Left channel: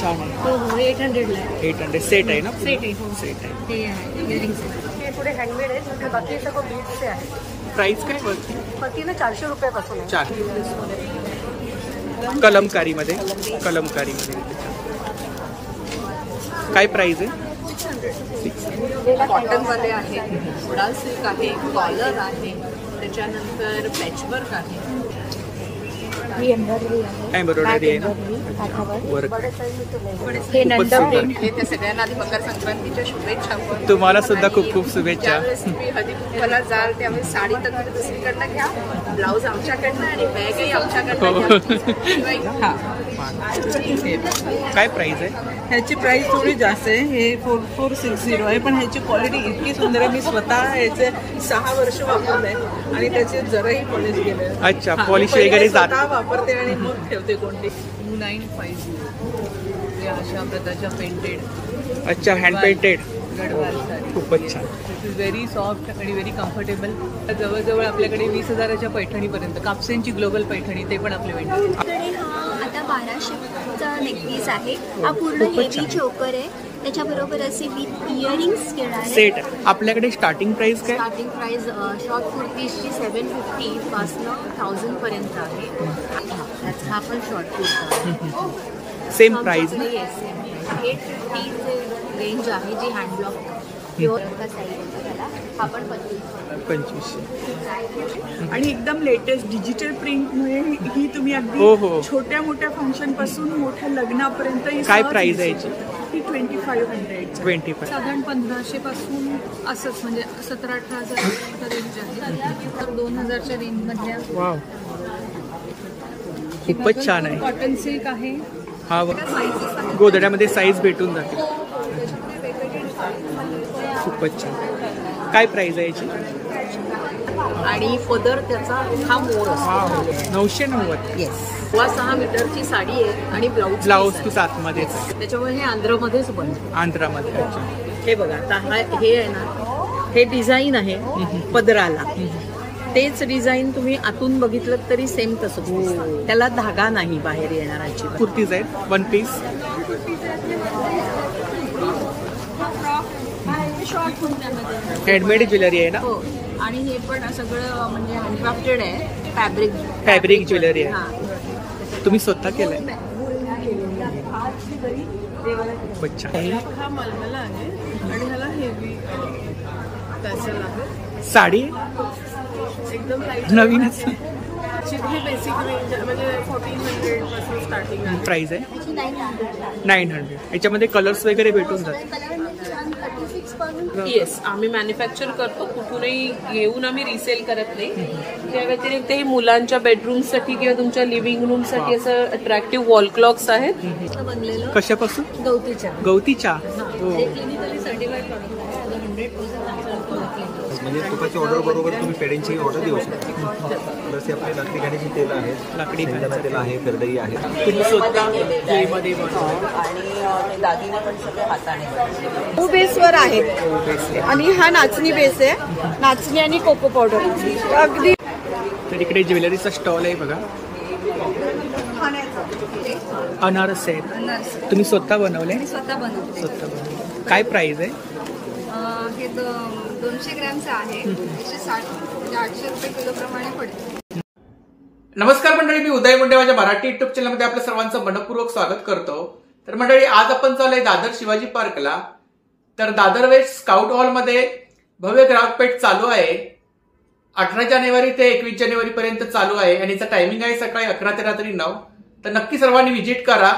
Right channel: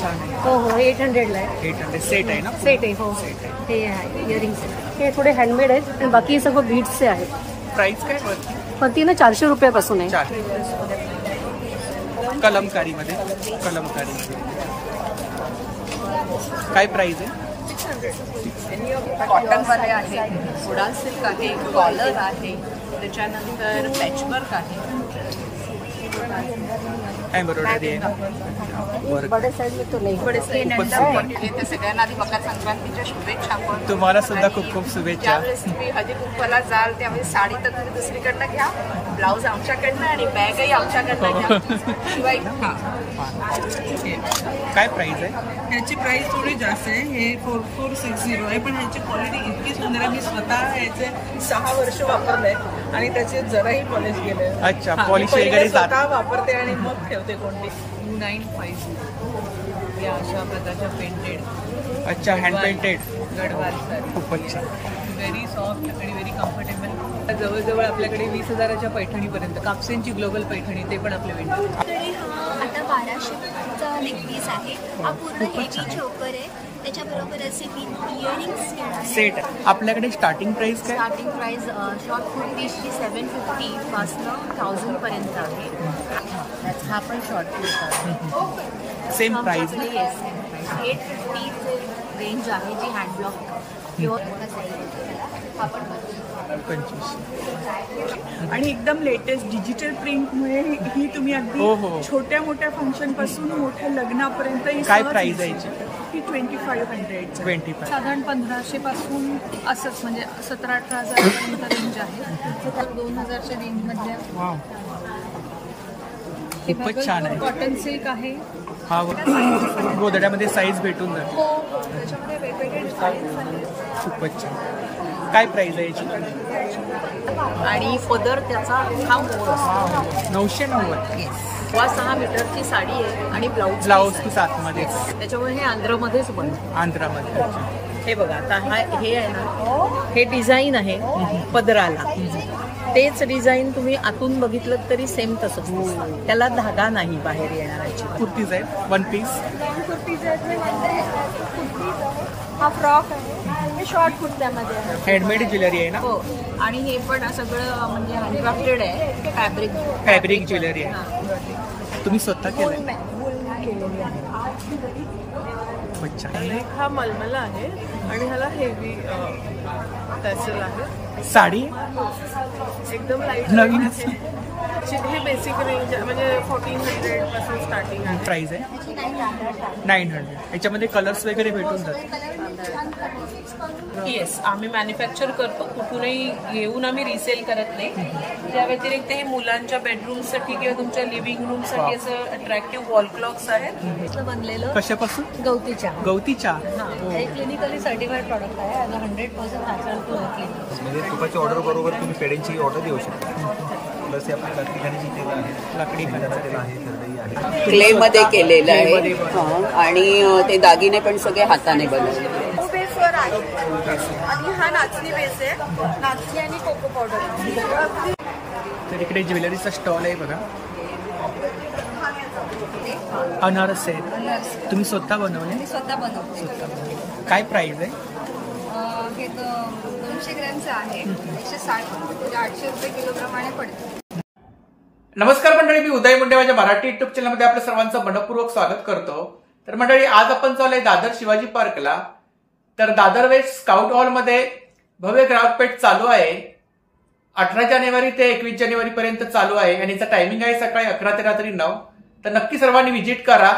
छान आहे. हो हो 800 ला आहे. 800 सेट आहे ना? सेट आहे. हो सेट आहे. हे आहे इयरिंग सेट. हे थोडे हँडमेड आहेत आणि बाकी सगळं बीड्सचे आहेत. प्राइस काय वरती? वरती ना 400 रुपयापासून आहे. 400 कलमकारीमध्ये. काय प्राइस आहे? 600. कॉटन वाले आहे, मोडाल सिल्क आहे, कॉलर आहे, त्याच्यानंतर पॅचवर्क आहे. एम्ब्रॉयडरी आहे ना? वर्क. हे त्या सगळ्यांना आधी मकर संक्रांतीच्या शुभेच्छा. पण तुम्हाला सुद्धा खूप खूप शुभेच्छा. ज्यावेळेस तुम्ही हळदी कुंकवाला जाल त्यावेळेस साडी तर तुम्ही दुसरीकडनं घ्या, ब्लाऊज आमच्याकडनं आणि बॅगही आमच्याकडनं घ्या. शिवाय काय प्राइस आहे? ह्याची प्राइस थोडी जास्त आहे. हे 4460 आहे, पण ह्याची क्वालिटी इतकी सुंदर आहे. मी स्वतः ह्याचे 6 वर्ष वापरलंय आणि त्याचे जराही पॉलिश गेले. अच्छा, पॉलिश वगैरे स्वतः वापरते आणि मग ठेवते कोणती. 2950 या अशा प्रकारच्या पेंटेड. अच्छा, हँड पेंटेड गडवाल साडी. खूपच छान. व्हेरी सॉफ्ट आणि व्हेरी कम्फर्टेबल. जवळजवळ आपल्याकडे 20,000च्या पैठणीपर्यंत कापसेंची ग्लोबल पैठणी ते पण आपले वेंडर. आपल्याकडे हा आता 1200चा नेकपीस आहे. हा पूर्ण हेवी चोकर आहे. त्याच्याबरोबर असे इयरिंग्स घेणार सेट. आपल्याकडे स्टार्टिंग प्राइस काय? स्टार्टिंग प्राइस शॉर्ट कुर्तीची 750 पासनं 1000 पर्यंत आहे. हा पण शॉर्ट कुर्ता आहे. Same price? सेम प्राइस 850 चे रेंज आहे जी हँडब्लॉक प्युअर त्याला. हा पण 2500. आणि एकदम लेटेस्ट डिजिटल प्रिंटमुळे ही तुम्ही अगदी छोट्या मोठ्या फंक्शन पासून मोठ्या लग्नापर्यंत. काय प्राइस आहे याची? ती 2500. 25. साधारण 1500 पासून असंच म्हणजे 17-18 हजारापर्यंत रेंज आहे. तर 2000च्या रेंज मधल्या. वाव, खूपच छान आहे. कॉटन सिल्क आहे. हा गोधड्यामध्ये साईज भेटून जाते. हो त्याच्यामध्ये वेगवेगळे डिझाईन्स आहेत. खूपच छान. काय प्राइस आहे याची? आणि पदर त्याचा हा मोर असतो. 990. येस. 6 मीटरची साडी आहे आणि ब्लाऊज पीस आतमध्ये. त्याच्यामुळे हे आंध्रमध्येच बनतं. आंध्रामध्ये. अच्छा. हे बघा आता हे आहे ना, हे डिझाईन आहे पदराला. तेच डिझाईन तुम्ही आतून बघितलं तरी सेम तसंच दिसतं. त्याला धागा नाही बाहेर येणाराची. कुर्तीज आहेत 1 पीस. हा फ्रॉक आहे. शॉर्ट कुर्त्यामध्ये हँडमेड ज्वेलरी आहे ना? हो. आणि हे पण सगळं म्हणजे हँडक्राफ्टेड आहे. फॅब्रिक ज्वेलरी आहे. तुम्ही स्वतः केलंय? खूपच छान. हा मलमला आहे आणि ह्याला हेवी टॅसल आहे. साडी एकदम लाईट नवीन. हे बेसिक रेंज म्हणजे 1400 पासून स्टार्टिंग आहे. प्राइस आहे 900. याच्यामध्ये कलर्स वगैरे भेटून जातात. येस, आम्ही मॅन्युफॅक्चर करतो. कुठूनही घेऊन आम्ही रिसेल करत नाही. त्या व्यतिरिक्त हे मुलांच्या बेडरूमसाठी किंवा तुमच्या लिव्हिंग रूमसाठी असं अट्रॅक्टिव्ह वॉल क्लॉक्स आहेत. बनलेलं कशापासून? गवतीच्या. क्लिनिकली सर्टिफाईड प्रॉडक्ट आहे. 100% नॅचरल प्रोडक्ट. म्हणजे तुपाच्या ऑर्डर बरोबर तुम्ही पेड्यांची ऑर्डर देऊ शकता. प्लस आपली लाकडी घाण्याची तेल आहे. लाकडी घाण्याचं तेल आहे. करदई आहे. क्लेमध्ये केलेलं क्लेमध्ये आहे. आणि ते दागिने पण सगळे हाताने बनवले. बेसवर आहे आणि हा नाचणी बेस आहे. नाचणी आणि कोको पावडर अगदी. तर इकडे ज्वेलरीचा स्टॉल आहे बघा. अनारस आहेत. तुम्ही स्वतः बनवले? स्वतः बनवले. काय प्राइस आहे? हे 200 ग्रॅमचं आहे. 160 म्हणजे 800 रुपये किलो प्रमाणे पडतं. नमस्कार मंडळी, मी उदय मुंडे. माझ्या मराठी युट्यूब चॅनलमध्ये आपल्या सर्वांचं मनपूर्वक स्वागत करतो. तर मंडळी, आज आपण चाललोय दादर शिवाजी पार्कला. तर दादर वेस्ट स्काउट हॉलमध्ये भव्य ग्राहकपेठ चालू आहे. 18 जानेवारी ते 21 जानेवारी पर्यंत चालू आहे आणि याचा टायमिंग आहे सकाळी 11 ते रात्री 9. तर नक्की सर्वांनी व्हिजिट करा.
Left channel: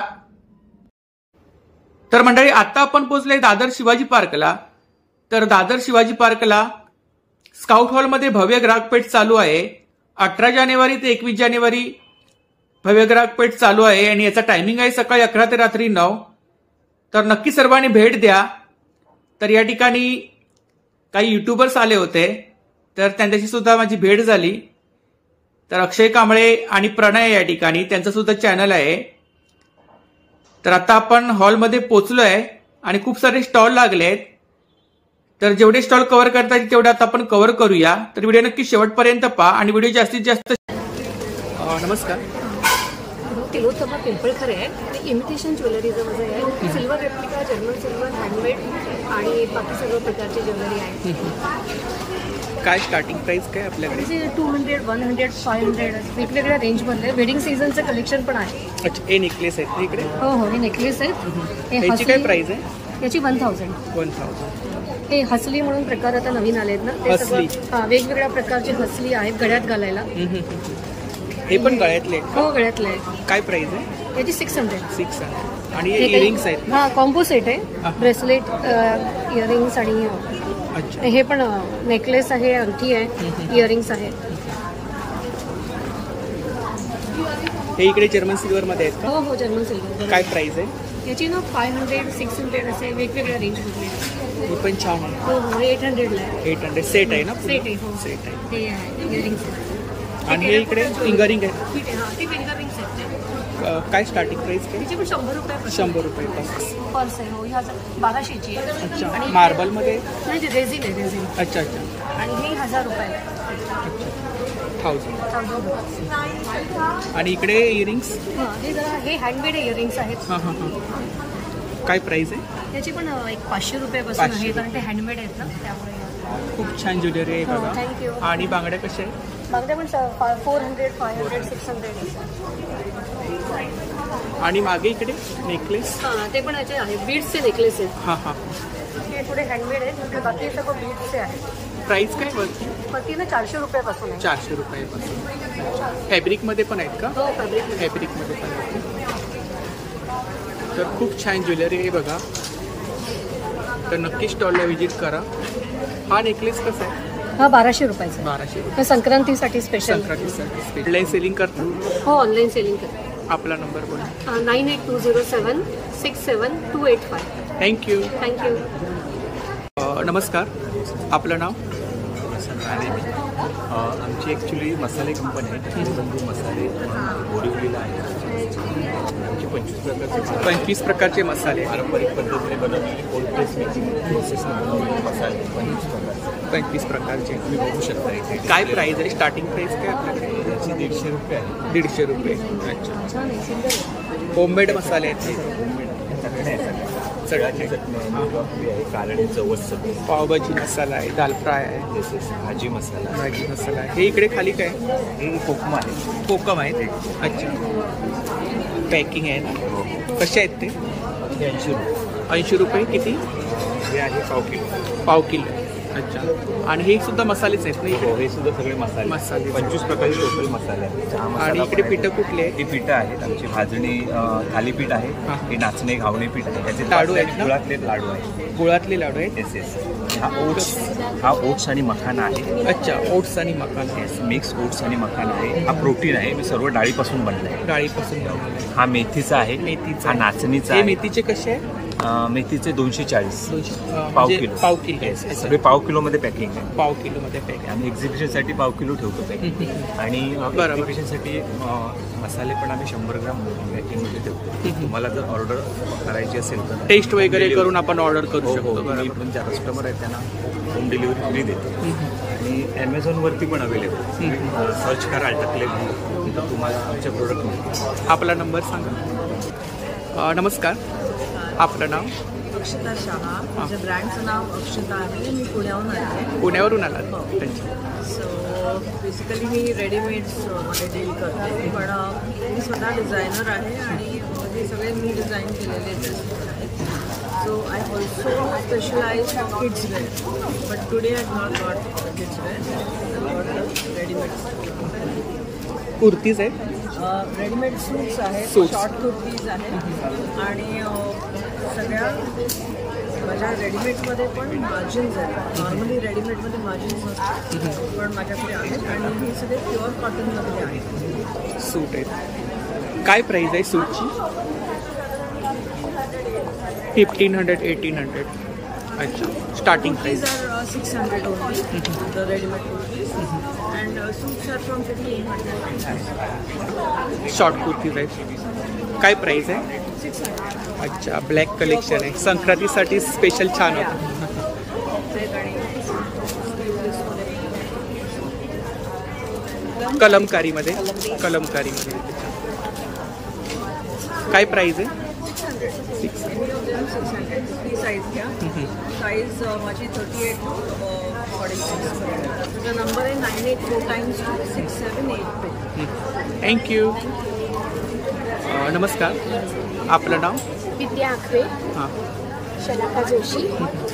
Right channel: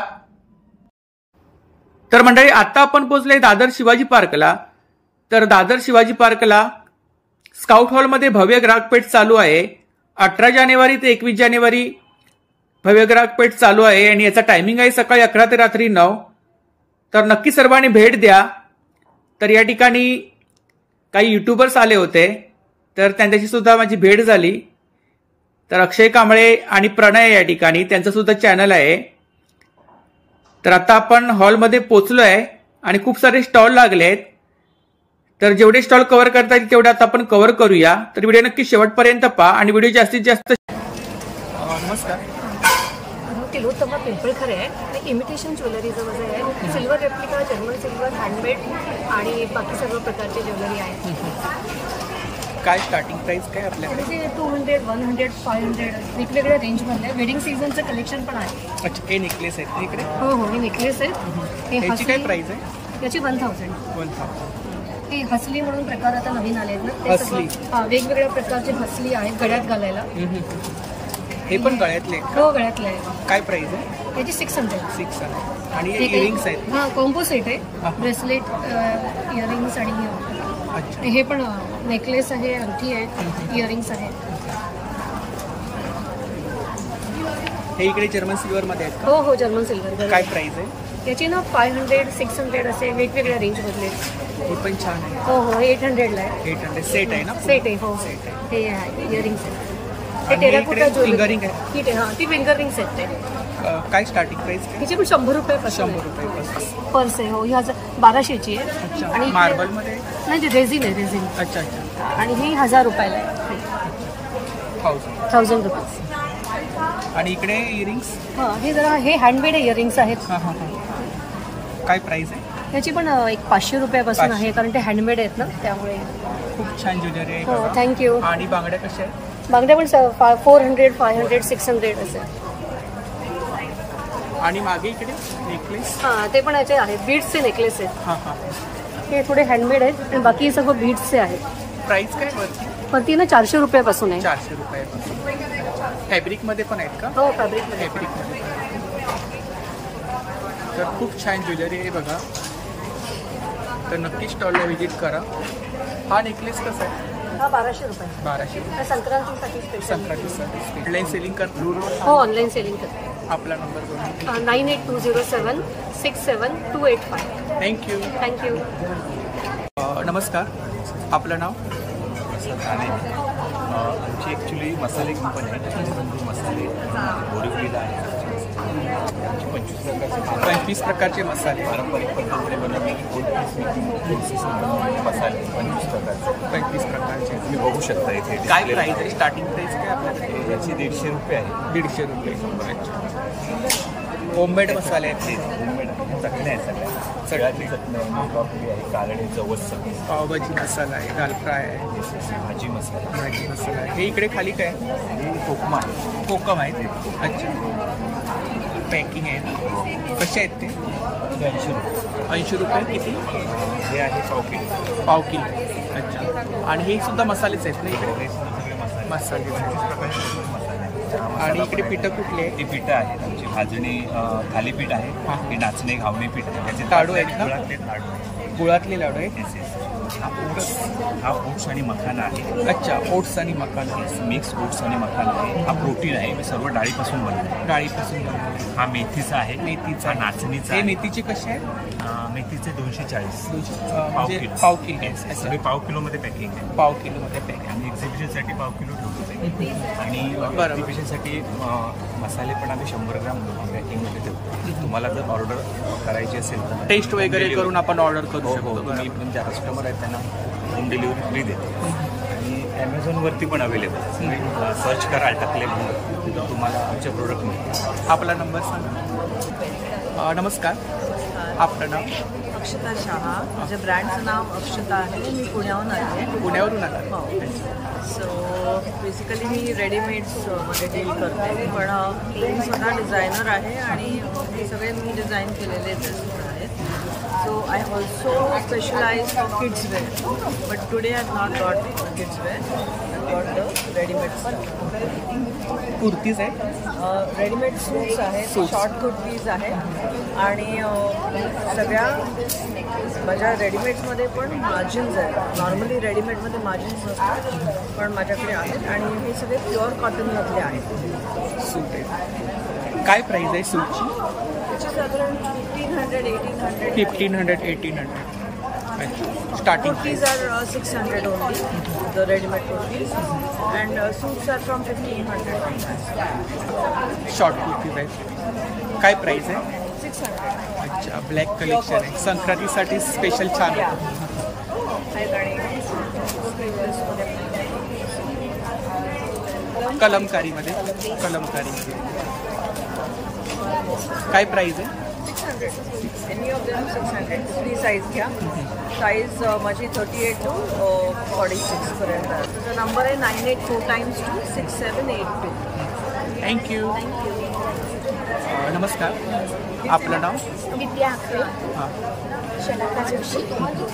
तर मंडळी, आता आपण पोहोचलोय दादर शिवाजी पार्कला. तर दादर शिवाजी पार्कला स्काउट हॉलमध्ये भव्य ग्राहकपेठ चालू आहे. 18 जानेवारी ते 21 जानेवारी भव्य ग्राहकपेठ चालू आहे आणि याचा टायमिंग आहे सकाळी 11 ते रात्री 9. तर नक्की सर्वांनी भेट द्या. तर या ठिकाणी काही युट्यूबर्स आले होते, तर त्यांच्याशी सुद्धा माझी भेट झाली. तर अक्षय कांबळे आणि प्रणय या ठिकाणी त्यांचं सुद्धा चॅनल आहे. तर आता आपण हॉलमध्ये पोहोचलोय आणि खूप सारे स्टॉल लागले आहेत. तर जेवढे स्टॉल कव्हर करता येईल तेवढे आता आपण कव्हर करूया. तर व्हिडिओ नक्की शेवटपर्यंत पहा आणि व्हिडिओ जास्तीत जास्त. नमस्कार. तिलोत्तमा पिंपळखरे आहे आणि इमिटेशन ज्वेलरीचं माझं आहे. Silver replica, German silver, handmade आणि बाकी सर्व प्रकारची ज्वेलरी आहे. काय स्टार्टिंग प्राइस काय आपल्याकडे? 200, 100, 500 वेगवेगळ्या रेंजमधलं वेडिंग सीझनचं कलेक्शन पण आहे. अच्छा, हे नेकलेस आहेत इकडे? हो हो, हे नेकलेस आहे. याची काय प्राइस आहे? याची 1000. 1000. हे हसली म्हणून प्रकार आता नवीन आले आहेत ना, ते हसली? सगळं वेगवेगळ्या प्रकारचे हसली आहेत गळ्यात घालायला. हे पण गळ्यातले? हो, गळ्यातलं आहे. काय प्राइस आहे? याची 600. 600. आणि हे इयरिंग्स आहेत? हा, कॉम्बो सेट आहे. ब्रेसलेट, इयरिंग्स आणि अच्छा, हे पण नेकलेस आहे, अंगठी आहे, इयरिंग्स आहे. हे इकडे जर्मन सिल्वर मध्ये आहेत का? हो हो, जर्मन सिल्वर. काय प्राइस आहे याची ना? 500, 600 असे वेगवेगळ्या रेंज मधले. ही पण छान आहे. हो हो, 800 ला आहे. 800 सेट आहे ना? सेट आहे. हो, सेट आहे. हे आहे इयरिंग्स आहे. आणि हे इकडे फिंगरिंग आहे? ठीक आहे. ती फिंगर रिंग्स आहेत ते. काय स्टार्टिंग प्राइस काय? तिची पण 100 रुपये. 100 रुपयापासून पर्स आहे. हो, ही 1200ची आहे. अच्छा, आणि मार्बल मध्ये? नाही, रेझिन आहे, रेझिन. अच्छा अच्छा. आणि ही 1000 रुपयाला आहे. 1000 रुपये. आणि इकडे इयरिंग्स? हे जरा हे हँडमेड इयरिंग्स आहेत. हां हां हां. काय प्राइस आहे? याची पण एक 500 रुपयापासून आहे, कारण ते हँडमेड आहेत ना, त्यामुळे. खूप छान ज्वेलरी आहे बघा. थँक्यू. आणि बांगड्या कशा आहेत? बांगड्या पण 400, 500, 600 असे. आणि मागे इकडे नेकलेस? हां, ते पण याचे आहेत. बीड्सचे नेकलेस आहेत. हां हां. हे थोडे हँडमेड आहेत आणि बाकी सगळं बीड्सचे आहेत. प्राइस काय वरती? वरती ना 400 रुपयापासून आहे. 400 रुपयापासून. अच्छा, फॅब्रिक मध्ये पण आहेत का? हो, फॅब्रिक. फॅब्रिक मध्ये पण आहेत. तर खूप छान ज्वेलरी आहे बघा. तर नक्की स्टॉलला व्हिजिट करा. हा नेकलेस कसा आहे? हा 1200 रुपयाचा. 1200 रुपये. संक्रांतीसाठी स्पेशल. संक्रांतीसाठी स्पेशल. ऑनलाईन सेलिंग करतो? हो, ऑनलाईन सेलिंग करते. आपला नंबर बोला. 9820767285. थँक्यू. नमस्कार, आपलं नाव? प्रसाद राणे. आमची ॲक्च्युली मसाले कंपनी आहे, टकले बंधू मसाले म्हणून आहे, बोरिवलीला आहे. आमची 25 प्रकारचे मसाले पारंपरिक पद्धतीने बनवलेले कोल्ड प्रेस मेकिंग प्रोसेसने बनवलेले मसाले 25 प्रकारचे तुम्ही बघू शकता इथे. काय प्राइस आहे? स्टार्टिंग प्राइस काय आपल्याकडे? याची 150 रुपये आहे. 150 रुपये. अच्छा, होममेड मसाले आहेत? होममेड आहे. चटण्या आहेत सगळ्या. चटणी आहे, मिरची आहे, कारळे, जवस चटणी, पावभाजी मसाला आहे, दाल फ्राय आहे, येस भाजी मसाला आहे. हे इकडे खाली काय? हे कोकम आहे. कोकम आहे. अच्छा, पॅकिंग आहे ना? हो. कसे आहेत ते? 80 रुपये. 80 रुपये. किती? हे आहे पाव किलो. पाव किलो. अच्छा, आणि हे सुद्धा मसालेच आहेत ना इकडे? हे सुद्धा सगळे मसाले 25 प्रकारचे टोटल मसाले आहेत. आणि इकडे पिठं कुठले आहेत? ती पिठं आहेत आमची. भाजणी थालीपीठ आहे, हे नाचणे घावणे पीठ आहे. त्याचे लाडू आहेत ना? गुळातले लाडू आहेत. गुळातले लाडू आहेत. येस. हा ओट्स आणि मखाना आहे. अच्छा, ओट्स आणि मखाना. मिक्स ओट्स आणि मखाना आहे. हा प्रोटीन आहे. हे सर्व डाळीपासून बनले. डाळीपासून बनवले. हा मेथीचा आहे. मेथीचा. नाचणीचा. हे मेथीचे कसे आहेत? मेथीचे 240. पाव किलो. सगळे पाव किलो मध्ये पॅकिंग आहे. पाव किलो मध्ये पॅकिंग. आणि एक्झिबिशन साठी पाव किलो ठेवतो. आणि एक्झिबिशन साठी मसाले पण आम्ही 100 ग्राम पॅकिंग मध्ये ठेवतो. तुम्हाला जर ऑर्डर करायची असेल तर टेस्ट वगैरे करून आपण ऑर्डर करू शकतो. तुम्ही पण ज्या कस्टमर आहेत त्यांना होम डिलिव्हरी फ्री देतो. आणि Amazon वरती पण अवेलेबल आहे. सर्च कराल टकले तर तुम्हाला आमचे प्रोडक्ट मिळतील. आपला नंबर सांगा. नमस्कार, आपलं नाव? अक्षता शहा. माझ्या ब्रँडचं नाव अक्षता आहे. मी पुण्याहून आली आहे. पुण्यावरून आला? हो. सो बेसिकली मी रेडीमेड्स मध्ये डील करते, पण मी स्वतः डिझायनर आहे आणि हे सगळे मी डिझाईन केलेले ड्रेसेस आहेत. So I also specialise for kids wear, but today I not got the kids wear. I got the readymade style. Kurtis आहेत? रेडीमेड सूट्स आहेत, शॉर्ट कुर्तीज आहेत. आणि सगळ्या माझ्या रेडीमेडमध्ये पण मार्जिन्स आहेत. नॉर्मली रेडीमेडमध्ये मार्जिन्स नसतात, पण माझ्याकडे आहेत. आणि हे सगळे प्युअर कॉटनमधले आहेत. सूट आहेत. काय प्राइस आहे सूटची? 1500, 1800. अच्छा, starting kurtis are 600 only, the readymade kurtis. And suits are from 1500. Short kurtis आहेत. काय प्राइस आहे? 600. अच्छा, ब्लॅक कलेक्शन आहे. संक्रांतीसाठी स्पेशल छान होतं. कलमकारीमध्ये. काय प्राइस आहे? 600. Any of them 600. कुठली साईज घ्या. साईज माझी 38 to 46 पर्यंत. त्याचा नंबर आहे 9842626782. थँक्यू. नमस्कार, आपलं नाव? विद्या आखरे, हां. शलाका जोशी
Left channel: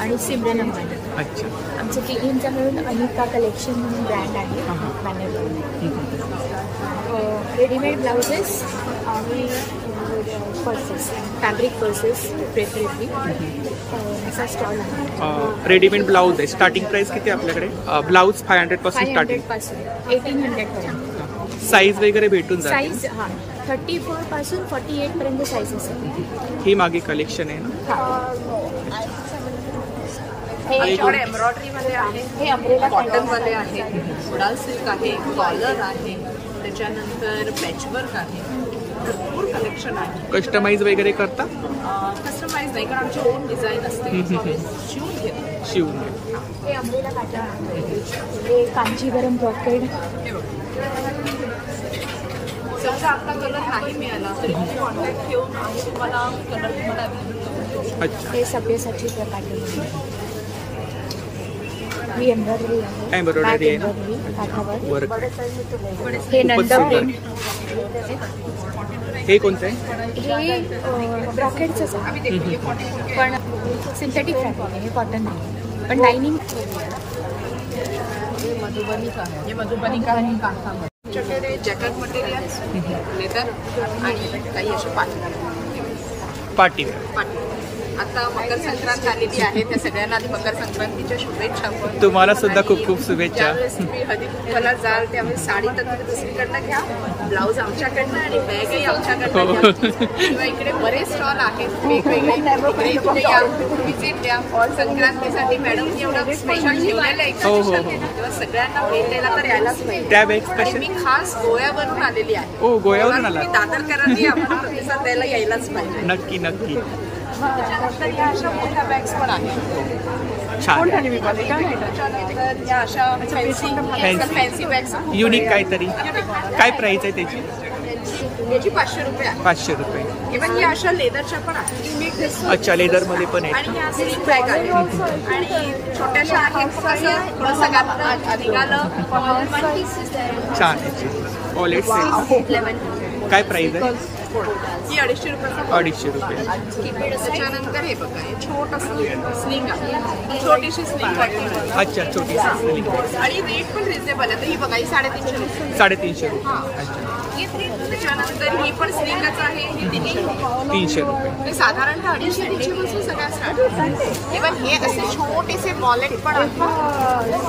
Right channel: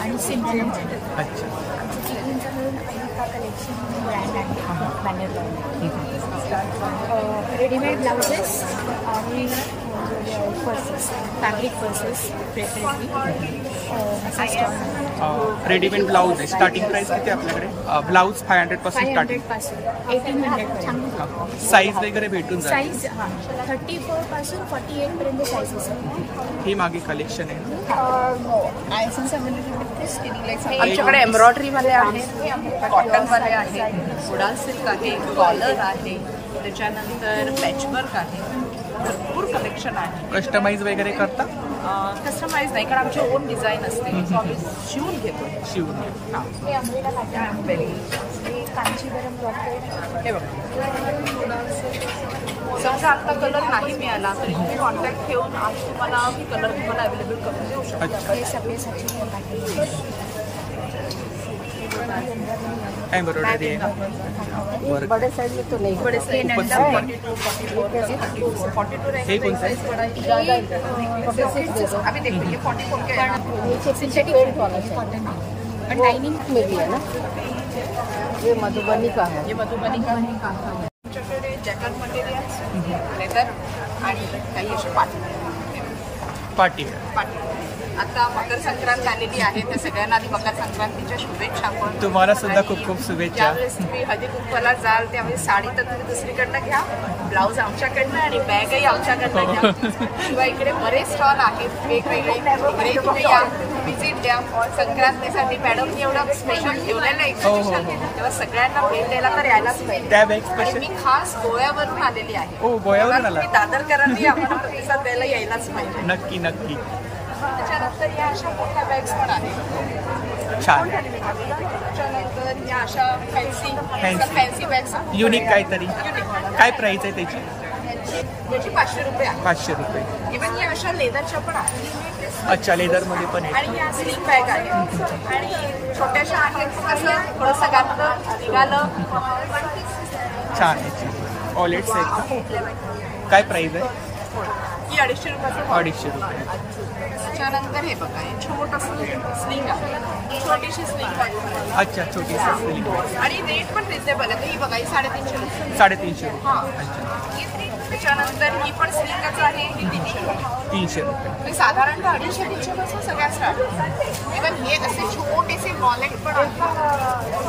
आणि सिमरन अंबानी. अच्छा. आमचं तिघींचं म्हणून अनिका कलेक्शन म्हणून ब्रँड आहे, बॅनर लावून आहे. रेडीमेड ब्लाउजेस आणि पर्सेस, फॅब्रिक पर्सेस प्रेफरेबली असा स्टॉल आहे. रेडीमेड ब्लाऊज आहे. स्टार्टिंग प्राइस किती आहे आपल्याकडे? ब्लाऊज 500 पासून स्टार्टिंग. 500 पासून 1800 पर्यंत. साईज वगैरे भेटून जाते. साईज 34 पासून 48 पर्यंत साईजेस आहे. ही मागे कलेक्शन आहे ना? हे याच्याकडे एम्ब्रॉयडरी वाले आहेत, हे कॉटन वाले आहेत, उडाल सिल्क आहे, कॉलर आहे, त्याच्यानंतर पॅचवर्क आहे, भरपूर कलेक्शन आहे. कस्टमाइज वगैरे करता? कस्टमाइज नाही, कारण आमची ओन डिझाईन असते, शिवून घेतो. शिवून हे अमृता पॅटर्न, हे कांचीवरम ब्रॉकेड. हे बघा, समजा आता कलर नाही मिळाला तरी तुम्ही कॉन्टॅक्ट ठेवून आम्ही तुम्हाला कलर अवेलेबल करू. अच्छा. हे सभ्यसाची प्रकार एम्ब्रॉयडरी आहे ना? वर्क. हे नंतर हे कोणतं आहे? ब्रॉकेडचं पण सिंथेटिक कॉटन पण लाइनिंग केली आहे ना. हे मधुबनी का आहे, आमच्याकडे जॅकेट मटेरियल, लेदर आणि काही असे पार्टीवेअर. आता मकर संक्रांत आलेली आहे, त्या सगळ्यांना आधी मकर संक्रांतीच्या शुभेच्छा. पण तुम्हाला सुद्धा खूप खूप शुभेच्छा. ज्यावेळेस तुम्ही हळदी कुंकवाला जाल त्यावेळेस साडी तर तुम्ही दुसरीकडनं घ्या, ब्लाऊज आमच्याकडनं आणि बॅगही आमच्याकडनं घ्या. किंवा इकडे बरेच स्टॉल आहेत वेगवेगळे, तिकडे तुम्ही या, व्हिजिट द्या. संक्रांतीसाठी मॅडमनी एवढं स्पेशल ठेवलेलं आहे तेव्हा सगळ्यांना भेट द्यायला तर यायलाच पाहिजे. आणि मी खास गोव्यावरून आलेली आहे. गोव्यावरून आला? दादरकरांनी आम्हाला प्रतिसाद द्यायला यायलाच पाहिजे. नक्की नक्की. त्याच्यानंतर या अशा मोठ्या बॅग्स पण आहेत. छान. त्याच्यानंतर या अशा फॅन्सी बॅग्स युनिक काहीतरी. काय प्राइस आहे त्याची? याची 500 रुपये आहे. 500 रुपये. इव्हन या अशा लेदरच्या पण आहेत. अच्छा, लेदर मध्ये पण आहे. आणि या स्लिंग बॅग आहेत आणि छोट्याशा आहेत, कसं थोडंसं घातलं निघालं. छान आहे. वॉलेट्स आहेत का? काय प्राइस आहे? ही 250 रुपयाचं. 250 रुपये. त्याच्यानंतर हे बघा, हे छोटंसं स्लिंग आहे, छोटीशी स्लिंग आहे. अच्छा, छोटीशी स्लिंग आणि रेट पण रिजनेबल आहे. ही बघा, ही 350 रुपये. 350 रुपये. अच्छा. त्याच्यानंतर ही पण स्लिंगच आहे, ही 300 रुपये. 300 रुपये. हे साधारणतः 250-300 पासून सगळ्या स्टार्ट. इव्हन हे असे छोटेसे वॉलेट पण आहेत,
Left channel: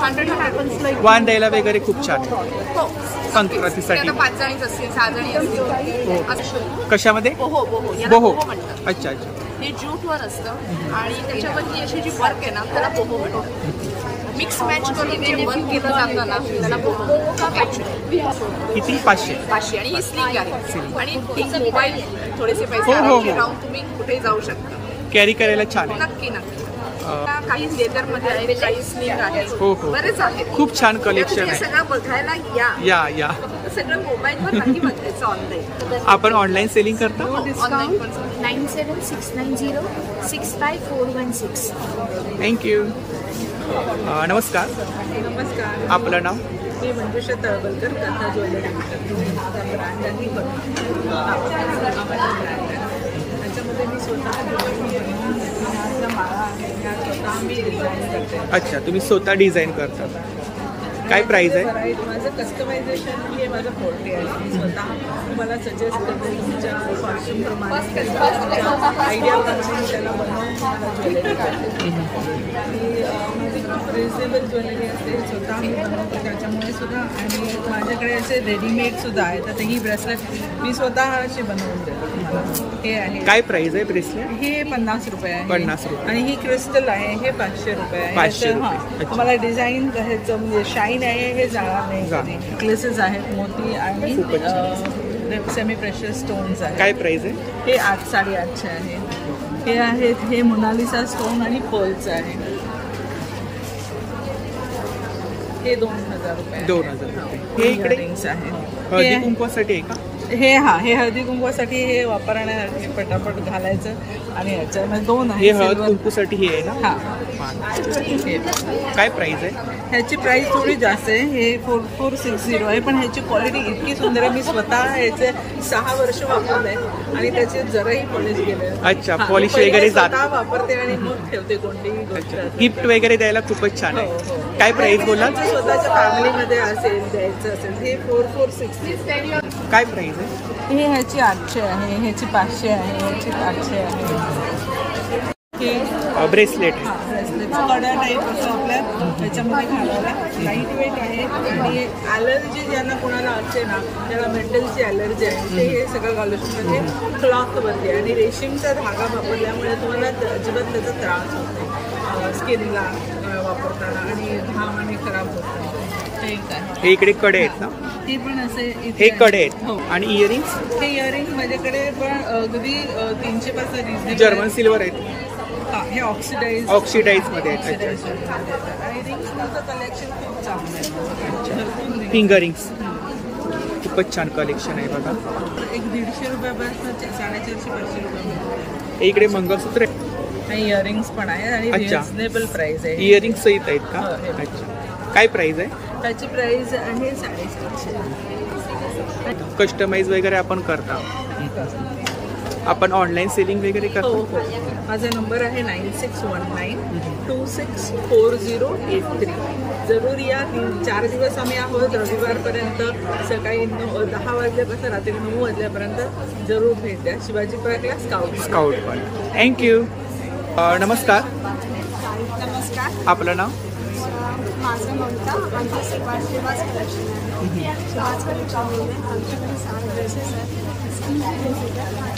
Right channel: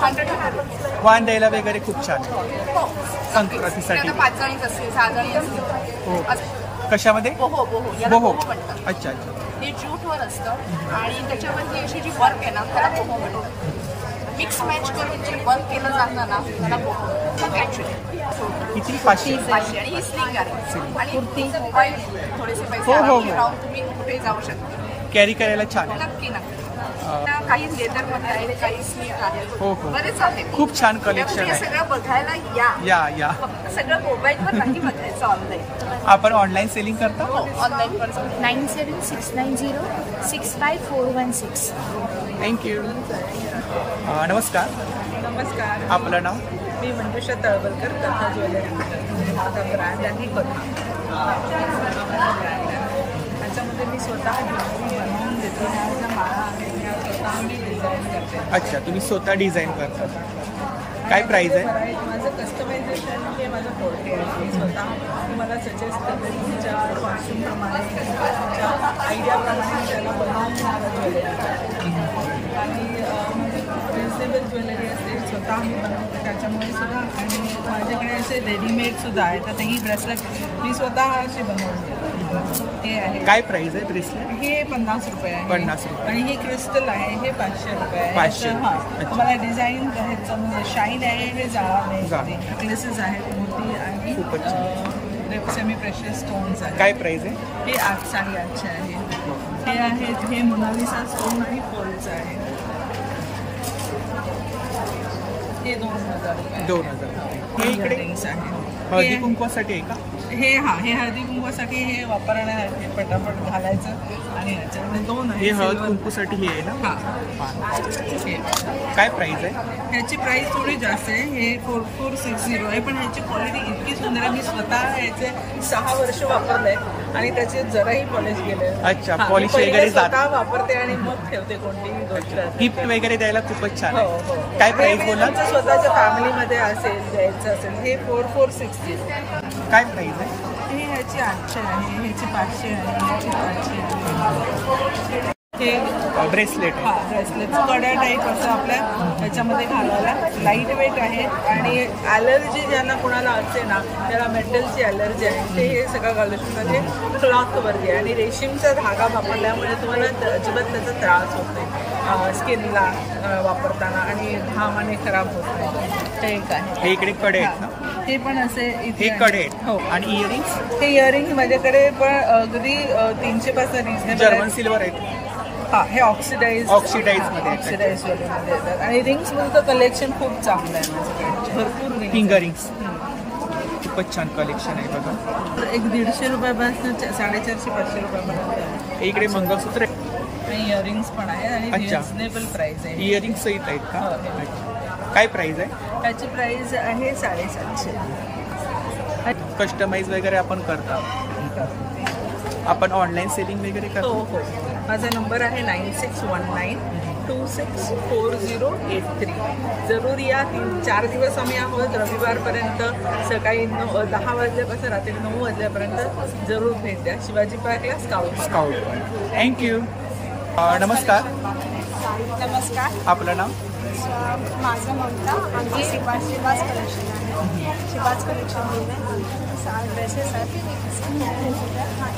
100 वाण द्यायला वगैरे खूप छान. हो, संक्रांतीसाठी. 5 जणी असतील, 6 जणी असतील. हो. कशामध्ये? बोहो म्हणतात. अच्छा अच्छा. हे ज्यूटवर असतं आणि त्याच्यावर ही अशी जी वर्क आहे ना त्याला बोहो म्हणतात. मिक्स मॅच करून जे वर्क केलं जातं ना त्याला बोहो ऍक्च्युली. किती? 500. आणि ही स्लिंग आहे आणि ती मोबाईल थोडेसे पैसे राहून तुम्ही कुठे जाऊ शकता. कॅरी करायला छान आहे. नक्की. काही लेदर मध्ये आहे, काही स्लिंग आहे, बरेच आहेत. खूप छान कलेक्शन आहे. सगळं बघायला या. फक्त सगळं मोबाईलवर नाही बघायचं, ऑनलाईन. आपण ऑनलाईन सेलिंग करता? ऑनलाईन पण. 9769065416. थँक्यू. नमस्कार. नमस्कार. आपलं नाव? मी मंजुषा तळवलकर, कथा ज्वेलरी. म्हणजे माझा ब्रँड आहे कथा, हा माझा ब्रँड आहे. त्याच्यामध्ये मी स्वतः ज्वेलरी बनवून देते. ह्या ज्या माळा आहेत ह्या स्वतः मी डिझाईन करते. अच्छा, तुम्ही स्वतः डिझाईन करता. काय प्राइस आहे? माझं कस्टमायझेशन हे माझं फोर्टे आहे. मी स्वतः तुम्हाला सजेस्ट करते, तुमच्या कॉस्ट्युम प्रमाणे किंवा तुमच्या आयडियाप्रमाणे मी त्याला बनवून तुम्हाला ज्वेलरी करते. आणि माझी खूप रिजनेबल ज्वेलरी असते, स्वतः मी बनवते त्याच्यामुळे सुद्धा. आणि माझ्याकडे असे रेडीमेड सुद्धा आहेत. तर ही ब्रेसलेट मी स्वतः असे बनवून देतो तुम्हाला. हे आहे. काय प्राइस आहे ब्रेसलेट? हे 50 रुपये आहे. 50 रुपये. आणि ही क्रिस्टल आहे, हे 500 रुपये आहे. 500 रुपये. तुम्हाला डिझाइन ह्याचं म्हणजे शाईन आहे, हे जाणार नाही. नेकलेसेस आहेत मोती आणि सेमी प्रेशर स्टोन्स आहेत. काय प्राइस आहे? हे 8-850 आहे. हे आहेत, हे मोनालिसा स्टोन आणि पर्ल्स आहे. हे 2000 रुपये. 2000 रुपये. हे इकडे हळदी कुंकवासाठी आहे का? हे हळदी कुंकूसाठी हे वापरण्यासाठी पटापट घालायचं आणि ह्याच्यामध्ये 2 आहे. हे हळद कुंकूसाठी हे आहे ना. हा. काय प्राइस आहे ह्याची प्राइस थोडी जास्त आहे. हे 4460 आहे, पण ह्याची क्वालिटी इतकी सुंदर आहे. मी स्वतः ह्याचे 6 वर्ष वापरलंय आणि त्याचे जराही पॉलिश गेले. अच्छा, पॉलिश वगैरे स्वतः वापरते आणि मग ठेवते कोणतीही गोष्ट. गिफ्ट वगैरे द्यायला खूपच छान आहे. काय प्राइस बोला? स्वतःच्या फॅमिलीमध्ये असेल द्यायचं असेल हे 4460. काय प्राइस आहे? हे ह्याची 800 आहे, ह्याची 500 आहे, ह्याची 800 आहे. हे ब्रेसलेट आहे. हा, ब्रेसलेट कड्या टाईप असं आपल्या ह्याच्यामध्ये घालायला. लाईट वेट आहे आणि ॲलर्जी ज्यांना कोणाला असते ना, त्याला मेटलची ॲलर्जी आहे, ते हे सगळं घालू शकतात. हे क्लॉथवरती आहे आणि रेशीमचा धागा वापरल्यामुळे तुम्हाला अजिबात त्याचा त्रास होत नाही स्किनला वापरताना आणि घाम आणि खराब होत नाही. हे एक आहे. हे इकडे कडे आहेत ना. हे पण असे हे कडे आहेत. हो. आणि इयरिंग्स? हे इयरिंग माझ्याकडे पण अगदी 300 पासून जर्मन सिल्वर आहेत. हा, हे ऑक्सिडाइज मध्ये आहेत. आणि रिंग्स म्हणतो कलेक्शन खूप चांगलं आहे. भरपूर फिंगर रिंग्स खूपच छान कलेक्शन आहे बघा. एक 150 रुपयापासून 450-500 रुपयापर्यंत. इकडे मंगळसूत्र आणि इयरिंग्स पण आहे आणि रिजनेबल प्राइस आहे. इयरिंग्स सहित आहेत का? अच्छा, काय प्राइस आहे? त्याची प्राइस आहे 750. कस्टमाइज वगैरे आपण करता? आपण ऑनलाईन सेलिंग वगैरे करतो? हो. माझा नंबर आहे 9619264083. जरूर या. 3-4 दिवस आम्ही आहोत. रविवारपर्यंत सकाळी 10 वाजल्यापासून रात्री 9 वाजल्यापर्यंत जरूर भेट द्या. शिवाजी पार्कला स्काउट पण. थँक्यू. नमस्कार. नमस्कार. आपलं नाव? माझं ममता. आमची शिवाज कलेक्शन आहे. शिवाज कलेक्शन म्हणून आहे. आमच्याकडे 6 ड्रेसेस आहेत.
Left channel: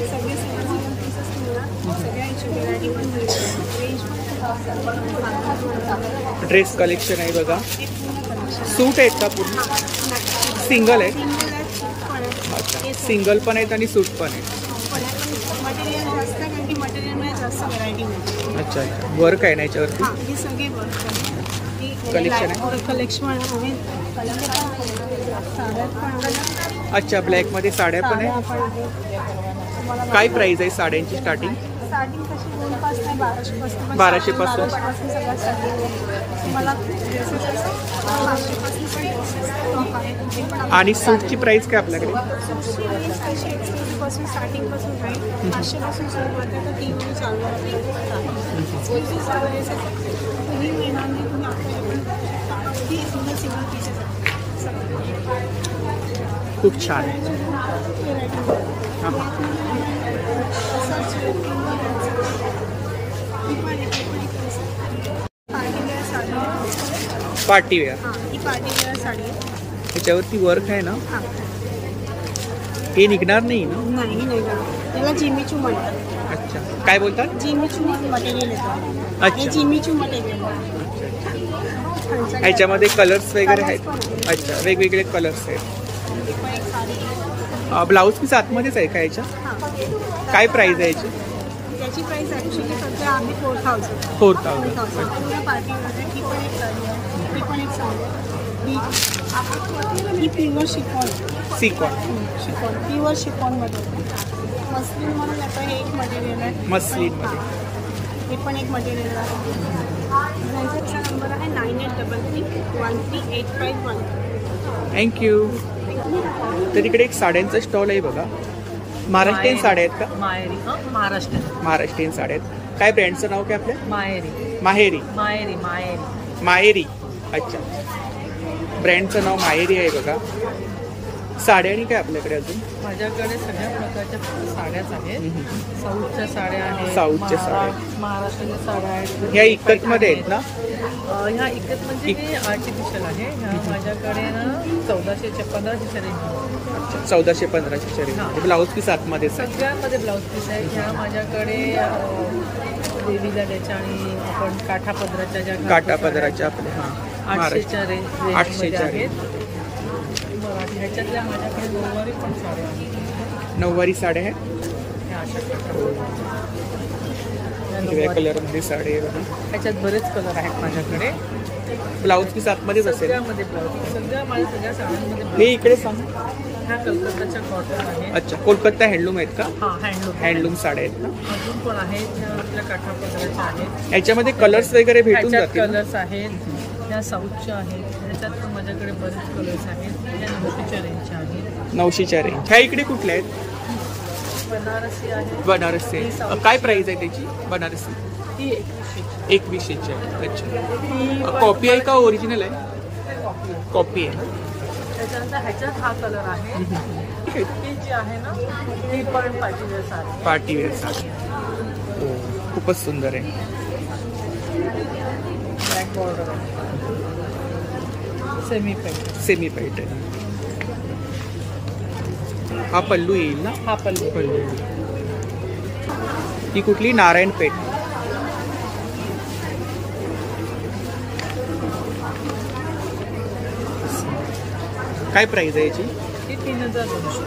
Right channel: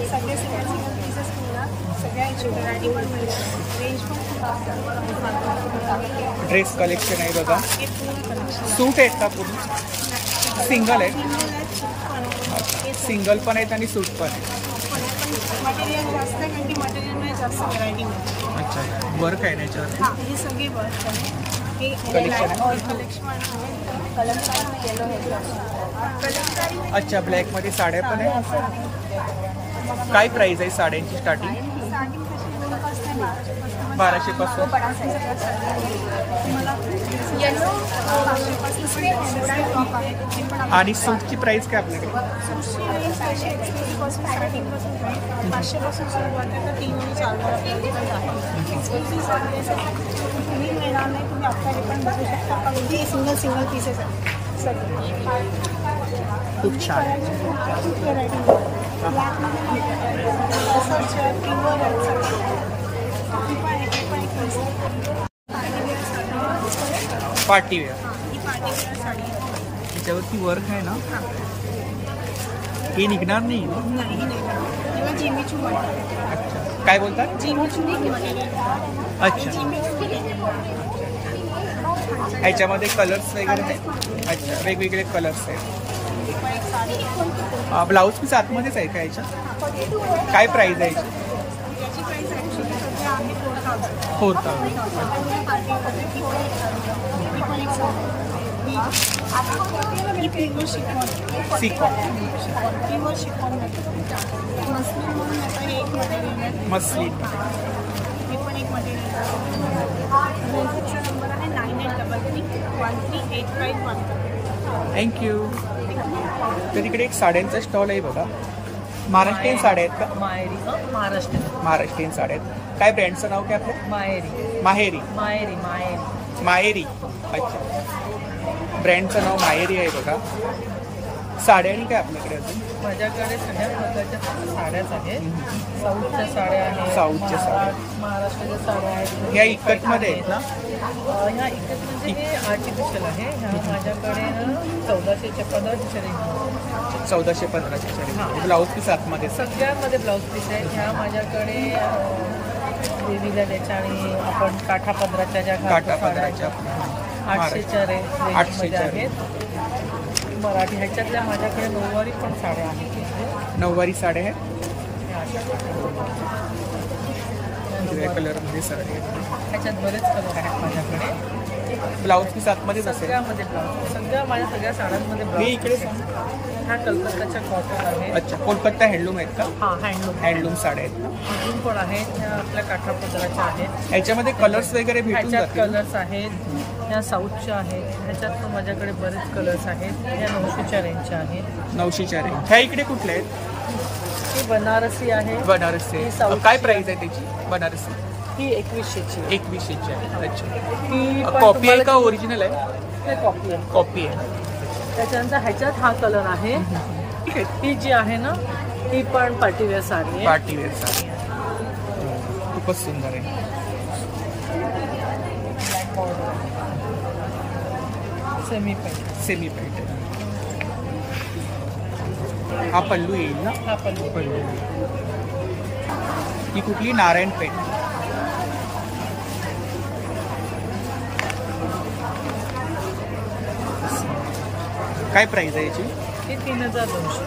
सगळे सिंगल पीसेस मिळणार. सगळ्या व्हरायटी पण मिळणार. रेंज पण खूप ड्रेस कलेक्शन आहे बघा. हे पूर्ण कलेक्शन सूट आहेत का पूर्ण? सिंगल आहेत? सिंगल सिंगल पण आहेत आणि सूट पण आहे. पण मटेरियल जास्त आहे कारण की मटेरियलमध्ये जास्त व्हरायटी मिळते. अच्छा, वर्क आहे ना याच्यावरती? हां, हे सगळे वर्क आहे. हे कलेक्शन आहे. कलेक्शन आहे. अच्छा, ब्लॅक मध्ये साड्या पण आहे. काय प्राइस आहे साड्यांची स्टार्टिंग? 1200 पासून. आणि सूटची प्राइस काय आपल्याकडे? सूटची रेंज तशी एक्सक्लुझिव्ह पासून स्टार्टिंग पासून राहील. 500 पासून सुरुवात आहे तर 3 आणि 4 आपल्याकडे आहे. एक्सक्लुझिव्ह सगळे कुठेही मिळणार नाही. तुम्ही आपल्याकडे पण बघू शकता. अगदी सिंगल पीसेस आहे. खूप छान आहे. पार्टीवेअर. त्याच्यावरती वर्क आहे ना. हे निघणार नाही ना? त्याला जिमीचू म्हणतात. अच्छा, काय बोलतात? Jimmy Choo material. अच्छा, जिमीचू मटेरियल. अच्छा. ह्याच्यामध्ये कलर्स वगैरे आहेत. अच्छा, वेगवेगळे कलर्स आहेत. ब्लाऊज पीस आतमध्येच आहे का याच्या? काय प्राइस आहे याची? त्याची प्राइस ॲक्च्युली सध्या आम्ही 4000. 4000. ही पण एक साडी आहे. ही पण एक साडी आहे. ही प्युअर शिफॉन. प्युअर शिफॉनमध्ये मस्लिन म्हणून आता हे एक मटेरियल आहे. मस्लिनमध्ये ही पण एक मटेरियल आहे. त्यांचा नंबर आहे 9833138512. थँक्यू. तर इकडे एक साड्यांचा स्टॉल आहे बघा. महाराष्ट्रीयन साड्या आहेत का? महाराष्ट्रीयन साड्या आहेत. काय ब्रँडचं नाव काय आपल्या? माहेरी. अच्छा, ब्रँडचं नाव माहेरी आहे बघा. साड्या आणि काय आपल्याकडे अजून? माझ्याकडे सगळ्या प्रकारच्या साड्याच आहेत. साऊथच्या साड्या आहेत. साऊथच्या साड्या, महाराष्ट्राच्या साड्या आहेत. ह्या इकतमध्ये आहेत ना? ह्या इकत म्हणजे हे आर्टिफिशियल आहे. ह्या माझ्याकडे ना 1400-1500 रेंज. 1400-1500 रेंज. ब्लाऊज पीस आतमध्ये सगळ्यांमध्ये ब्लाऊज पीस आहेत. ह्या माझ्याकडे देवीला द्यायच्या आणि आपण काठा पदराच्या ज्या आपल्या 800च्या रेंजमध्ये आहेत. मराठी ह्याच्यातल्या माझ्याकडे नऊवारी पण साड्या आहेत. नऊवारी साड्या आहेत. ह्या अशा वेगळ्या कलरमध्ये साडी आहे बघा. ह्याच्यात बरेच कलर आहेत माझ्याकडे. ब्लाऊज पीस आतमध्येच असेल. सगळ्यामध्ये ब्लाऊज. सगळ्या माझ्या सगळ्या साड्यांमध्ये. हे इकडे सांग. ह्या कलकत्ताच्या कॉटन आहे. अच्छा, कोलकाता हँडलूम आहेत का? हा, हँडलूम साड्या आहेत ना. अजून पण आहेत, ह्या आपल्या काठापदराच्या आहेत. याच्यामध्ये कलर्स वगैरे भेटून जातील. कलर्स आहेत, ह्या साऊथच्या आहेत. ह्याच्यात पण माझ्याकडे बरेच कलर्स आहेत. ह्या 900च्या रेंजच्या आहेत. 900च्या रेंज. ह्या इकडे कुठल्या आहेत? ही बनारसी आहे. बनारसी. काय प्राइस आहे त्याची बनारसी? ही 2100ची. 2100ची आहे. अच्छा, कॉपी आहे का ओरिजिनल आहे? कॉपी आहे. त्याच्यानंतर ह्याच्यात हा कलर आहे. ती जी आहे ना ती पण पार्टीवेअर साडी आहे. पार्टीवेअर साडी. हो, खूपच सुंदर आहे. ब्लॅक बॉर्डर आहे. सेमी पैठणी. हा पल्लू येईल ना? हा पल्लू. ही कुठली? नारायणपेठ. काय प्राइस आहे याची? ही 3200.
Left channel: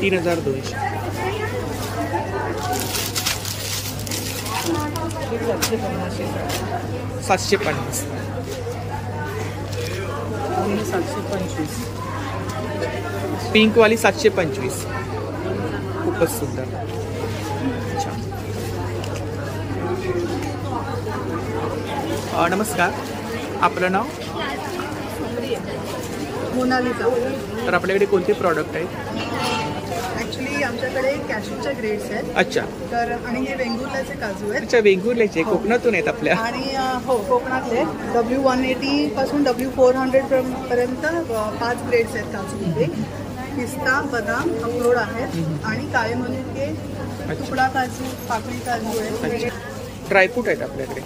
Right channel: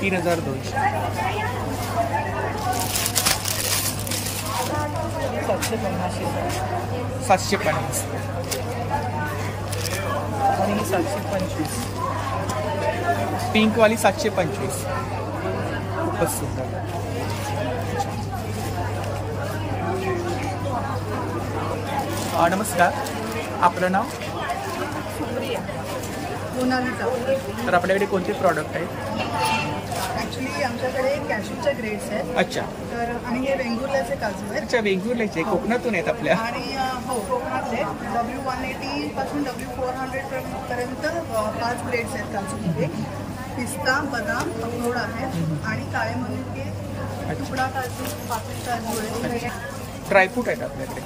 3200. ही 750 750. आणि ही 725. पिंक वाली 725. खूपच सुंदर. नमस्कार, आपलं नाव? सुप्रिया. मोनालिसा. तर आपल्याकडे कोणते प्रॉडक्ट आहेत? ऍक्च्युली आमच्याकडे कॅशूच्या ग्रेड्स आहेत. अच्छा. तर आणि हे वेंगुर्ल्याचे काजू आहेत. अच्छा, वेंगुर्ल्याचे. कोकणातून आहेत आपल्या. आणि हो, कोकणातले. W180 पासून W400 पर्यंत 5 ग्रेड्स आहेत काजूमध्ये. पिस्ता, बदाम, अक्रोड आहेत आणि काळे मनुके, तुकडा काजू, पाकळी काजू आहेत. ड्रायफ्रूट आहेत आपल्याकडे.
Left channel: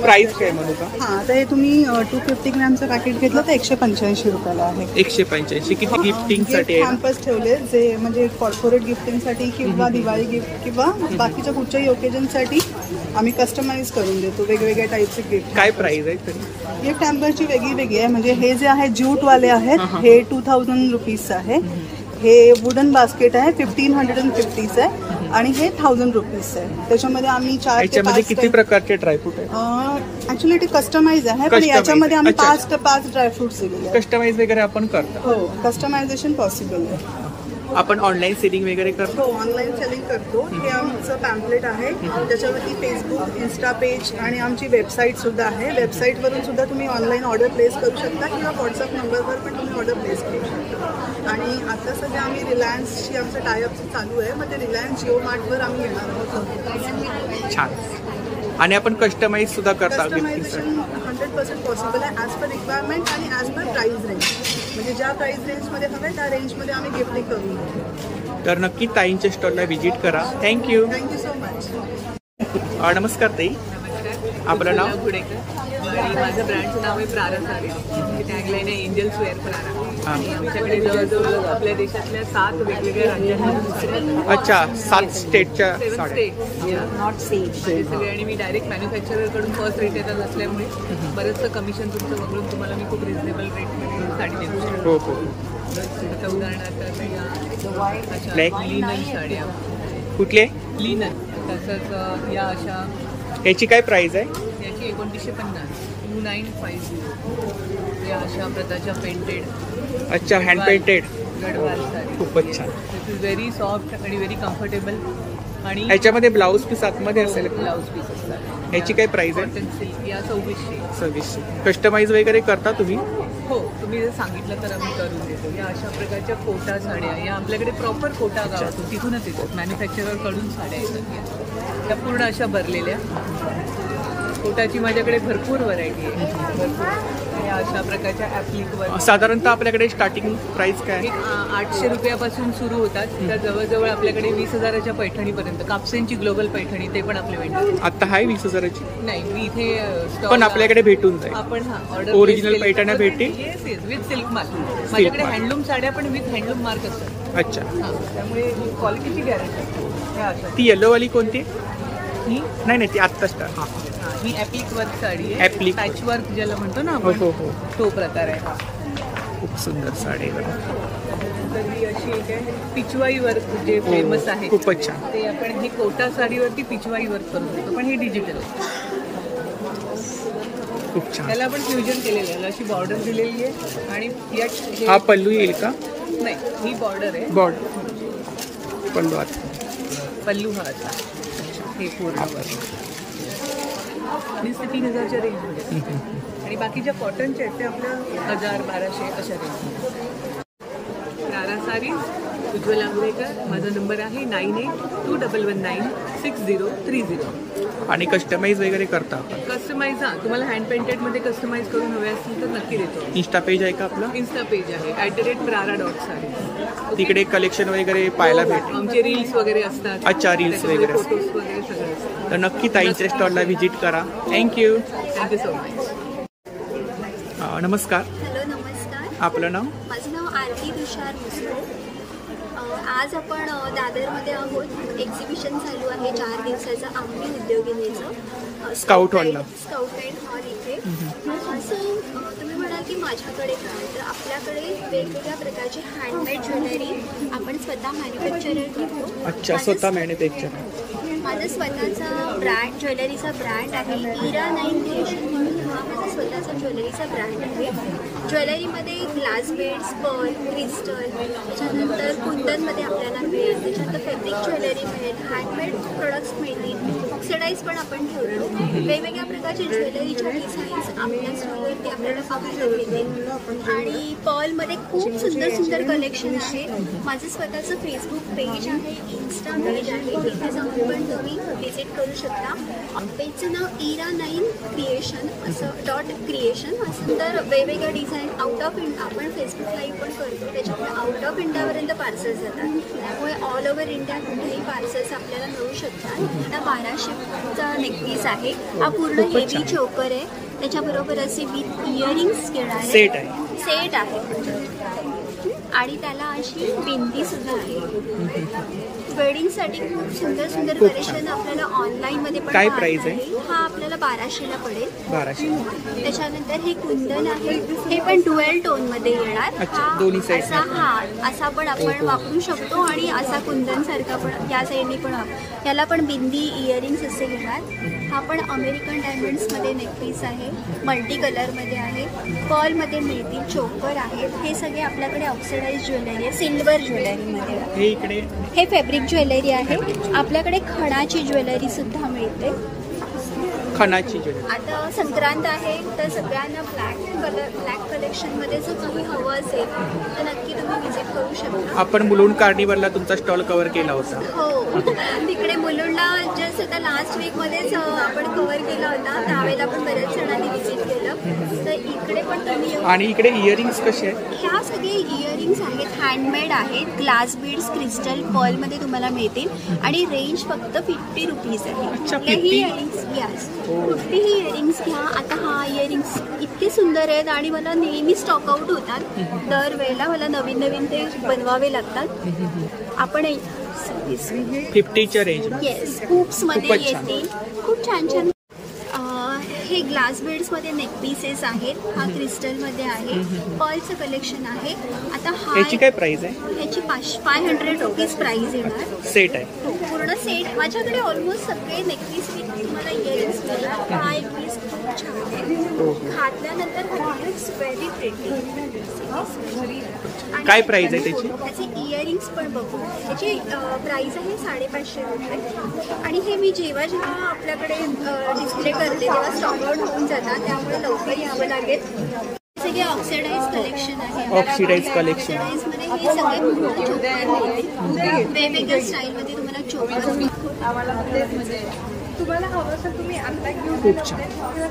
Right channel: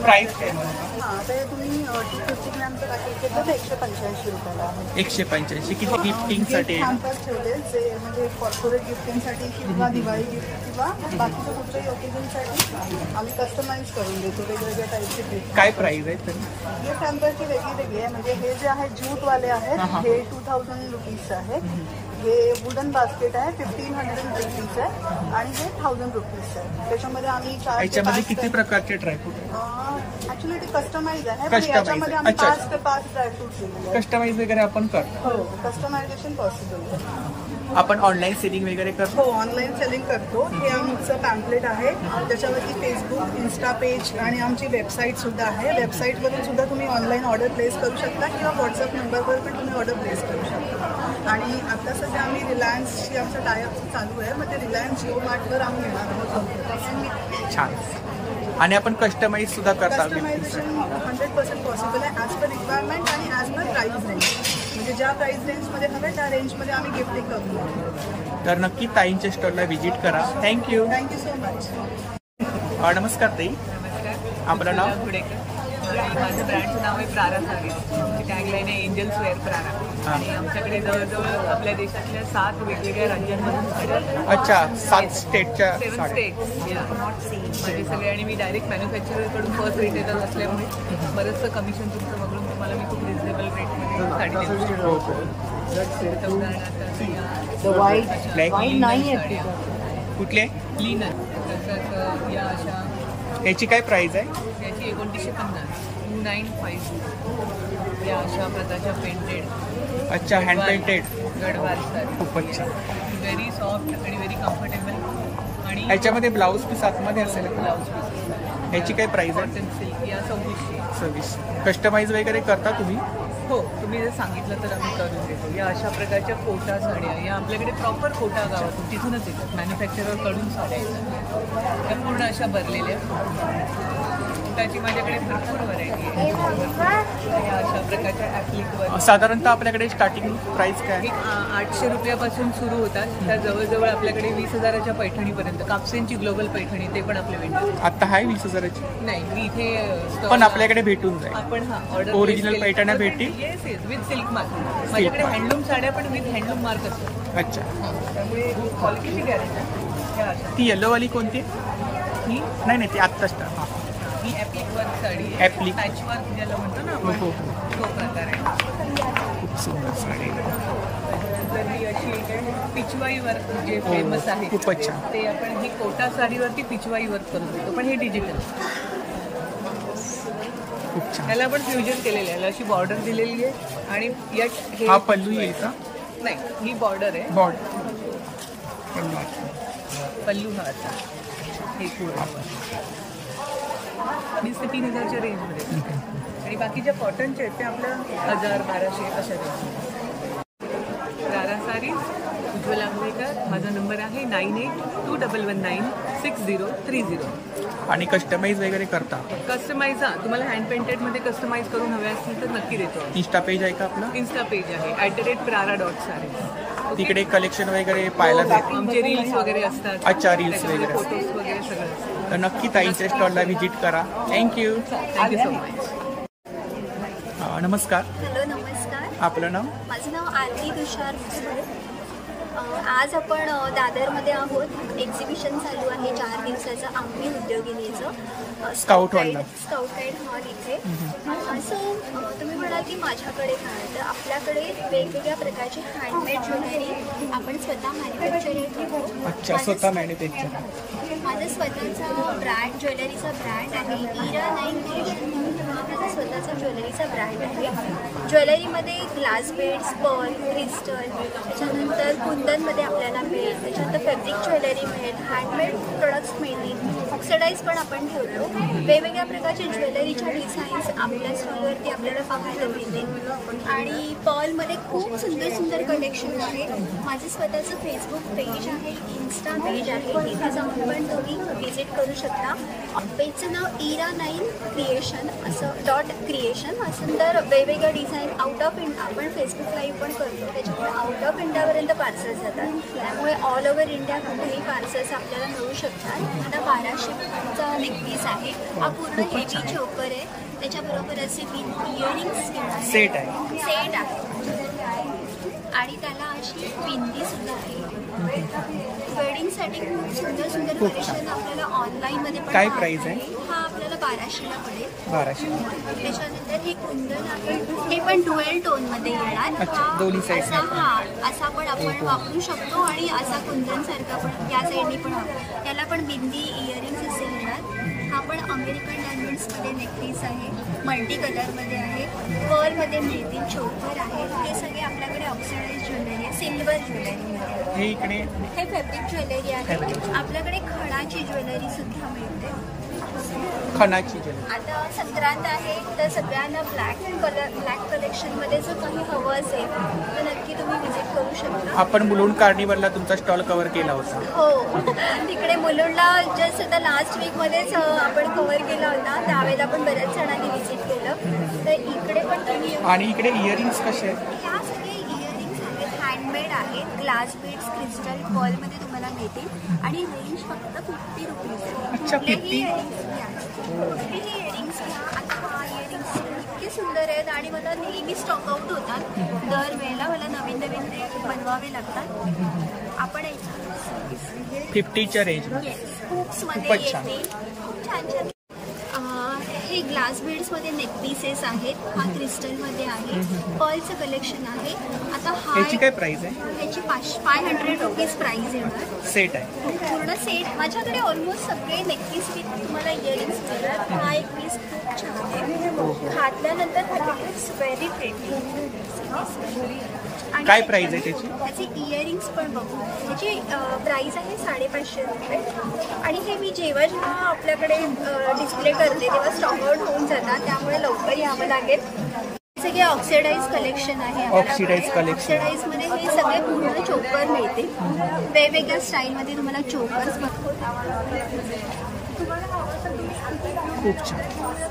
प्राइस काय मनुका? हां, तर हे तुम्ही 250 ग्रॅमचं पॅकेट घेतलं तर 185 रुपयाला आहे. 185. किती गिफ्टिंगसाठी आहे? कॅम्पस ठेवले जे म्हणजे कॉर्पोरेट गिफ्टिंगसाठी किंवा दिवाळी गिफ्ट किंवा बाकीच्या कुठच्याही ओकेजनसाठी आम्ही कस्टमाइज करून देतो वेगवेगळ्या टाईपचे गिफ्ट. काय प्राइस आहे तरी? गिफ्ट हॅम्परची वेगळी आहे. म्हणजे हे जे आहे ज्यूटवाले आहेत, हे 2000 रुपीज आहे. हे वुडन बास्केट आहे 1550 आहे आणि हे 1000 रुपीज आहे. त्याच्यामध्ये आम्ही 4 याच्यामध्ये किती प्रकारचे ड्रायफ्रूट आहेत? ऍक्च्युली ते कस्टमाइज आहे, पण याच्यामध्ये आम्ही 5 ड्रायफ्रुट्स दिलेले. कस्टमाइज वगैरे आपण करतो? हो, कस्टमायझेशन पॉसिबल आहे. आपण ऑनलाईन सेलिंग वगैरे करतो? हो, ऑनलाईन सेलिंग करतो. हे आमचं पॅम्पलेट आहे, त्याच्यावरती फेसबुक, इन्स्टा पेज आणि आमची वेबसाईट सुद्धा आहे. वेबसाईटवरून सुद्धा तुम्ही ऑनलाईन ऑर्डर प्लेस करू शकता किंवा व्हॉट्सअप नंबरवर पण तुम्ही ऑर्डर प्लेस करू शकता. आणि आता सध्या आम्ही रिलायन्सची आमचं टायअप चालू आहे, मग ते रिलायन्स जिओ मार्टवर आम्ही येणार आहोत लवकर. छान. आणि आपण कस्टमाइज सुद्धा करता? कस्टमायझेशन 100% पॉसिबल आहे, ॲज पर रिक्वायरमेंट आणि ॲज पर प्राइस रेंज. म्हणजे ज्या प्राइस रेंजमध्ये हवे त्या रेंजमध्ये आम्ही गिफ्टिंग करून देतो. तर नक्की ताईंच्या स्टॉलला व्हिजिट करा. Thank you so much. नमस्कार ताई. नमस्कार. आपलं नाव? गुडेकर. आणि माझं ब्रँडचं नाव आहे प्रारा साडी. आमची टॅगलाईन आहे एंजल्स वेअर प्रारा. आणि आमच्याकडे जवळजवळ आपल्या देशातल्या 7 वेगवेगळ्या राज्यांमधून साड्या असतात. अच्छा, 7 स्टेटच्या 7 स्टेट्स माझे सगळे. आणि मी डायरेक्ट मॅन्युफॅक्चरर कडून फर्स्ट रिटेलर असल्यामुळे बरंचसं कमिशन तुमचं वगळून तुम्हाला मी खूप रिझनेबल रेटमध्ये साडी देऊ शकतो. हो. आता उदाहरणार्थ या लिनन साड्या. कुठले? लिनन. तसंच या अशा. याची काय प्राइस आहे? याची 2950. 2950. या अशा प्रकारच्या पेंटेड. अच्छा, हँड पेंटेड गडवाल साडी. खूपच छान. व्हेरी सॉफ्ट आणि व्हेरी कम्फर्टेबल. आणि याच्यामध्ये ब्लाऊज पीस आतमध्ये असेल? ब्लाऊज पीस असतात. याची काय प्राइस आहे? Cotton silk. या 2600. कस्टमाइज वगैरे करता तुम्ही? हो, तुम्ही जर सांगितलं तर आम्ही करून देतो. या अशा प्रकारच्या कोटा साड्या. या आपल्याकडे प्रॉपर कोटा गावातून तिथूनच येतात. मॅन्युफॅक्चरर कडून साड्या येतात. या पूर्ण अशा भरलेल्या. कोटाची माझ्याकडे भरपूर व्हरायटी आहे. या अशा प्रकारच्या ॲप्लिकवर साधारणतः आपल्याकडे स्टार्टिंग प्राइस काय? 800 रुपयापासून सुरू होतात. त्या जवळजवळ आपल्याकडे 20,000च्या पैठणीपर्यंत. कापसेंची ग्लोबल पैठणी ते पण आपले वेंडर. आता आहे 20,000ची? नाही, मी इथे पण आपल्याकडे भेटून जाईल. आपण ऑर्डर ओरिजिनल पैठण्या भेटतील? Yes with silk mark. माझ्याकडे हँडलूम साड्या पण विथ हँडलूम मार्क असतात. अच्छा. त्यामुळे क्वालिटीची गॅरंटी. ती येलोवाली कोणती? नाही, ती आत्ताच. हां, ही ॲप्लिक वर्क साडी. ॲप्लिक पॅच वर्क ज्याला म्हणतो ना हो, तो प्रकार आहे. खूप सुंदर साडी. त्याच्यानंतर ही अशी एक आहे पिचवाई वर्क जे फेमस आहे. खूपच छान. ते आपण ही कोटा साडीवरती पिचवाई वर्क करून देतो, पण हे डिजिटल आहे. खूप छान. त्याला पण फ्युजन केलेलं आहे. अशी बॉर्डर दिलेली आहे. आणि हा पल्लू येईल का? नाही, ही बॉर्डर आहे. बॉर्डर पल्लू आता पल्लू हा आता हे पूर्ण 20,000 ते 3,000च्या रेंजमध्ये. आणि बाकीच्या कॉटनच्या आहेत ते आपल्या 1,000-1,200 अशा रेंजमध्ये. रारा सारीज, उज्ज्वल आंघोळेकर. माझा नंबर आहे 9821196030. आणि कस्टमाइज वगैरे करता आपण? कस्टमाइज हा, तुम्हाला हँड पेंटेडमध्ये कस्टमाइज करून हवे असतील तर नक्की देतो. इंस्टा पेज आहे का आपलं? इन्स्टा पेज आहे @prara.sarees. तिकडे कलेक्शन वगैरे पाहायला भेटेल. आमचे रील्स वगैरे असतात. अच्छा, रील्स वगैरे, फोटोज वगैरे सगळं असतं. तर नक्की ताईंच्या स्टॉलला व्हिजिट करा. Thank you so much. नमस्कार. हॅलो, नमस्कार. आपलं नाव? माझं नाव आरती तुषार मुसळे. आज आपण दादरमध्ये आहोत. एक्झिबिशन चालू आहे 4 दिवसाचं आम्ही उद्योगिनीचं स्काउट हॉलला. स्काउट गाईड हॉल इथे. सो तुम्ही म्हणाल की माझ्याकडे काय, तर आपल्याकडे वेगवेगळ्या प्रकारची हँडमेड ज्वेलरी आपण स्वतः मॅन्युफॅक्चर करतो. अच्छा, स्वतः मॅन्युफॅक्चर. माझा स्वतःचा ब्रँड, ज्वेलरीचा ब्रँड आहे इरा 9 क्रिएशन म्हणून. हा माझा स्वतःचा ज्वेलरीचा ब्रँड आहे. ज्वेलरीमध्ये ग्लास बीड्स, पर्ल, क्रिस्टल, त्याच्यानंतर कुंदनमध्ये आपल्याला मिळेल, त्याच्यानंतर फॅब्रिक ज्वेलरी मिळेल, हँडमेड प्रोडक्ट्स मिळतील, ऑक्सिडाईज पण आपण ठेवतो. वेगवेगळ्या प्रकारचे ज्वेलरीच्या डिझाईन्स आपल्या स्टॉलवरती आपल्याला पाहायला मिळतील. आणि पर्लमध्ये खूप सुंदर सुंदर कलेक्शन आहे. माझं स्वतःचं फेसबुक पेज आहे, इन्स्टा पेज आहे, तिथे जाऊन पण तुम्ही व्हिजिट करू शकता. पेजचं नाव इरा 9 क्रिएशन असं .क्रिएशन. असं तर वेगवेगळ्या डिझाईन आउट ऑफ इंडिया आपण फेसबुक लाईव्ह पण करतो, त्याच्यामुळे आउट ऑफ इंडियापर्यंत पार्सल्स जातात. त्यामुळे ऑल ओव्हर इंडिया कुठेही पार्सल्स आपल्याला मिळू शकतात. आता 1200चा नेकपीस आहे. हा पूर्ण हेवी चोकर आहे, त्याच्याबरोबर असे विथ इयरिंग्स घेणार सेट आहे. आणि त्याला अशी बिंदी सुद्धा आहे. वेडिंगसाठी खूप सुंदर सुंदर कलेक्शन आपल्याला ऑनलाईन मध्ये पण. काय प्राइस आहे? हा आपल्याला 1200ला पडेल. 1200. त्याच्यानंतर हे कुंदन आहे, हे पण डुएल टोन मध्ये येणार. दोन्ही साईड. हा, असा पण आपण वापरू शकतो आणि असा कुंदन सारखा पण या साईडने पण. याला पण बिंदी, इयरिंग्स असे येणार. हा पण अमेरिकन डायमंड्स मध्ये नेकपीस आहे, मल्टी कलर मध्ये आहे, पर्ल मध्ये मिळतील, चोकर आहेत. हे सगळे आपल्याकडे ऑक्सिडाइज ज्वेलरी आहे, सिल्वर ज्वेलरी मध्ये. हे इकडे हे फॅब्रिक ज्वेलरी आहे. आपल्याकडे खणाची ज्वेलरी सुद्धा मिळते. खणाची ज्वेलरी. आता संक्रांत आहे तर सगळ्यांना ब्लॅक कलेक्शन मध्ये जर काही हवं असेल तर नक्की तुम्ही व्हिजिट करू शकता. आपण मुलुंड कार्निवलला तुमचा स्टॉल कव्हर केला होता. हो, तिकडे मुलुंडला जस्ट आता लास्ट वीक मध्येच आपण कव्हर केला होता. त्यावेळेला पण बऱ्याच जणांनी व्हिजिट केलं. तर इकडे पण तुम्ही. आणि इकडे इयरिंग्स कसे आहेत? ह्या सगळे इयरिंग्स आहेत, हँडमेड आहेत, ग्लास बीड्स, क्रिस्टल, पर्ल मध्ये तुम्हाला मिळतील. आणि रेंज फक्त 50 रुपीज आहे. अच्छा, 50 इयरिंग्स घ्या, कुठलीही इयरिंग्स घ्या. आता हा इयरिंग्स इतके सुंदर आहेत आणि मला नेहमी स्टॉक आउट होतात. दरवेळेला मला नवीन नवीन ते बनवावे लागतात. आपण 50च्या रेंज. येस, हुक्स मध्ये येतील. खूप छान छान. हे ग्लास बीड्स मध्ये नेक पीसेस आहेत. हा क्रिस्टल मध्ये आहे, पर्लचं कलेक्शन आहे. आता ह्याची काय प्राइस आहे? ह्याची 500 रुपीज प्राइस येणार. सेट आहे. हो, पूर्ण सेट. माझ्याकडे ऑलमोस्ट सगळे नेकपीस विथ तुम्हाला इयरिंग्स मिळणार. हा एक पीस खूप छान आहे. घातल्यानंतर हा लुक्स व्हेरी प्रेटी. काय प्राइस आहे त्याची? त्याची इयरिंग्स पण बघू. त्याची प्राइस आहे 550 रुपये. आणि हे मी जेव्हा जेव्हा आपल्याकडे डिस्प्ले करते तेव्हा स्टॉक आउट होऊन जातात, त्यामुळे लवकर यावं लागेल. सगळे ऑक्सिडाइज कलेक्शन आहे. Oxidise collection. ऑक्सिडाइज मध्ये हे सगळे पूर्ण चोकर मिळतील. वेगवेगळ्या स्टाईल मध्ये तुम्हाला चोकर दाखवते. तुम्हाला हवं असेल तुम्ही आणता. खूप छान.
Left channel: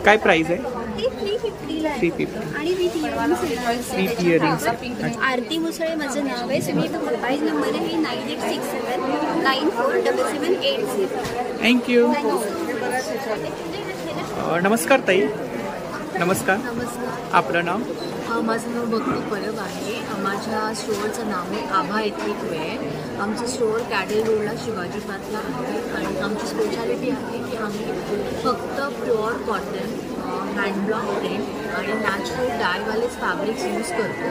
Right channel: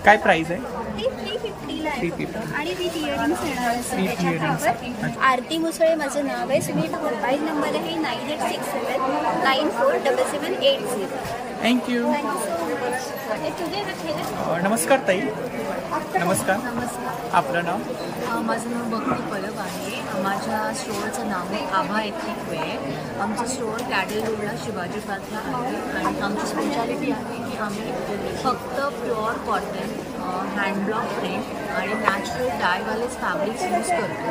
काय प्राइस आहे? हे 350ला आहे. 350. आणि विथ इयरिंग्स येणार. With earrings. आरती मुसळे माझं नाव आहे. तुम्ही मोबाईल नंबर आहे 9867947780. थँक्यू. Thank you so much. नमस्कार ताई. नमस्कार. नमस्कार. आपलं नाव? माझं नाव भक्ती परब आहे. माझ्या स्टोअरचं नाव आहे आभा एथनिक वेअर. आमचं स्टोअर कॅडल रोडला शिवाजी पार्कला आहे. आणि आमची स्पेशालिटी आहे की आम्ही फक्त प्युअर कॉटन, हँडब्लॉक प्रिंट आणि नॅचरल डायवालेच फॅब्रिक्स यूज करतो.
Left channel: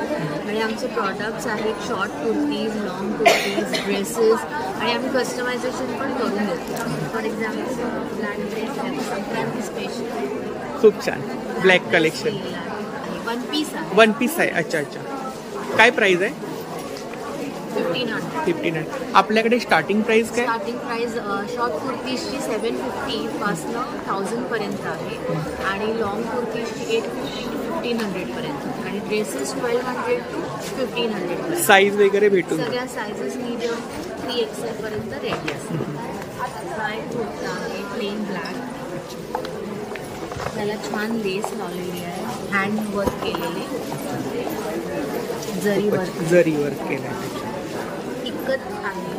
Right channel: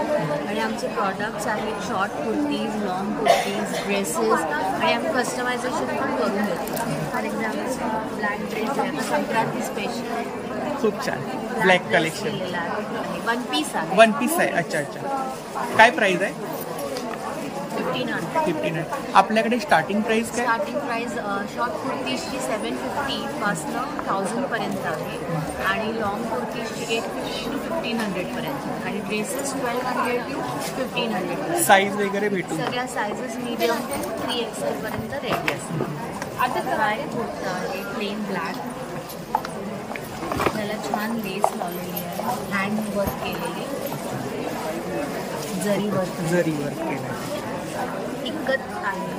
आणि आमचे प्रॉडक्ट्स आहेत short kurtis, long kurtis, dresses. आणि आम्ही कस्टमायझेशन पण करून देतो. फॉर एक्झाम्पल ब्लॅक ड्रेस आहे, आता संक्रांती स्पेशल. खूप छान. Black collection. वन पीस आहे. वन पीस आहे. अच्छा अच्छा. काय प्राइस आहे? 1500. आपल्याकडे स्टार्टिंग प्राइस काय? स्टार्टिंग प्राइस शॉर्ट कुर्तीजची 750 पासनं 1000 पर्यंत आहे आणि लॉंग कुर्तीजची 850 to 1500 पर्यंत आणि ड्रेसेस 1200 to 1500 पर्यंत. साईज वगैरे भेटून सगळ्या सायझेस मीडियम टू 3XL पर्यंत रेडी असतात. हा एक कुर्ता आहे प्लेन ब्लॅक, त्याला छान लेस लावलेली आहे, हँड वर्क केलेली, जरी वर्क केलं. इक्कत आहे,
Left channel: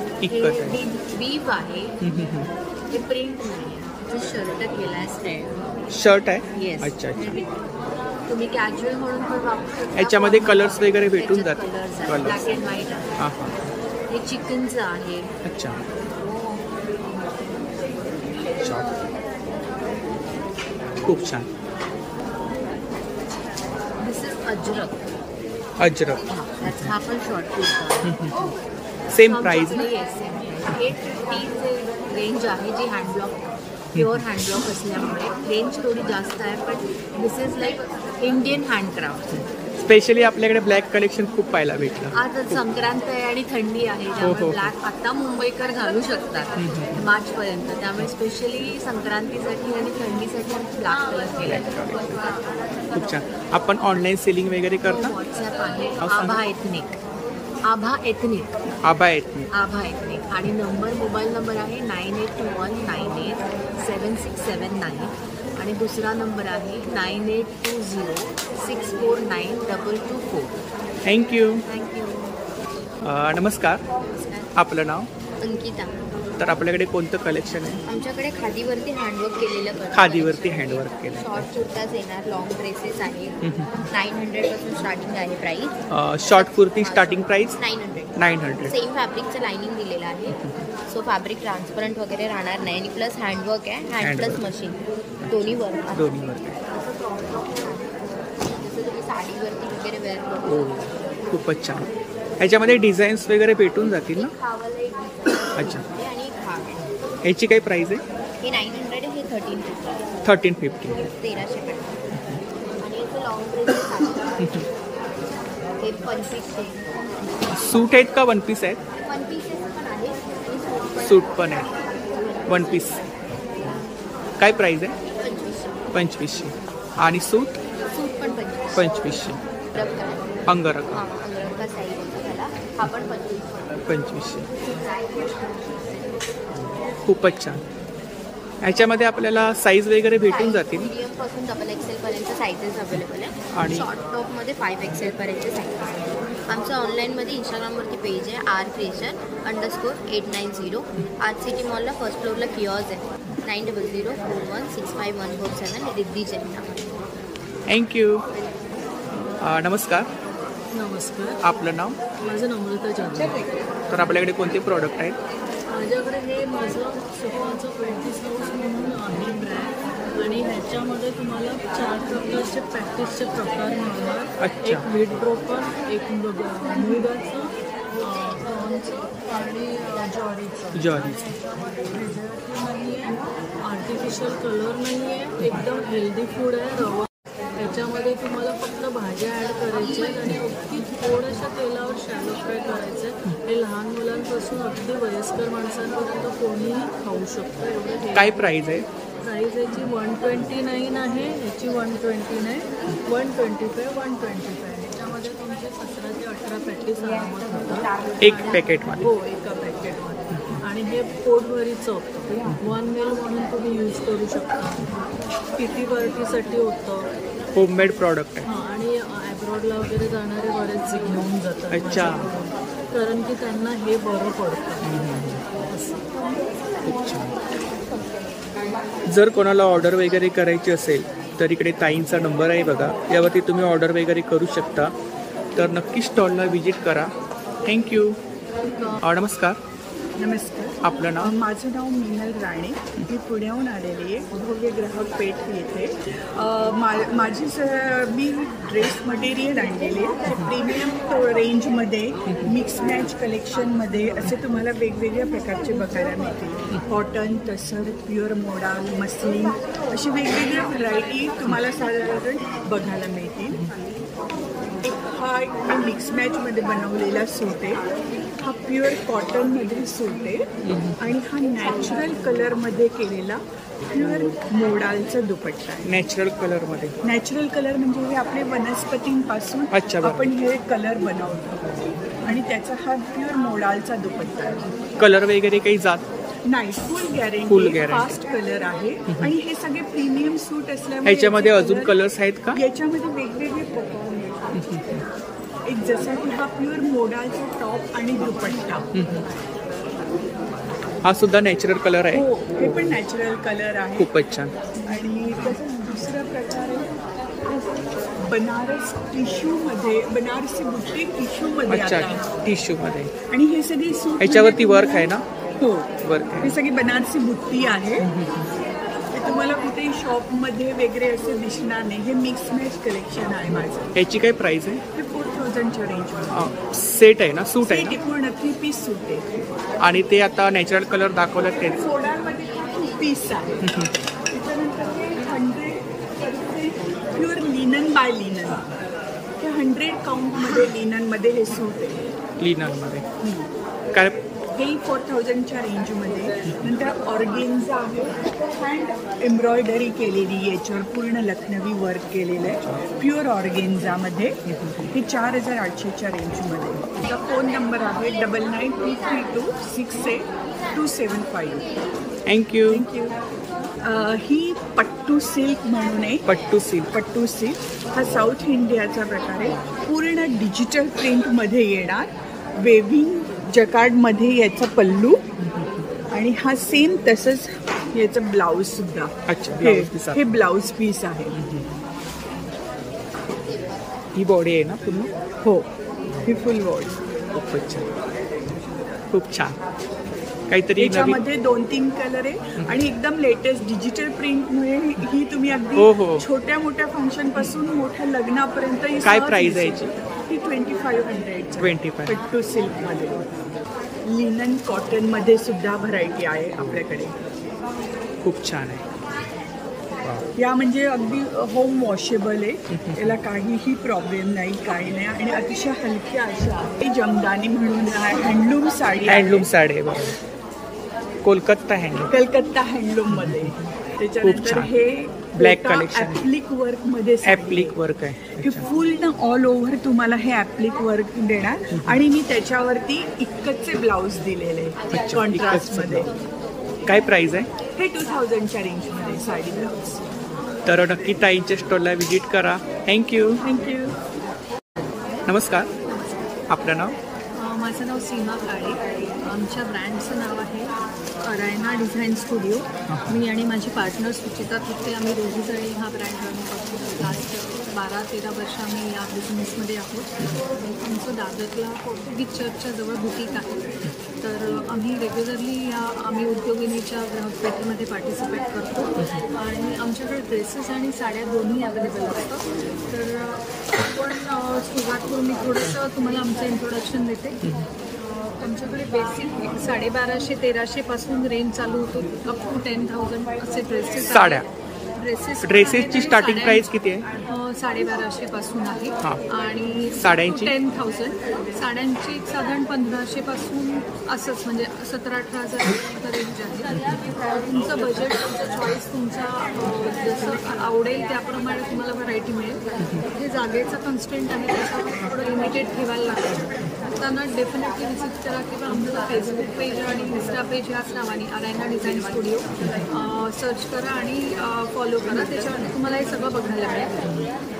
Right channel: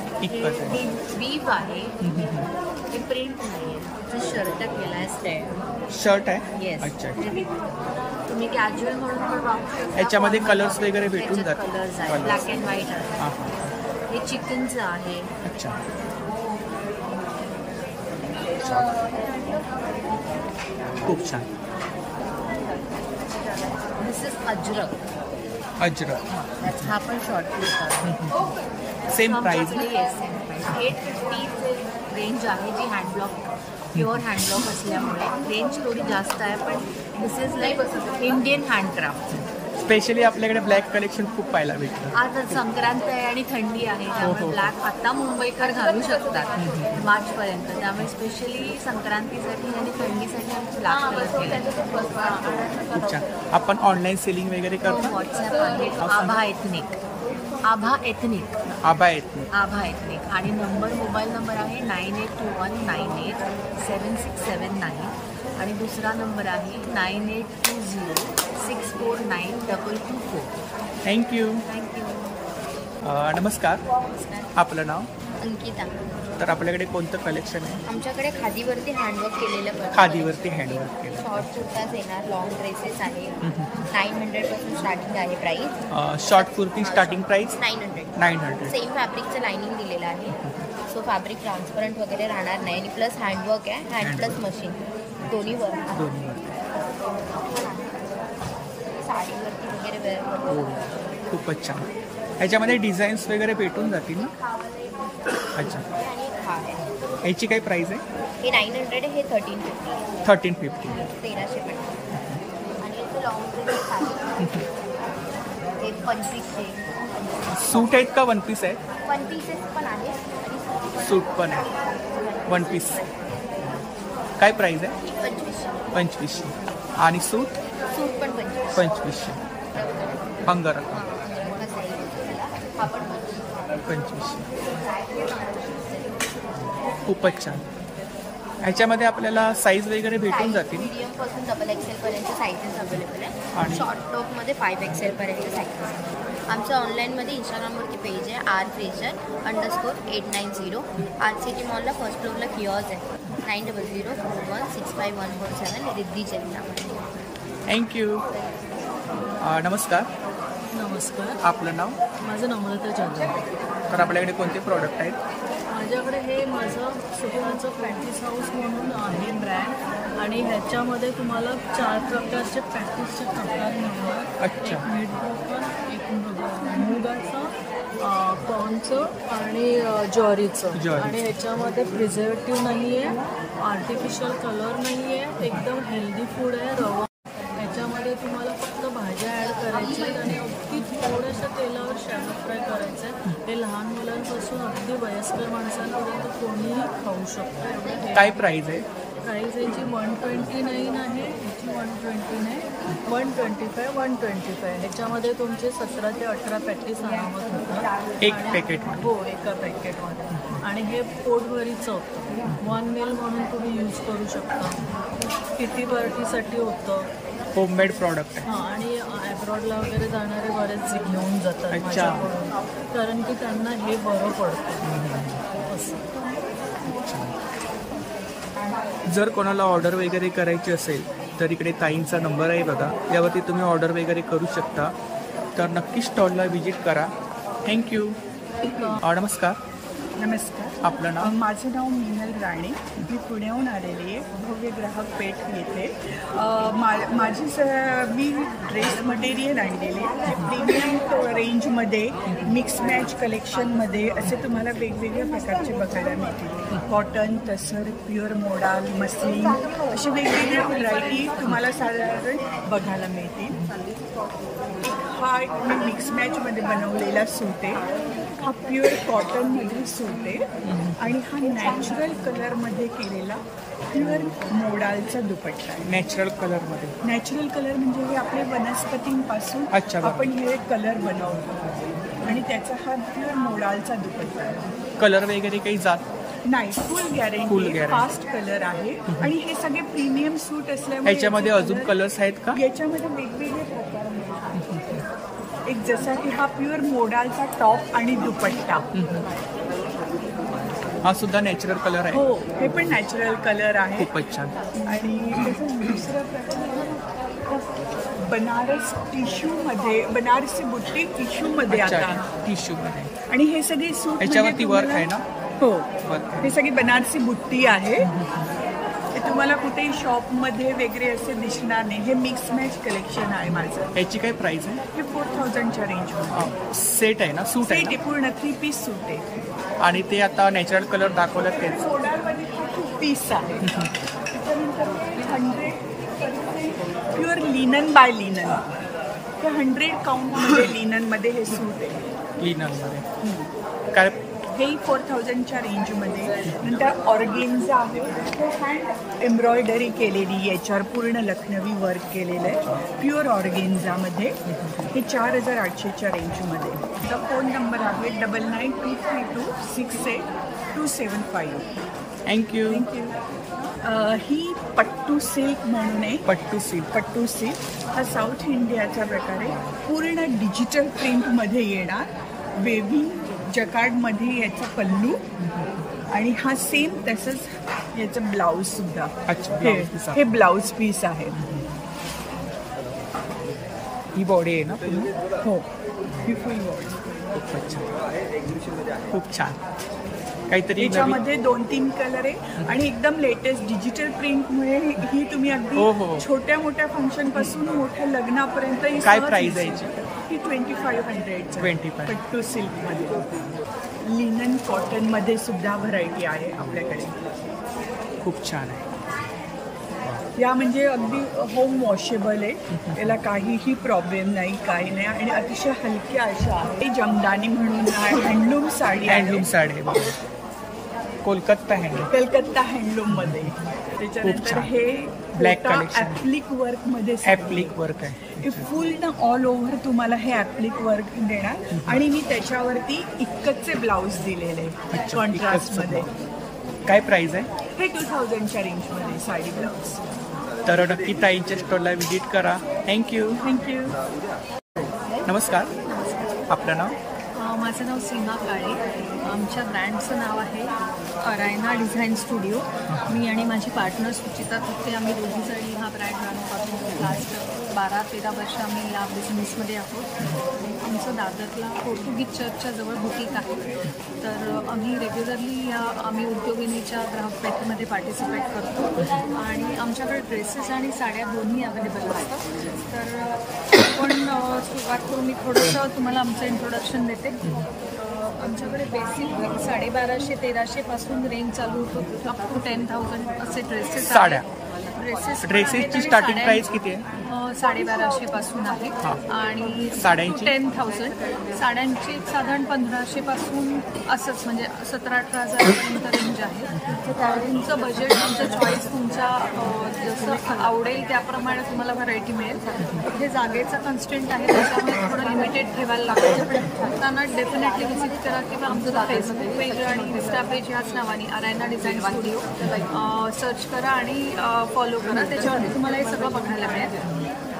बीब आहे, हे प्रिंट नाही आहे. शर्ट केलाय, शर्ट आहे. येस. अच्छा. तुम्ही कॅज्युअल म्हणून पण वापरू शकता. याच्यामध्ये कलर्स वगैरे भेटून जातात. कलर्स आहे, ब्लॅक अँड व्हाईट आहे. हे चिकनचं आहे. अच्छा. खूप छान. This is ajrak. हा पण short kurta. Same price. Same price. 850 range आहे, जी हँडब्लॉक प्युअर हँडब्लॉक असल्यामुळे रेंज थोडी जास्त आहे, पण this is like Indian handcraft. Specially आपल्याकडे ब्लॅक कलेक्शन खूप पाहायला भेटलं. आता संक्रांत आहे आणि थंडी आहे, त्यामुळे ब्लॅक आता मुंबईकर घालू शकतात मार्च पर्यंत. त्यामुळे स्पेशली संक्रांतीसाठी आणि थंडीसाठी आम्ही ब्लॅक कलर केलाय. खूप छान. आपण ऑनलाईन सेलिंग वगैरे करता? व्हॉट्सअप आहे, आभा एथनिक आणि मोबाईल नंबर आहे 9821987679 आणि दुसरा नंबर आहे 9820649224. थँक्यू. नमस्कार. आपलं नाव? अंकिता. तर आपल्याकडे कोणतं कलेक्शन आहे? आमच्याकडे खादीवरती हँडवर्क केलेलं. शॉर्ट कुर्ताज येणार, लॉंग ड्रेसेस आहे. 900 पासून स्टार्टिंग आहे price. Short kurti starting price 900. Same फॅब्रिकचं लाइनिंग दिलेलं आहे, सो फॅब्रिक ट्रान्सपरंट वगैरे राहणार नाही आणि प्लस हँडवर्क आहे, हँड प्लस मशीन दोन्ही वर्क. असं क्रॉप टॉप पण आहे, जसं तुम्ही साडीवरती वगैरे वेअर करू. खूपच छान. ह्याच्यामध्ये डिझाईन्स वगैरे भेटून जातील ना? अच्छा. आणि एक हा आहे. ह्याची काय प्राइस आहे? हे 900 आहे, हे 1350. 1350 आणि याचं लॉंग ड्रेसेस आहे, हे 2500. सूट आहेत का वन पीस आहेत? वन पीसेस पण आहेत आणि सूट पण आहेत. वन पीस काय प्राइस आहे? 2500. आणि सूट पण 2500. अंगरखा हा पण 2500. खूपच छान. ह्याच्यामध्ये आपल्याला साईज वगैरे भेटून जातील. मीडियम पासून XXL पर्यंत साईजेस अवेलेबल आहे आणि शॉर्ट टॉप मध्ये 5XL पर्यंत साईजेस. आमचं ऑनलाईनमध्ये इंस्टाग्रामवरती पेज आहे R_creation_890. RCT मॉलला फर्स्ट फ्लोअरला किऑस्क आहे. 9004165147 रिद्धी जैन नावाने. थँक्यू. नमस्कार. आपलं नाव? माझं नम्रता जाधव. तर आपल्याकडे कोणते प्रॉडक्ट आहेत? माझ्याकडे हे माझं सुखांचं प्रॅक्टिस हाऊस म्हणून आहे ब्रँड आणि ह्याच्यामध्ये तुम्हाला 4 प्रकारचे प्रॅक्टिसचे प्रकार मिळणार. एक वीट ब्रोकन, एक मुगाचं, कॉर्नचं आणि ज्वारीचं. आणि ह्याच्यामध्ये प्रिझर्वेटिव्ह नाही आहे, आर्टिफिशियल कलर नाही आहे, एकदम हेल्दी फूड आहे. रवा ह्याच्यामध्ये तुम्हाला फक्त भाज्या ॲड करायच्या आहेत आणि अगदी थोड्याशा तेलावर शॅलो फ्राय करायचं आहे. हे लहान मुलांपासून अगदी वयस्कर माणसांपर्यंत कोणीही खाऊ शकतं. एवढं. काय प्राइस आहे? प्राइस याची 129 आहे, ह्याची 120 आहे, 125, 125. ह्याच्यामध्ये तुमचे 17 ते 18 पॅकेट आरामात होतात एक पॅकेटमध्ये. हो, एका पॅकेटमध्ये. आणि हे पोटभरीचं होतं. 1 meal म्हणून तुम्ही यूज करू शकता. किटी पार्टीसाठी होतं. होममेड प्रॉडक्ट आहे. आणि अब्रॉडला वगैरे जाणारे बरेच घेऊन जातात माझ्याकडून, कारण की त्यांना हे बरं पडतं. असं. खूप छान. जर कोणाला ऑर्डर वगैरे करायची असेल तर इकडे ताईंचा नंबर आहे बघा, यावरती तुम्ही ऑर्डर वगैरे करू शकता. तर नक्की स्टॉलला व्हिजिट करा. थँक्यू. नमस्कार. आपलं नाव? माझं नाव मीनल राणे. मी पुण्याहून आलेली आहे, भव्य ग्राहक पेठ येथे. मी ड्रेस मटेरियल आणलेले जे प्रीमियम रेंजमध्ये मिक्स मॅच कलेक्शनमध्ये असे तुम्हाला वेगवेगळ्या प्रकारचे बघायला मिळतील. कॉटन, तसर, प्युअर मोडाल, मस्लिन असे वेगवेगळ्या व्हरायटी तुम्हाला साधारण बघायला मिळतील. हा मी मिक्स मॅचमध्ये बनवलेला सूट आहे. हा प्युअर कॉटन मध्ये सूट आहे आणि हा नॅचरल कलर मध्ये केलेला प्युअर मोडालचा दुपट्टा आहे. नॅचरल कलर मध्ये. नॅचरल कलर म्हणजे हे आपले वनस्पतींपासून आपण हे कलर बनवतो आणि त्याचा हा प्युअर मोडालचा दुपट्टा आहे. कलर वगैरे काही जात नाही, फुल गॅरंटी, फास्ट कलर आहे आणि हे सगळे प्रीमियम सूट असल्यामुळे याच्यामध्ये अजून कलर्स आहेत का? याच्यामध्ये वेगवेगळे प्रकार मिळतात. एक जसा की हा प्युअर मोडालचा टॉप आणि दुपट्टा, हा सुद्धा नॅचरल कलर आहे. हो, हे पण नॅचरल कलर आहे. खूपच छान. आणि तसंच दुसरा प्रकार आहे बनारस टिश्यू मध्ये, बनारसी बुट्टी टिश्यू मध्ये. टिश्यू मध्ये. आणि हे सगळे सूट याच्यावरती वर्क आहे ना? हो, वर्क. हे सगळी बनारसी बुट्टी आहे. ते तुम्हाला कुठेही शॉप मध्ये वगैरे असे दिसणार नाही. हे मिक्स मॅच कलेक्शन आहे माझं. याची काय प्राइस आहे? हे 4000च्या रेंज मध्ये सेट आहे ना? सूट आहे ना? पूर्ण 3 पीस सूट आहे. आणि ते आता नॅचरल कलर दाखवलं ते मोडालमध्ये हा 2 पीस आहे. त्याच्यानंतर हे 100% प्युअर लिनन बाय लिनन. हे 100 काउंट मध्ये लिनन मध्ये हे सूट आहे. लिनन मध्ये काय? हेही 4000च्या रेंजमध्ये. नंतर ऑर्गेन्झा आहे, ते हँड एम्ब्रॉयडरी केलेली, याच्यावर पूर्ण लखनवी वर्क केलेलं आहे प्युअर ऑर्गेन्झामध्ये. हे 4800च्या रेंजमध्ये. त्याचा फोन नंबर आहे 9923268275. थँक्यू. ही पट्टू सिल्क म्हणून आहे. पट्टू सिल्क. पट्टू सिल्क हा साऊथ इंडियाचा प्रकार आहे. पूर्ण डिजिटल प्रिंटमध्ये येणार, वेव्हिंग जकार्ड मध्ये याचा पल्लू आणि हा सेम तसंच याचं ब्लाउज सुद्धा. हे ब्लाउज पीस आहे. ही बॉडी आहे ना पूर्ण? हो, ही फुल बॉडी. खूपच छान, खूप छान. काहीतरी याच्यामध्ये 2-3 कलर आहे आणि एकदम लेटेस्ट डिजिटल प्रिंटमुळे ही तुम्ही अगदी छोट्या मोठ्या फंक्शन पासून मोठ्या लग्नापर्यंत. काय प्राइस आहे? ही 2500. पट्टू सिल्क मध्ये. लिनन कॉटन मध्ये सुद्धा व्हरायटी आहे आपल्याकडे. खूप छान आहे. या म्हणजे अगदी होम वॉशेबल आहे, याला काहीही प्रॉब्लेम नाही, काही नाही आणि अतिशय हलक्या अशा आहे. जमदानी म्हणून handloom sari. Handloom sari, Kolkata handloom. Calcutta handloom मध्ये. त्याच्यानंतर हे ब्लॅक कलेक्शन ॲप्लिक वर्क मध्ये. ॲप्लिक वर्क आहे. हे फुल ना ऑल ओव्हर तुम्हाला हे ॲप्लिक वर्क देणार आणि मी त्याच्यावरती इक्कतचे ब्लाउज दिलेले कॉन्ट्रास्ट मध्ये. काय प्राइस आहे? हे 2000च्या रेंज मध्ये साडी ब्लाउज. तर नक्की ताईंच्या स्टॉलला व्हिजिट करा. थँक्यू. थँक्यू. नमस्कार. नमस्कार. आपलं नाव? माझं नाव सीमा काळे. आमच्या ब्रँडचं नाव आहे अरायना डिझाईन स्टुडिओ. मी आणि माझी पार्टनर सुचिता थत्ते, आम्ही दोघीजणी हा ब्रँड रन करतो. लास्ट 12-13 वर्ष आम्ही या बिझनेसमध्ये आहोत. आमचं दादरला पोर्तुगीज चर्चच्या जवळ बुटीक आहे. तर आम्ही रेग्युलरली आम्ही उद्योगिनीच्या ग्राहक पेठेमध्ये पार्टिसिपेट करतो आणि आमच्याकडे ड्रेसेस आणि साड्या दोन्ही अवेलेबल असतं. तर आपण सुरुवात करून मी थोडंसं तुम्हाला आमचं इंट्रोडक्शन देते. आमच्याकडे बेसिक 1250-1300 पासून रेंज चालू होतो, अप टू 10,000 असे ड्रेसेस. साड्या. ड्रेसेसची स्टार्टिंग प्राइस किती आहे? 1250 पासून आहे आणि साड्यांची 10,000. साड्यांची एक साधारण 1500 पासून असंच म्हणजे 17-18 हजारापर्यंत रेंज आहे. तुमचं बजेट, तुमचं चॉईस, तुमचा जसं आवडेल त्याप्रमाणे तुम्हाला व्हरायटी मिळेल. इथे जागेचा कन्स्टंट आहे, त्याच्यामुळे थोडं लिमिटेड ठेवायला लागतं. त्यांना डेफिनेटली व्हिजिट करा किंवा आमचं फेसबुक पेज आणि इन्स्टा पेज ह्याच नावाने अरायना डिझाईन स्टुडिओ सर्च करा आणि फॉलो करा. त्याच्यावरती तुम्हाला हे सगळं बघायला मिळेल.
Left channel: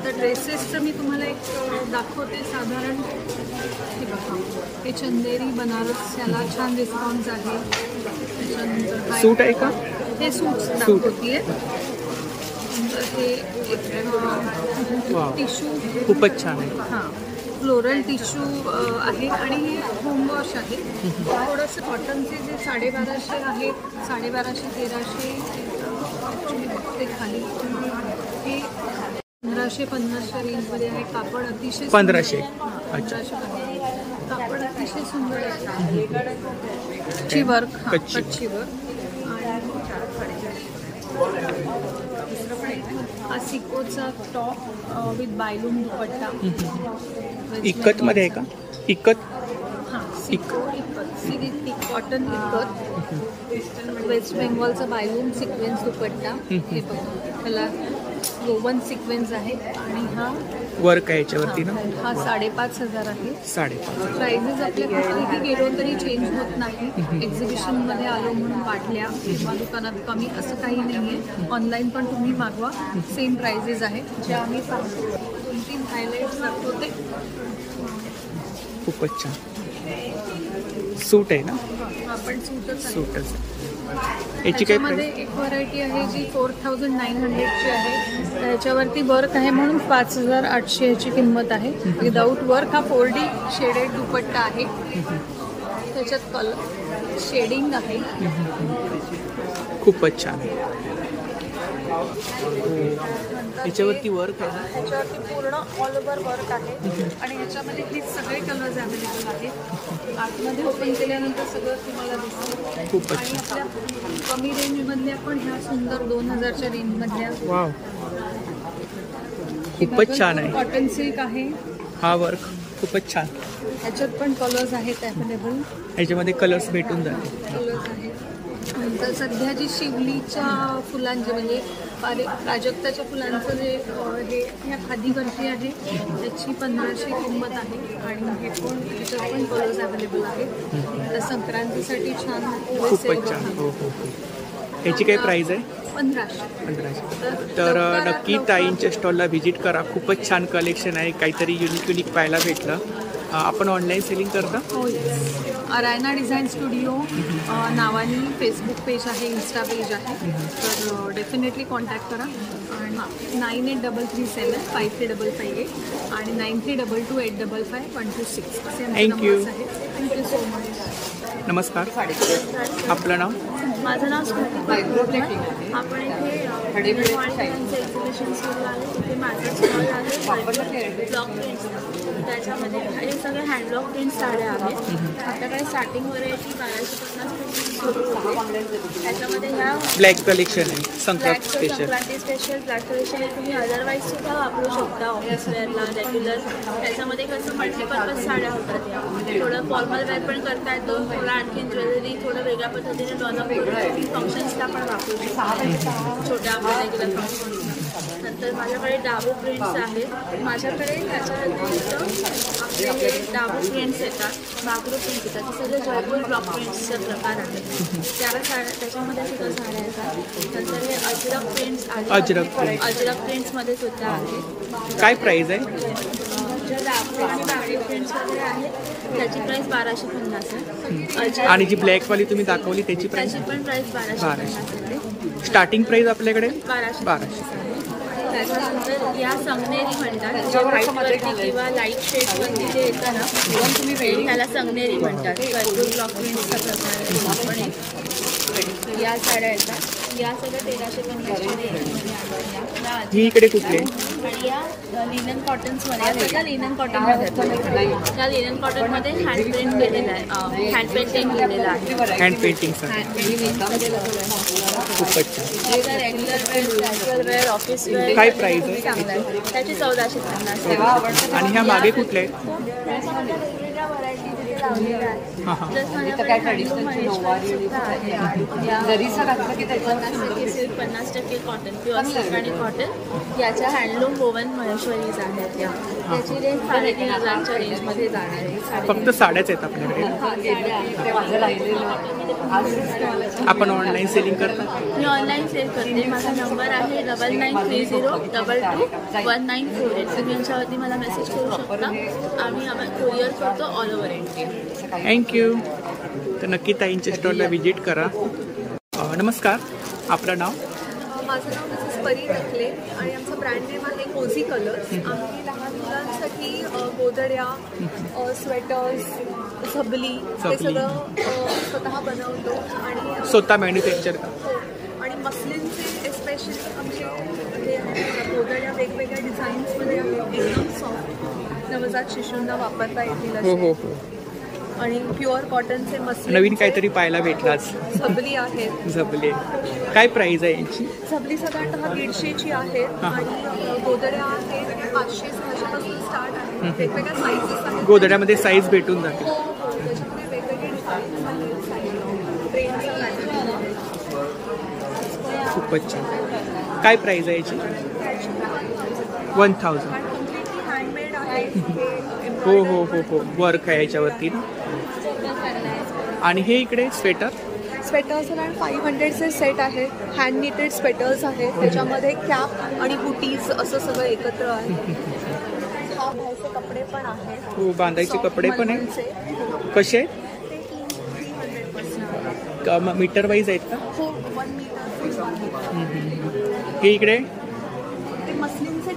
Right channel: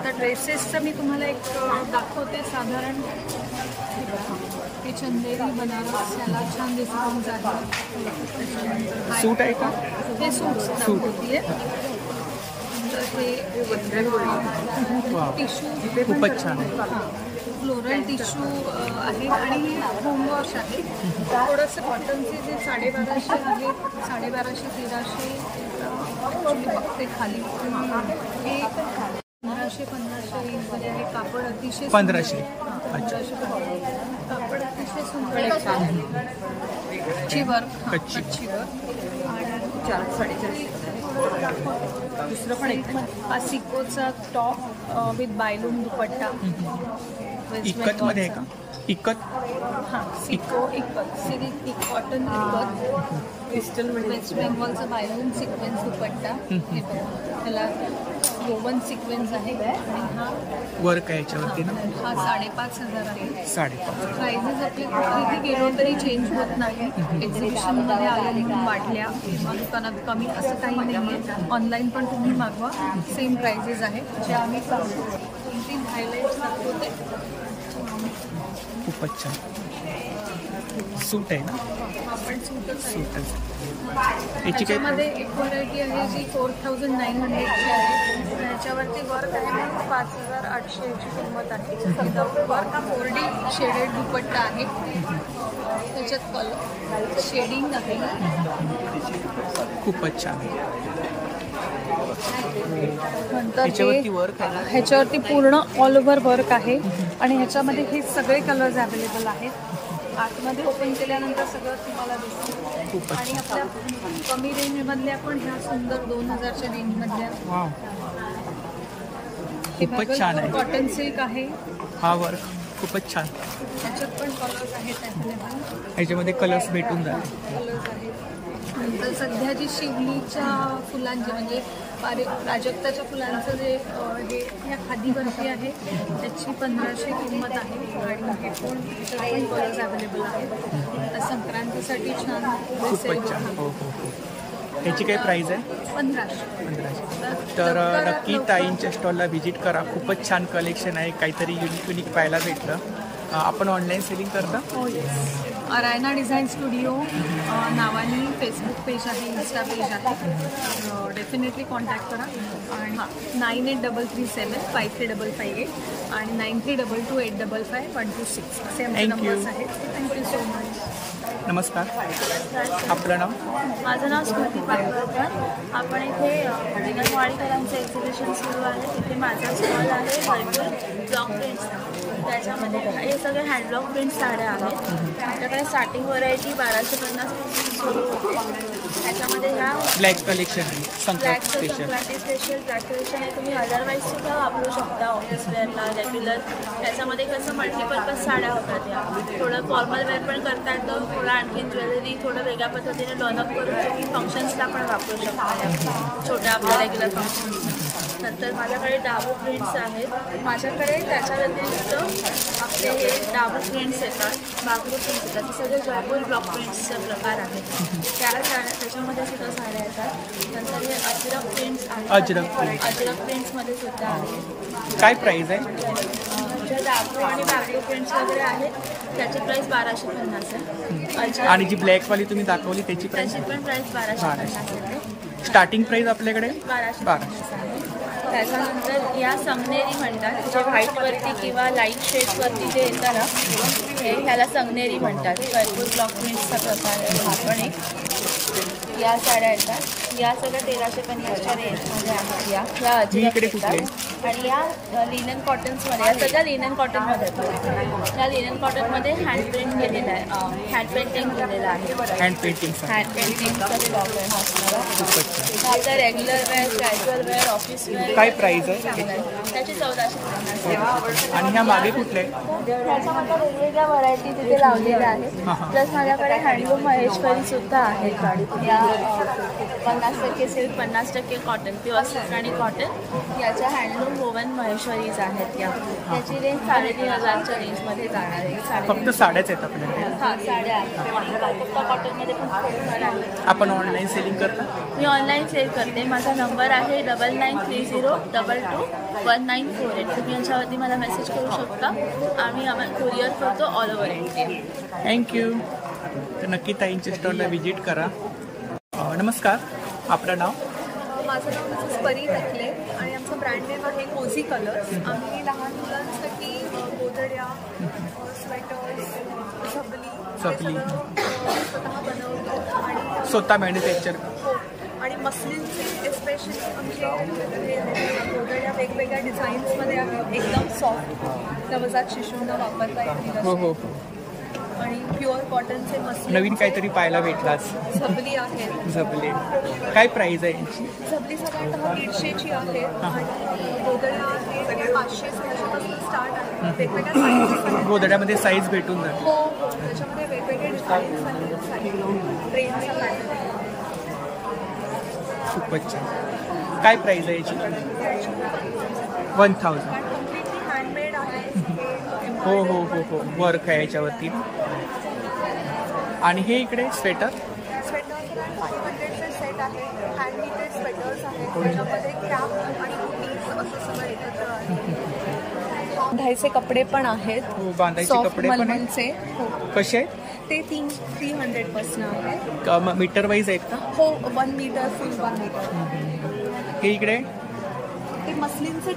तर ड्रेसेसचं मी तुम्हाला एक दाखवते. साधारण हे बघा, हे चंदेरी बनारस, याला छान रिस्पॉन्स आहे. त्याच्यानंतर सूट आहे का? हे सूट दाखवतीये. नंतर हे टिश्यू खूपच छान आहे. हां, फ्लोरल टिश्यू आहे आणि होम वॉश आहे. थोडंसं कॉटनचे जे 1250 आहेत, 1250-1300 ॲक्च्युली बघते खाली. हे 1500 रेंजमध्ये आहे. कापड अतिशय 1500. हां, 1500. कापड अतिशय सुंदर आहे. कच्ची वर्क, कच्ची वर्क आणि हा सिकोचा टॉप विथ बायलूम दुपट्टा. इकत मध्ये आहे का? इकत हां, सिको इकत, सिल्क कॉटन इकत, वेस्ट बेंगॉलचा बायलूम सिक्वेन्स दुपट्टा. हे बघा, त्याला वोवन सिक्वेन्स आहे आणि हा वर्क आहे याच्यावरती ना. हा 5,500 आहे. 5,500. प्राइजेस आपल्या कुठेही गेलो तरी चेंज होत नाही. एक्झिबिशन मध्ये आलो म्हणून वाढल्या किंवा दुकानात कमी असं काही नाहीये. ऑनलाईन पण तुम्ही मागवा, सेम प्राइजेस आहे जे आम्ही सांगतो. 2-3 हायलाइट्स दाखवते. खूपच छान. सूट आहे ना. हा पण सूटच आहे. सूटच. याच्यामध्ये एक व्हरायटी आहे जी 4,900ची आहे. त्याच्यावरती वर्क आहे म्हणून 5,800 याची किंमत आहे. विदाऊट वर्क हा 4D शेडेड दुपट्टा आहे. त्याच्यात कलर शेडिंग आहे. खूपच छान आहे. ह्याच्यावरती वर्क आहे. ह्याच्यावरती पूर्ण ऑल ओव्हर वर्क आहे आणि ह्याच्यामध्ये हे सगळे कलर्स अवेलेबल आहेत. आतमध्ये ओपन केल्यानंतर सगळं तुम्हाला दिसतं. आणि आपल्या कमी रेंज मधल्या पण ह्या सुंदर 2,000च्या रेंज मधल्या. वाव, खूपच छान आहे. कॉटन सिल्क आहे. हा वर्क खूपच छान. ह्याच्यात पण कलर्स आहेत अवेलेबल. ह्याच्यामध्ये कलर्स भेटून जातील. कलर्स आहेत. नंतर सध्या जी शिवलीच्या फुलांचे म्हणजे प्राजक्ताच्या फुलांचं जे हे ह्या खादीवरती आहे त्याची 1,500 किंमत आहे. आणि हे पण ह्याच्यात पण कलर्स अवेलेबल आहेत. तर संक्रांतीसाठी छान. खूपच छान. हो हो हो. ह्याची काय प्राइस आहे? 1,500. तर नक्की ताईंच्या स्टॉलला व्हिजिट करा. खूपच छान कलेक्शन आहे. काहीतरी युनिक पाहायला भेटलं. आपण ऑनलाईन सेलिंग करता? हो, अरायना डिझाईन स्टुडिओ नावानी फेसबुक पेज आहे, इन्स्टा पेज आहे. तर डेफिनेटली कॉन्टॅक्ट करा. आणि 9833753558 आणि 9322855126 असे आमचे नंबर्स आहेत. Thank you so much. नमस्कार, आपलं नाव? माझं नाव स्मृती पटवर्धन. आपण इथे विनय वाडीकरांचं एक्झिबिशन सुरू आहे. तिथे माझा स्टॉल आहे भरपूर ब्लॉक प्रिंट्सचा. त्याच्यामध्ये हे सगळे हँडब्लॉक प्रिंट साड्या आहेत. आपल्याकडे स्टार्टिंग व्हरायटी 1250 पासून सुरू होते. त्याच्यामध्ये ह्या ब्लॅक कलेक्शन आहे. संक्रांती स्पेशल ब्लॅक कलेक्शन आहे. तुम्ही अदरवाईज सुद्धा वापरू शकता ऑफिस वेअरला, रेग्युलर. त्याच्यामध्ये कसं मल्टीपर्पज साड्या होतात. या थोडं फॉर्मल वेअर पण करता येतं. थोडं आणखीन ज्वेलरी थोडं वेगळ्या पद्धतीने डॉलअप करून तुम्ही फंक्शन्सला पण वापरू शकता, छोट्या आपल्या रेग्युलर फंक्शन्स. नंतर माझ्याकडे डाबू प्रिंट्स आहेत. माझ्याकडे त्याच्या व्यतिरिक्त आपले हे डाबू प्रिंट्स येतात, बागरू प्रिंट्स येतात. ते सगळे जयपूर ब्लॉक प्रिंट्सचे प्रकार आहेत. त्या साड्या त्याच्यामध्ये सुद्धा साड्या येतात. नंतर हे अजरक प्रिंट्स आहेत. अजरक प्रिंट्समध्ये सुद्धा आहेत. काय प्राइस आहे? ज्या डाबू आणि बागरू प्रिंट्स वगैरे आहेत त्याची प्राइस 1250 आहे. आणि जी ब्लॅकवाली तुम्ही दाखवली त्याची प्राइस? त्याची पण प्राइस 1250 येते. स्टार्टिंग प्राइस आपल्याकडे 1250 आहे. त्याच्यानंतर या संगनेरी म्हणतात, जे व्हाईटवरती किंवा लाईट शेड्सवरती जे येतं ना, ह्याला संगनेरी म्हणतात. जयपूर ब्लॉक प्रिंट्सचा प्रकार आहे हा पण एक. या साड्या येतात. या सगळ्या 1350च्या रेंजमध्ये आहेत. या इकडे कुठले? या लिनन कॉटन्समध्ये, या सगळ्या लिनन कॉटनमध्ये येतात. या लिनन कॉटनमध्ये हँड प्रिंट केलेला आहे, हँड पेंटिंग केलेलं आहे. हँड पेंटिंगचा स्टॉक आहे हा सुद्धा. खूपच छान. आपला regular wear, casual wear, office wear. काय प्राइस आहे त्याची 1450. आणि ह्या मागे कुठल्या आहेत? त्याच्यामध्ये वेगवेगळ्या व्हरायटी तिथे लावलेल्या आहेत. प्लस माझ्याकडे हँडलूम महेश्वरी सुद्धा आहे. या 50% सिल्क, 50% कॉटन, प्युअर सिल्क आणि कॉटन याच्या हँडलूम वोवन महेश्वरीज आहेत. या त्याची रेंज 3,500च्या रेंजमध्ये जाणार आहे. फक्त साड्याच आहेत आपल्याकडे? हा, साड्या आहेत. कॉटनमध्ये पण थोडंफार आहे. आपण ऑनलाईन सेलिंग करता? मी ऑनलाईन सेल करते. माझा नंबर आहे 9930221948. तुम्ही यांच्यावरती मला मेसेज करू शकता. आम्ही कुरिअर करतो ऑल ओव्हर इंडिया. थँक्यू. तर नक्की ताईंच्या स्टॉलला व्हिजिट करा. नमस्कार, आपलं नाव? माझं नाव मिसेस परी टकले आणि आमचं ब्रँड नेम आहे कोझी कलर्स. आम्ही लहान मुलांसाठी गोधड्या, स्वेटर्स, झबली स्वतः बनवतो आणि स्वतः मॅन्युफॅक्चर का? हो. आणि मस्लिनचे एस्पेशली आमचे हे आहेत गोधड्या वेगवेगळ्या डिझाईन्समध्ये आहेत. एकदम सॉफ्ट, नवजात शिशूंना वापरता येतील. हो हो हो. आणि प्युअर कॉटनचे मस्लिन. नवीन काहीतरी पाहायला भेटलाच. झबली आहे. झबले काय प्राइस आहे यांची? झबली साधारणतः 150ची आहे आणि गोदड्या आहेत त्या 500-600 पासून स्टार्ट आहे. वेगवेगळ्या साईजेस आहेत. गोदड्यामध्ये साईज भेटून जाते. हो हो, त्याच्यामध्ये वेगवेगळे डिझाईन्स आहेत. साईज ट्रेनचा पॅटर्न दिलेला. खूपच छान. काय प्राइस आहे याची? 1000. कम्प्लिटली हँडमेड आहे. हो हो हो हो, वर्क आहे याच्यावरती ना. आणि हे इकडे स्वेटर्स अराउंड 500चे सेट आहे. हँड निटेड स्वेटर्स आहेत. त्याच्यामध्ये कॅप आणि हुटीज असं सगळं एकत्र आहे. बांधायचे कपडे पण आहेत. हो, बांधायचे कपडे पण आहेत. कसे आहेत ते? 300 पासून आहे. मीटर वाईज आहेत का? हो, 1 मीटर फुल 1 मीटर. हे इकडे ते मस्लिनचे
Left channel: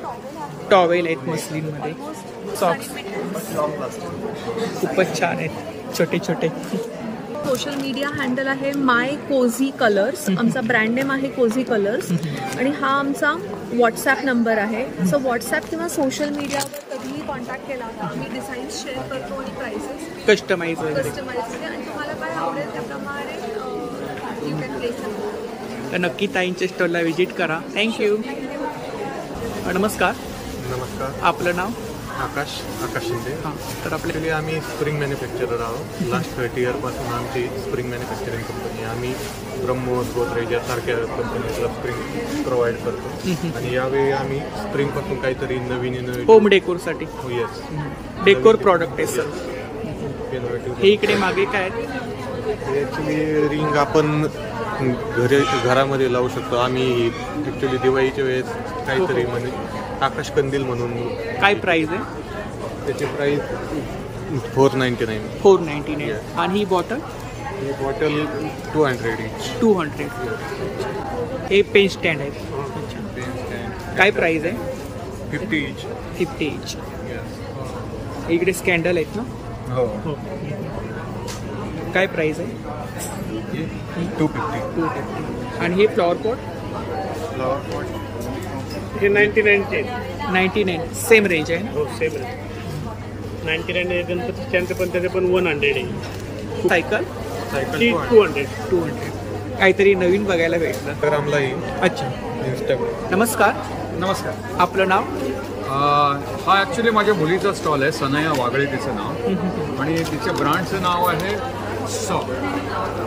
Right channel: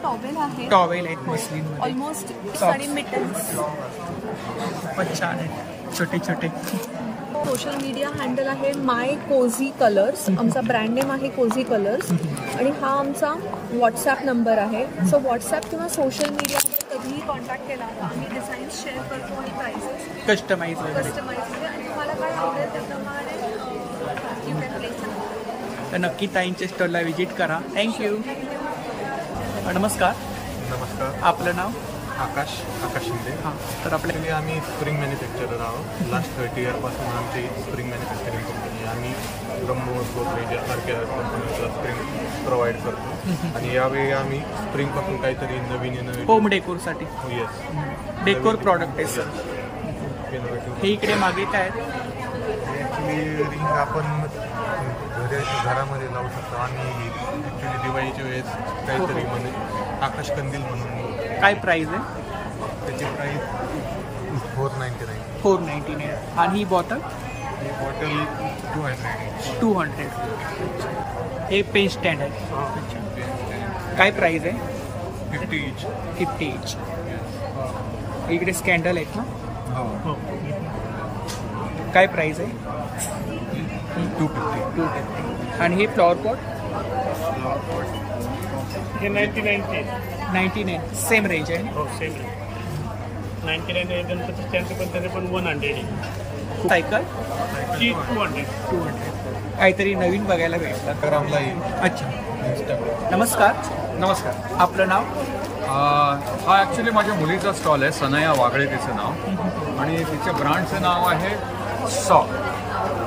टॉवेल आहेत मस्लिन मध्ये. सॉक्स खूपच छान आहेत, छोटे छोटे. सोशल मीडिया हँडल आहे माय कोझी कलर्स. आमचा ब्रँड नेम आहे कोझी कलर्स आणि हा आमचा व्हॉट्सॲप नंबर आहे. सो व्हॉट्सॲप किंवा सोशल मीडियावर कधीही कॉन्टॅक्ट केला तर आम्ही डिझाईन्स शेअर करतो आणि प्राइसेस कस्टमाइज मध्ये आणि तुम्हाला काय आवडेल त्याप्रमाणे you can place an order. तर नक्की ताईंच्या स्टॉलला व्हिजिट करा. थँक्यू. नमस्कार. नमस्कार. आपलं नाव? आकाश शिंदे. हां, तर आपल्याकडे आम्ही स्प्रिंग मॅन्युफॅक्चरर आहोत. लास्ट 30 इयरपासून आमची स्प्रिंग मॅन्युफॅक्चरिंग कंपनी. आम्ही ब्रह्मोस, गोदरेज यासारख्या कंपनीजला स्प्रिंग प्रोव्हाइड करतो आणि यावेळी आम्ही स्प्रिंगपासून काहीतरी नवीन होम डेकोरसाठी. हो, येस, डेकोर प्रॉडक्ट आहे सर. इनोव्हेटिव्ह. हे इकडे मागे काय ॲक्च्युली रिंग आपण घरामध्ये लावू शकतो. आम्ही ॲक्च्युली दिवाळीच्या वेळेस काहीतरी म्हणजे आकाश कंदील म्हणून. काय प्राइस आहे त्याची? प्राइस 499. 499. आणि ही बॉटल? ही बॉटल 200. हे पेन स्टँड आहे. अच्छा, काय प्राइस आहे? 50 each. इकडे स्कॅन्डल आहेत ना? हो. काय प्राइस आहे? 250. आणि हे फ्लॉवर पॉट? हे 99 सेम रेंज आहे ना? हो, सेम रेंज. 99 आहे गणपती स्टँडचं पण, त्याचे पण 100 आहे. सायकल 200. काहीतरी नवीन बघायला भेटलं. इंस्टाग्रामलाही. अच्छा. नमस्कार. आपलं नाव? हा ॲक्च्युली माझ्या मुलीचा स्टॉल आहे. सनया वागळे तिचं नाव आणि तिच्या ब्रँडचं नाव आहे सॉ.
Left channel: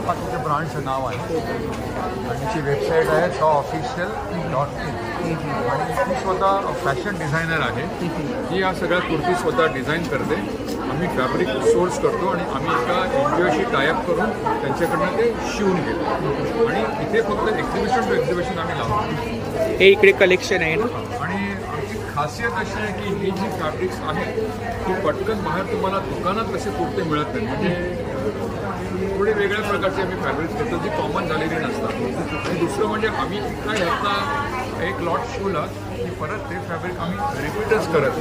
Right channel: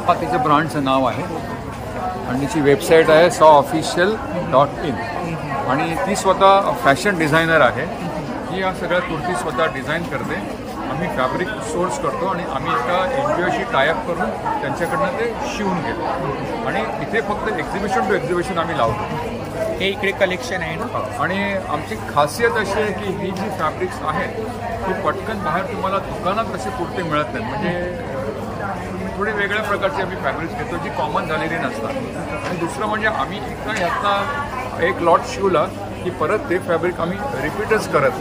हा तिचं ब्रँडचं नाव आहे आणि तिची वेबसाईट आहे sawofficial.in आणि ती स्वतः फॅशन डिझायनर आहे. ती या सगळ्या कुर्ती स्वतः डिझाईन करते. आम्ही फॅब्रिक सोर्स करतो आणि आम्ही एका एनजीओशी टायअप करून त्यांच्याकडनं ते शिवून घेतो आणि इथे फक्त एक्झिबिशन टू एक्झिबिशन आम्ही लावतो. हे इकडे कलेक्शन आहे ना? आणि आमची खासियत अशी आहे की ही जी फॅब्रिक्स आहेत ती पटकन बाहेर तुम्हाला दुकानात असे कुर्ते मिळत नाही. म्हणजे थोडे वेगळ्या प्रकारचे आम्ही फॅब्रिक्स घेतो जी कॉमन झालेली नसतात. आणि दुसरं म्हणजे आम्ही एकदा ह्याचा एक लॉट शिवला की परत ते फॅब्रिक आम्ही रिपीटच करत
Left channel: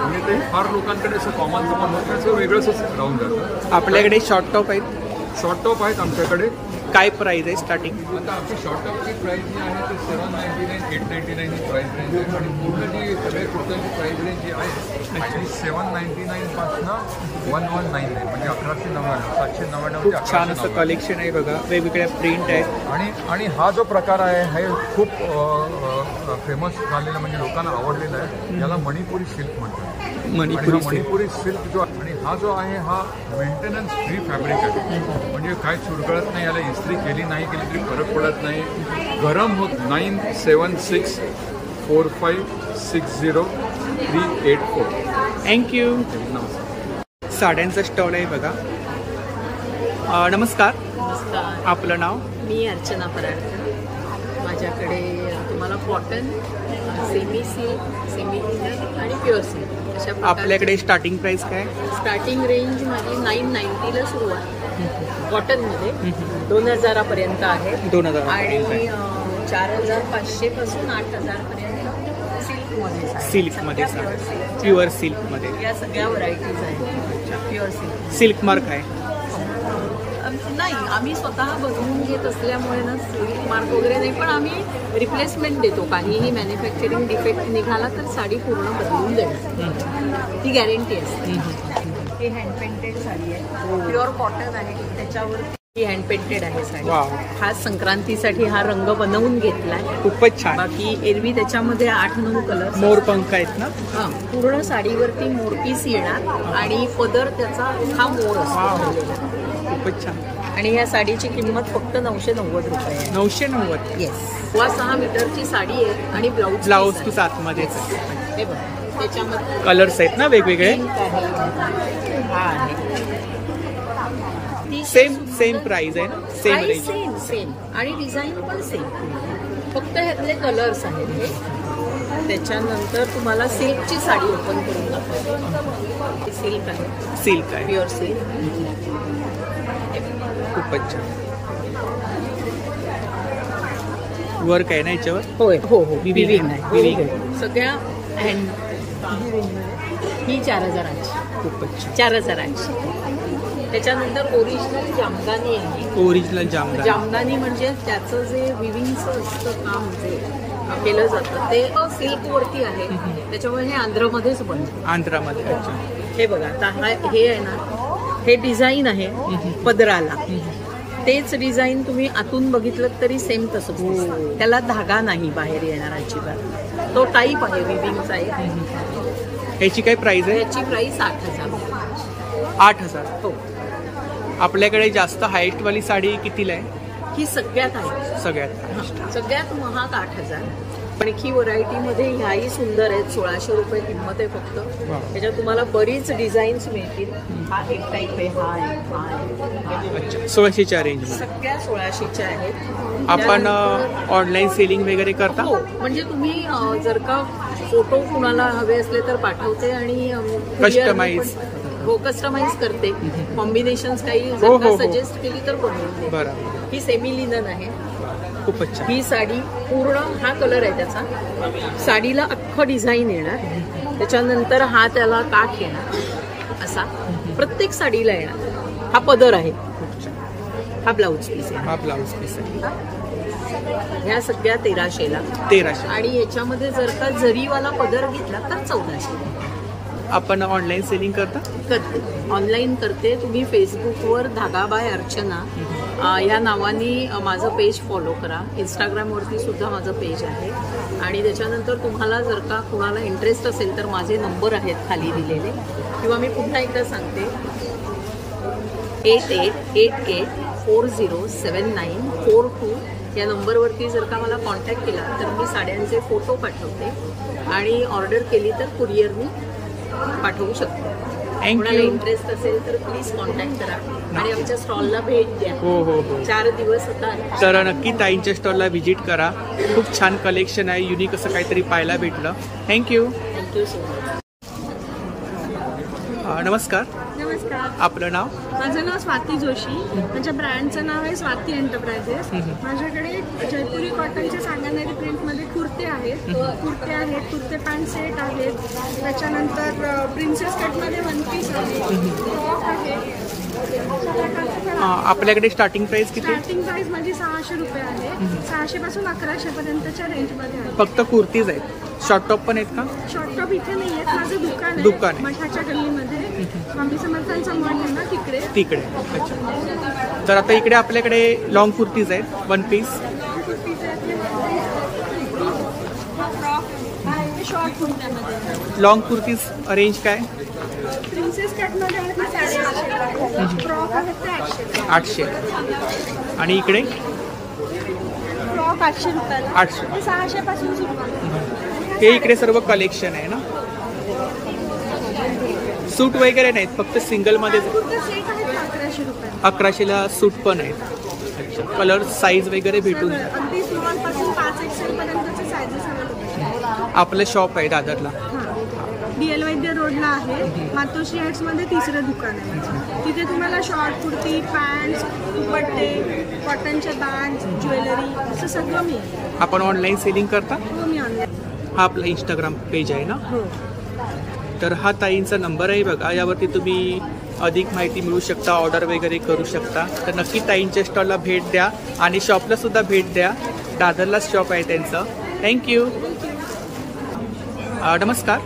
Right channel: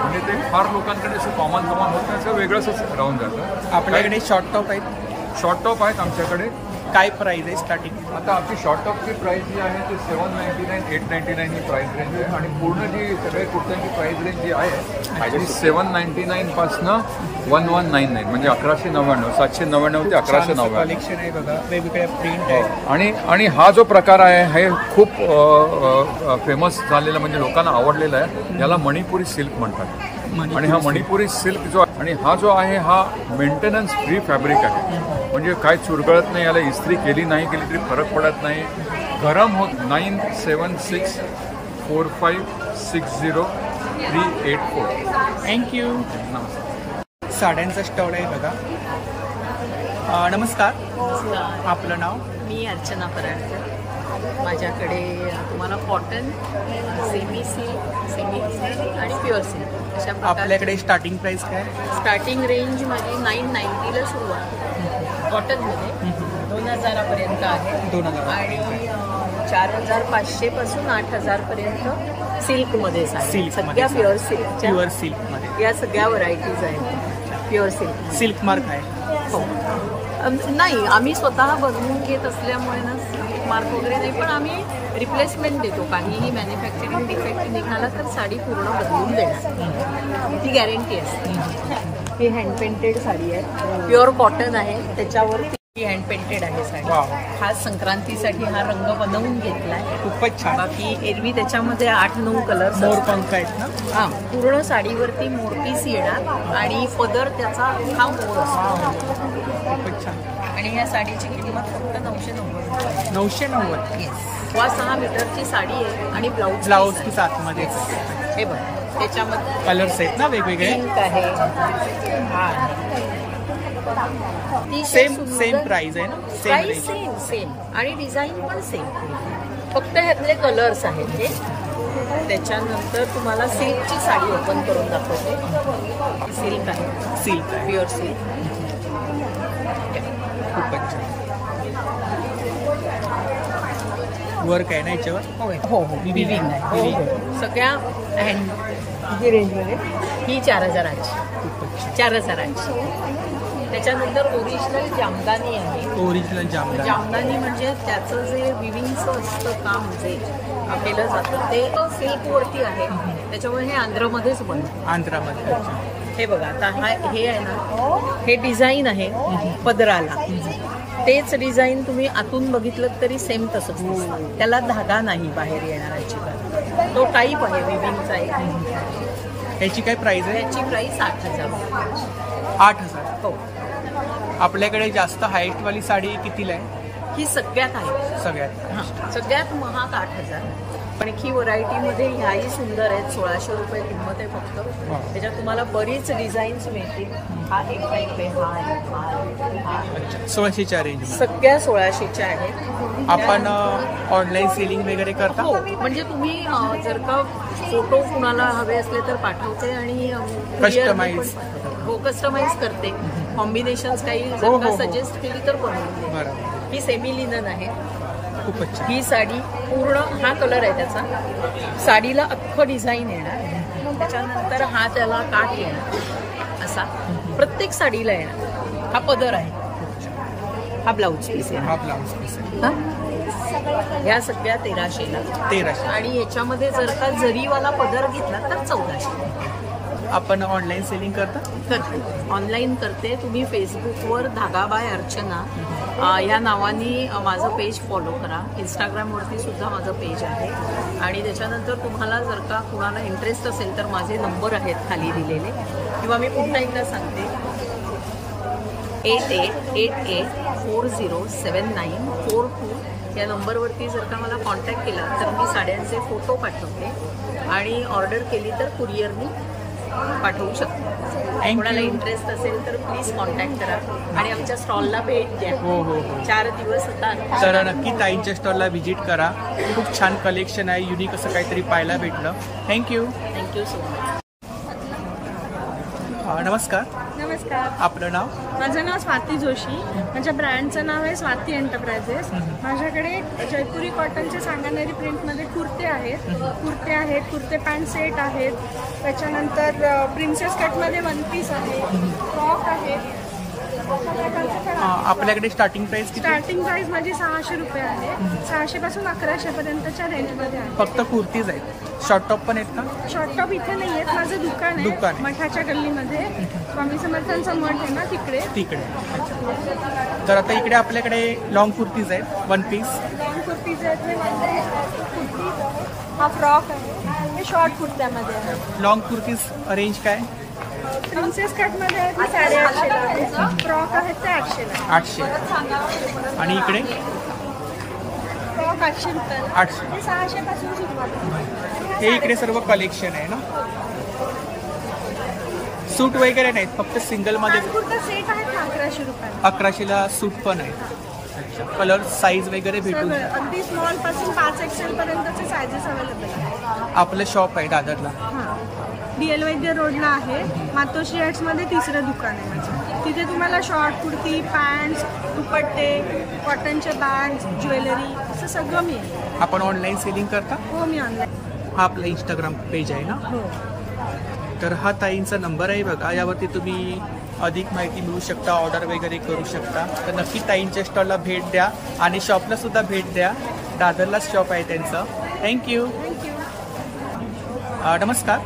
म्हणजे ते फार लोकांकडे असं कॉमन होत नाही, असं वेगळंच राहून जातं. आपल्याकडे शॉर्ट टॉप आहेत? शॉर्ट टॉप आहेत आमच्याकडे. काय प्राइस आहे स्टार्टिंग? आता आमची शॉर्ट टॉपची प्राइस जी आहे ती 799, 899 ही प्राइस रेंज आहे आणि पूर्ण जी सगळ्या कुर्त्यांची प्राइस रेंज जी आहे ती 799 पासनं 1199 म्हणजे 1199, 799 ते 1199. कलेक्शन आहे बघा, वेगवेगळ्या प्रिंट आहेत. आणि हा जो प्रकार आहे हे खूप फेमस झालेला म्हणजे लोकांना आवडलेला आहे. याला मणिपुरी सिल्क म्हणतात. आणि हा मणिपुरी सिल्क जो आणि हा जो आहे हा मेंटेनन्स फ्री फॅब्रिक आहे. म्हणजे काय चुरगळत नाही, याला इस्त्री केली नाही केली तरी फरक पडत नाही, गरम होत. 9764560 384. थँक्यू. नमस्कार. साड्यांचा स्टॉल आहे बघा. नमस्कार. नमस्कार. आपलं नाव? मी अर्चना पराडकर. माझ्याकडे तुम्हाला cotton, semi silk, semi linen आणि प्युअर सिल्क अशा प्रकारचे. आपल्याकडे स्टार्टिंग प्राइस काय? स्टार्टिंग रेंज माझी 990 सुरू आहे. कॉटनमध्ये 2000 पर्यंत आहे. 2000 आणि 4500 पासून 8000 पर्यंत सिल्कमध्ये. सिल्कमध्ये प्युअर सिल्कमध्ये या सगळ्या व्हरायटीज आहेत. Pure silk. सिल्क मार्क आहे? नाही, आम्ही स्वतः बनवून घेत असल्यामुळे ना सिल्क मार्क वगैरे नाही, पण आम्ही रिप्लेसमेंट देतो. काहीही मॅन्युफॅक्चरिंग डिफेक्ट निघाला तर साडी पूर्ण बदलून देणार, ती गॅरंटी असते. ही हँड पेंटेड साडी आहे, प्युअर कॉटन आहे, त्याच्यावरती ही हँड पेंटेड आहे साडी. खास संक्रांतीसाठी हा रंग बनवून घेतलाय. खूपच छान. बाकी एरवी त्याच्यामध्ये 8-9 कलर मोरपंख आहेत ना. हा, पूर्ण साडीवरती मोरपीस येणार आणि पदर त्याचा हा मोर असतो. खूपच छान. आणि या साडीची किंमत फक्त 990 रुपये. 990. येस. 6 मीटरची साडी आहे आणि ब्लाऊज पीस आतमध्ये. हे बघ, त्याच्यामध्ये कलर्स आहेत ना वेगवेगळे. पिंक आहे, हा आहे. सेम प्राइस आहे ना. सेम आणि डिझाईन पण सेम, फक्त ह्यातले कलर्स आहेत हे. त्याच्यानंतर तुम्हाला सिल्कची साडी ओपन करून दाखवते. सिल्क आहे, प्युअर सिल्क. खूपच छान वर्क आहे ना याच्यावर. होय, हो हो, विविंग आहे. सगळ्या हँड ही 4000ची. खूपच छान. 4000ची. त्याच्यानंतर ओरिजिनल जामदानी आहे. ओरिजिनल जामदानी म्हणजे त्याचं जे विविंगचं असतं काम जे केलं जातं ते सिल्क वरती आहे. त्याच्यामुळे हे आंध्रमध्येच बनतं. आंध्रामध्ये. अच्छा. हे बघा, आता हे आहे ना, हे डिझाईन आहे पदराला. तेच डिझाईन तुम्ही आतून बघितलं तरी सेम तसंच दिसतं. त्याला धागा नाही बाहेर येणार अजिबात. तो टाईप आहे विविंगचा एक. याची काय प्राइस आहे? याची प्राइस 8000 रुपये. 8000. हो. आपल्याकडे जास्त हायेस्ट वाली साडी कितीला आहे? ही सगळ्यात आहे. सगळ्यात महाग 8000. पण ही व्हरायटीमध्ये ह्याही सुंदर आहेत. 1600 रुपये किंमत आहे फक्त. त्याच्यात तुम्हाला बरीच डिझाईन्स मिळतील. हा एक टाईप आहे, हा आहे. अच्छा. 1600च्या रेंज मध्ये सगळ्या 1600च्या आहेत. आपण ऑनलाईन सेलिंग वगैरे करता? हो, म्हणजे तुम्ही जर का फोटो कुणाला हवे असले तर पाठवते आणि कस्टमाइज. हो, कस्टमाइज करते. कॉम्बिनेशन्स काही सजेस्ट केली तर बनवून देते. ही सेमी लिनन आहे. खूपच छान. ही साडी पूर्ण, हा कलर आहे त्याचा. साडीला अख्खं डिझाईन येणार. त्याच्यानंतर हा त्याला काठ येणार असा प्रत्येक साडीला येणार. हा पदर आहे. हा ब्लाऊज पीस आहे. हा ब्लाऊज पीस आहे. ह्या सगळ्या 1300ला. 1300. आणि याच्यामध्ये जर का जरीवाला पदर घेतला तर 1400. आपण ऑनलाईन सेलिंग करते. ऑनलाईन करते. तुम्ही फेसबुकवर धागा बाय अर्चना या नावाने माझं पेज फॉलो करा. इंस्टाग्रामवरती सुद्धा माझं पेज आहे. आणि त्याच्यानंतर तुम्हाला जर का कुणाला इंटरेस्ट असेल तर माझे नंबर आहेत खाली दिलेले, किंवा मी पुन्हा एकदा सांगते, 8888407942 या नंबरवरती जर का मला कॉन्टॅक्ट केला तर मी साड्यांचे फोटो पाठवते आणि ऑर्डर केली तर कुरिअरनी पाठवू शकते. कोणाला इंटरेस्ट असेल तर प्लीज कॉन्टॅक्ट करा आणि आमच्या स्टॉलला भेट द्या. हो. 4 दिवस होता, तर नक्की ताईंच्या स्टॉलला व्हिजिट करा. खूप छान कलेक्शन आहे. युनिक असं काहीतरी पाहायला भेटलं. Thank you so much. नमस्कार. नमस्कार. आपलं नाव? माझं नाव स्वाती जोशी. माझ्या ब्रँडचं नाव आहे स्वाती एंटरप्राइजेस. माझ्याकडे जयपुरी कॉटनचे सांगानेरी प्रिंटमध्ये कुर्ते आहेत. कुर्ते पॅन्ट सेट आहेत. त्याच्यानंतर प्रिन्सेस कटमध्ये वन पीस आहे, फ्रॉक आहे. अशा प्रकारचे पण आपल्याकडे स्टार्टिंग प्राइस किती? स्टार्टिंग प्राइस माझी 600 रुपये आहे. 600 पासून 1100 पर्यंतच्या रेंजमध्ये आहे. फक्त कुर्तीज आहेत? शॉर्ट टॉप पण आहेत का? शॉर्ट टॉप इथे नाही आहेत. माझं दुकान आहे मठाच्या गल्लीमध्ये. स्वामी समर्थांचा मठ आहे ना तिकडे. अच्छा. तर आता इकडे आपल्याकडे लॉंग कुर्तीज आहेत, वन पीस. हा फ्रॉक आहे, हे शॉर्ट कुर्त्यामध्ये. लॉंग कुर्तीज रेंज काय? प्रिन्सेस कटमध्ये आहे ते 850 ला आहे. फ्रॉक आहेत ते 800 ला. 800. आणि इकडे फ्रॉक 800 रुपयाला. 800. हे 600 पासून सुरुवात आहे. हे इकडे सर्व कलेक्शन आहे ना. सूट वगैरे नाहीत, फक्त सिंगल मध्ये. कुर्ता सेट आहेत 1100 रुपयाला. 1100ला सूट पण आहेत. अच्छा. कलर साईज वगैरे भेटून अगदी स्मॉल पासून 5XL पर्यंतचे साईजेस अवेलेबल आहेत. आपलं शॉप आहे दादरला. DL वैद्य रोडला आहे. मातोश्री हाइट्स मध्ये 3रं दुकान आहे माझं. तिथे तुम्हाला शॉर्ट कुर्ती, पॅन्ट्स, दुपट्टे, कॉटनचे बॅग्स, ज्वेलरी असं सगळं मिळेल. आपण ऑनलाईन सेलिंग करता? हो, मी ऑनलाईन. हा आपला इंस्टाग्राम पेज आहे ना? हो. तर हा ताईंचा नंबर आहे बघा, यावरती तुम्ही अधिक माहिती मिळू शकता, ऑर्डर वगैरे करू शकता. तर नक्की ताईंच्या स्टॉलला भेट द्या आणि शॉपला सुद्धा भेट द्या. दादरलाच शॉप आहे त्यांचं. थँक्यू. थँक्यू. नमस्कार.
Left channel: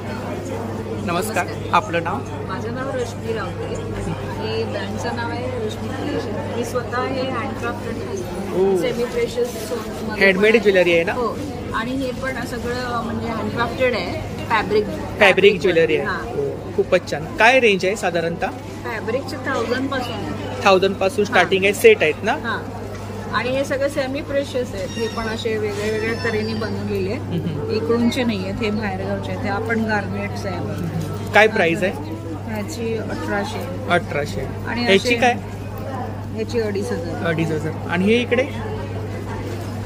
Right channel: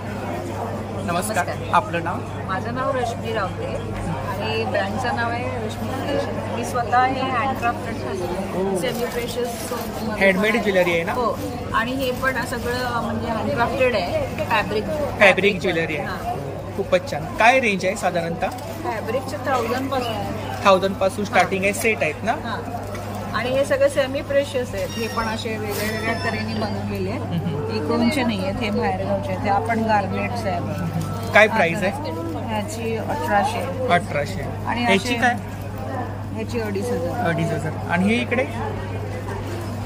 नमस्कार, आपलं नाव? माझं नाव रश्मी रावते आणि ब्रँडचं नाव आहे रश्मी क्रिएशन. मी स्वतः हे handcrafted semi precious handmade jewellery आहे ना? हो, आणि हे पण सगळं म्हणजे हँडक्राफ्टेड आहे. फॅब्रिक ज्वेलरी आहे. खूपच छान. काय रेंज आहे साधारणतः? फॅब्रिकचे 1000 पासून स्टार्टिंग आहे. सेट आहेत ना? आणि हे सगळे सेमी प्रेशियस आहेत. हे पण असे वेगळ्या वेगळ्या तऱ्हेने बनवलेले आहेत. इकडूनचे नाही आहेत, हे बाहेरगावचे आहेत. हे आपण गार्नेट्स आहे बघा. काय प्राइस आहे ह्याची? 1800. आणि ह्याची काय? ह्याची 2500. 2500. आणि हे इकडे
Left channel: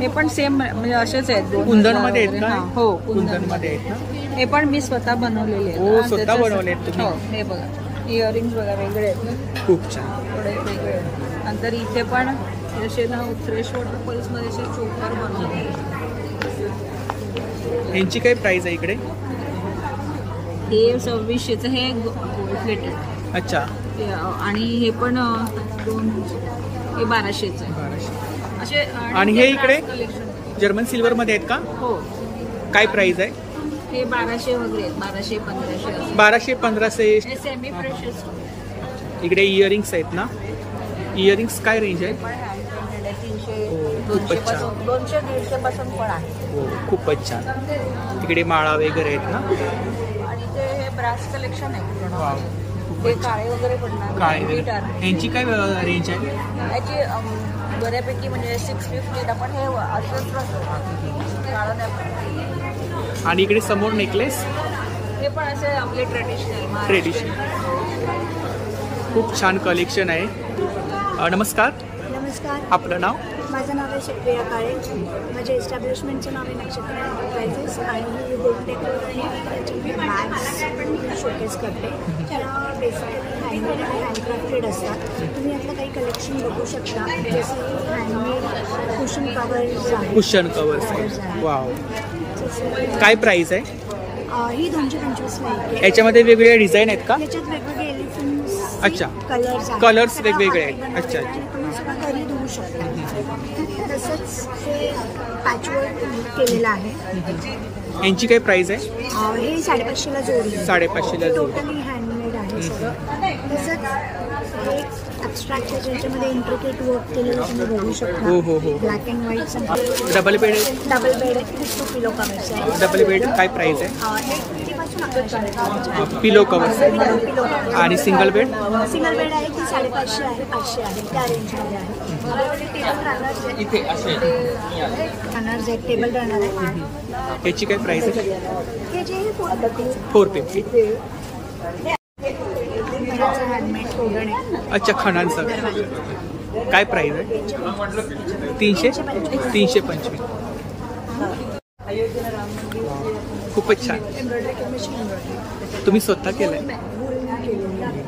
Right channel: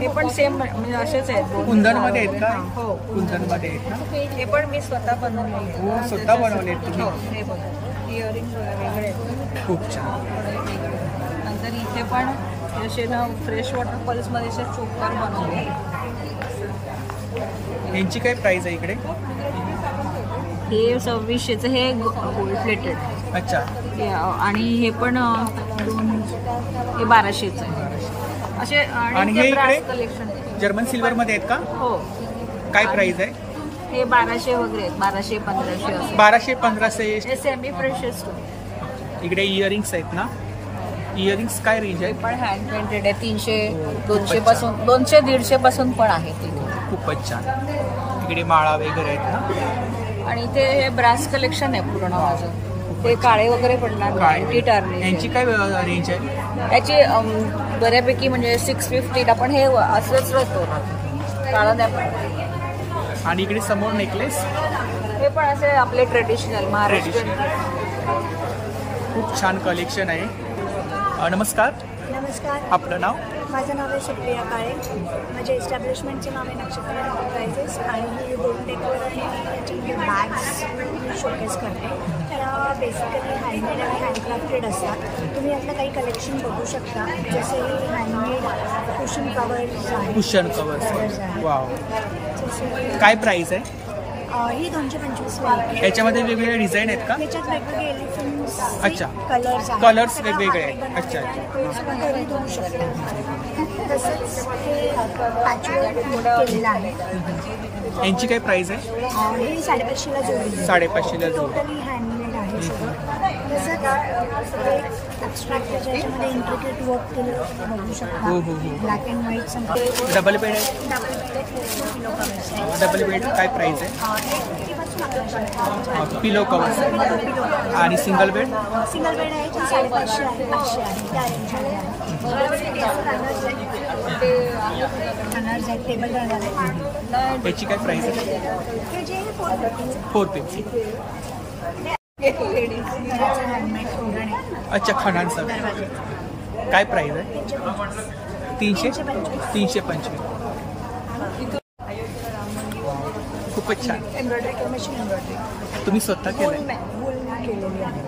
हे पण सेम म्हणजे असेच आहेत. कुंदन मध्ये आहेत का? हो, कुंदन मध्ये आहेत ना? हे पण मी स्वतः बनवलेले. हो, स्वतः बनवले तुम्ही? हे बघा, इयरिंग्स बघा वेगळे आहेत. खूप छान. नंतर इथे पण असे ना फ्रेश वॉटर पल्स मध्ये असे चोकर बनवले. यांची काय प्राइस आहे इकडे? हे 2600चं. हे गोल्ड प्लेटेड. अच्छा. आणि हे पण हे 1200चं आहे. 1200. असे. आणि हे इकडे जर्मन सिल्वर मध्ये आहेत का? हो. काय प्राइस आहे? हे 1200 वगैरे आहेत. 1200-1500. 1200-1500. Semi precious. इकडे इयरिंग्स आहेत ना? इयरिंग्स काय रेंज आहे? पण हँड पेंटेड आहे. 300 पासून 200-150 पासून पण आहे. हो, खूपच छान. तिकडे माळा वगैरे आहेत ना? आणि ते हे ब्रास कलेक्शन आहे पूर्ण. वाव, ते काळे वगैरे पडणार. यांची काय रेंज आहे? याची बऱ्यापैकी म्हणजे 650. आपण हे असंच राहतो काळा नाही पडत. आणि इकडे समोर नेकलेस. हे पण असे आपले ट्रेडिशनल. खूप छान कलेक्शन आहे. नमस्कार. नमस्कार, आपलं नाव? माझं नाव आहे सुप्रिया काळे. माझ्या एस्टॅब्लिशमेंटचं नाव आहे नक्षत्र एंटरप्राइजेस आणि ही होम डेकोर आणि याच्यामध्ये बॅग्स शोकेस करते. त्या बेसिकली हँडमेड आणि हँडक्राफ्टेड असतात. तुम्ही यातलं काही कलेक्शन बघू शकता. जसं ही हँडमेड कुशन कवर्स आहे. कुशन कवर्स आहे. वाव. काय प्राइस आहे? ही 225ला आहे. याच्यामध्ये वेगवेगळे डिझाईन आहेत का? याच्यात वेगवेगळे एलिफंट्स. अच्छा. कलर्स वेगवेगळे आहेत. अच्छा. आणि तुम्ही सगळं घरी धुवू शकता. तसंच हे पॅचवर्क केलेलं आहे. यांची काय प्राइस आहे? हे 550ला जोडी. 550ला जोडी. टोटली हँडमेड आहे सगळं. तसंच हे ॲब्स्ट्रॅक्ट ज्याच्यामध्ये इंट्रिकेट वर्क केलेलं तुम्ही बघू शकता. हो. Black and white. Double bed आहे. डबल बेड आहे. 50 किलो कवर्स. डबल बेड काय प्राइस आहे? 850 पासून 1100. पिलो कवर्स आहे. पिलो कवर्स. आणि सिंगल बेड? सिंगल बेड आहे ती 550 आहे. 500 आहे. त्या रेंजमध्ये आहे. टेबल रनर्स आहेत. टेबल रनर आहे. याची काय प्राइस आहे? हे जे 450. हँडमेड तोरण आहे. अच्छा, खणांचा. काय प्राइस आहे? 325. खूपच छान. एम्ब्रॉयडरी मशीन एम्ब्रॉयडरी तुम्ही स्वतः केलंय? केलेली आहे.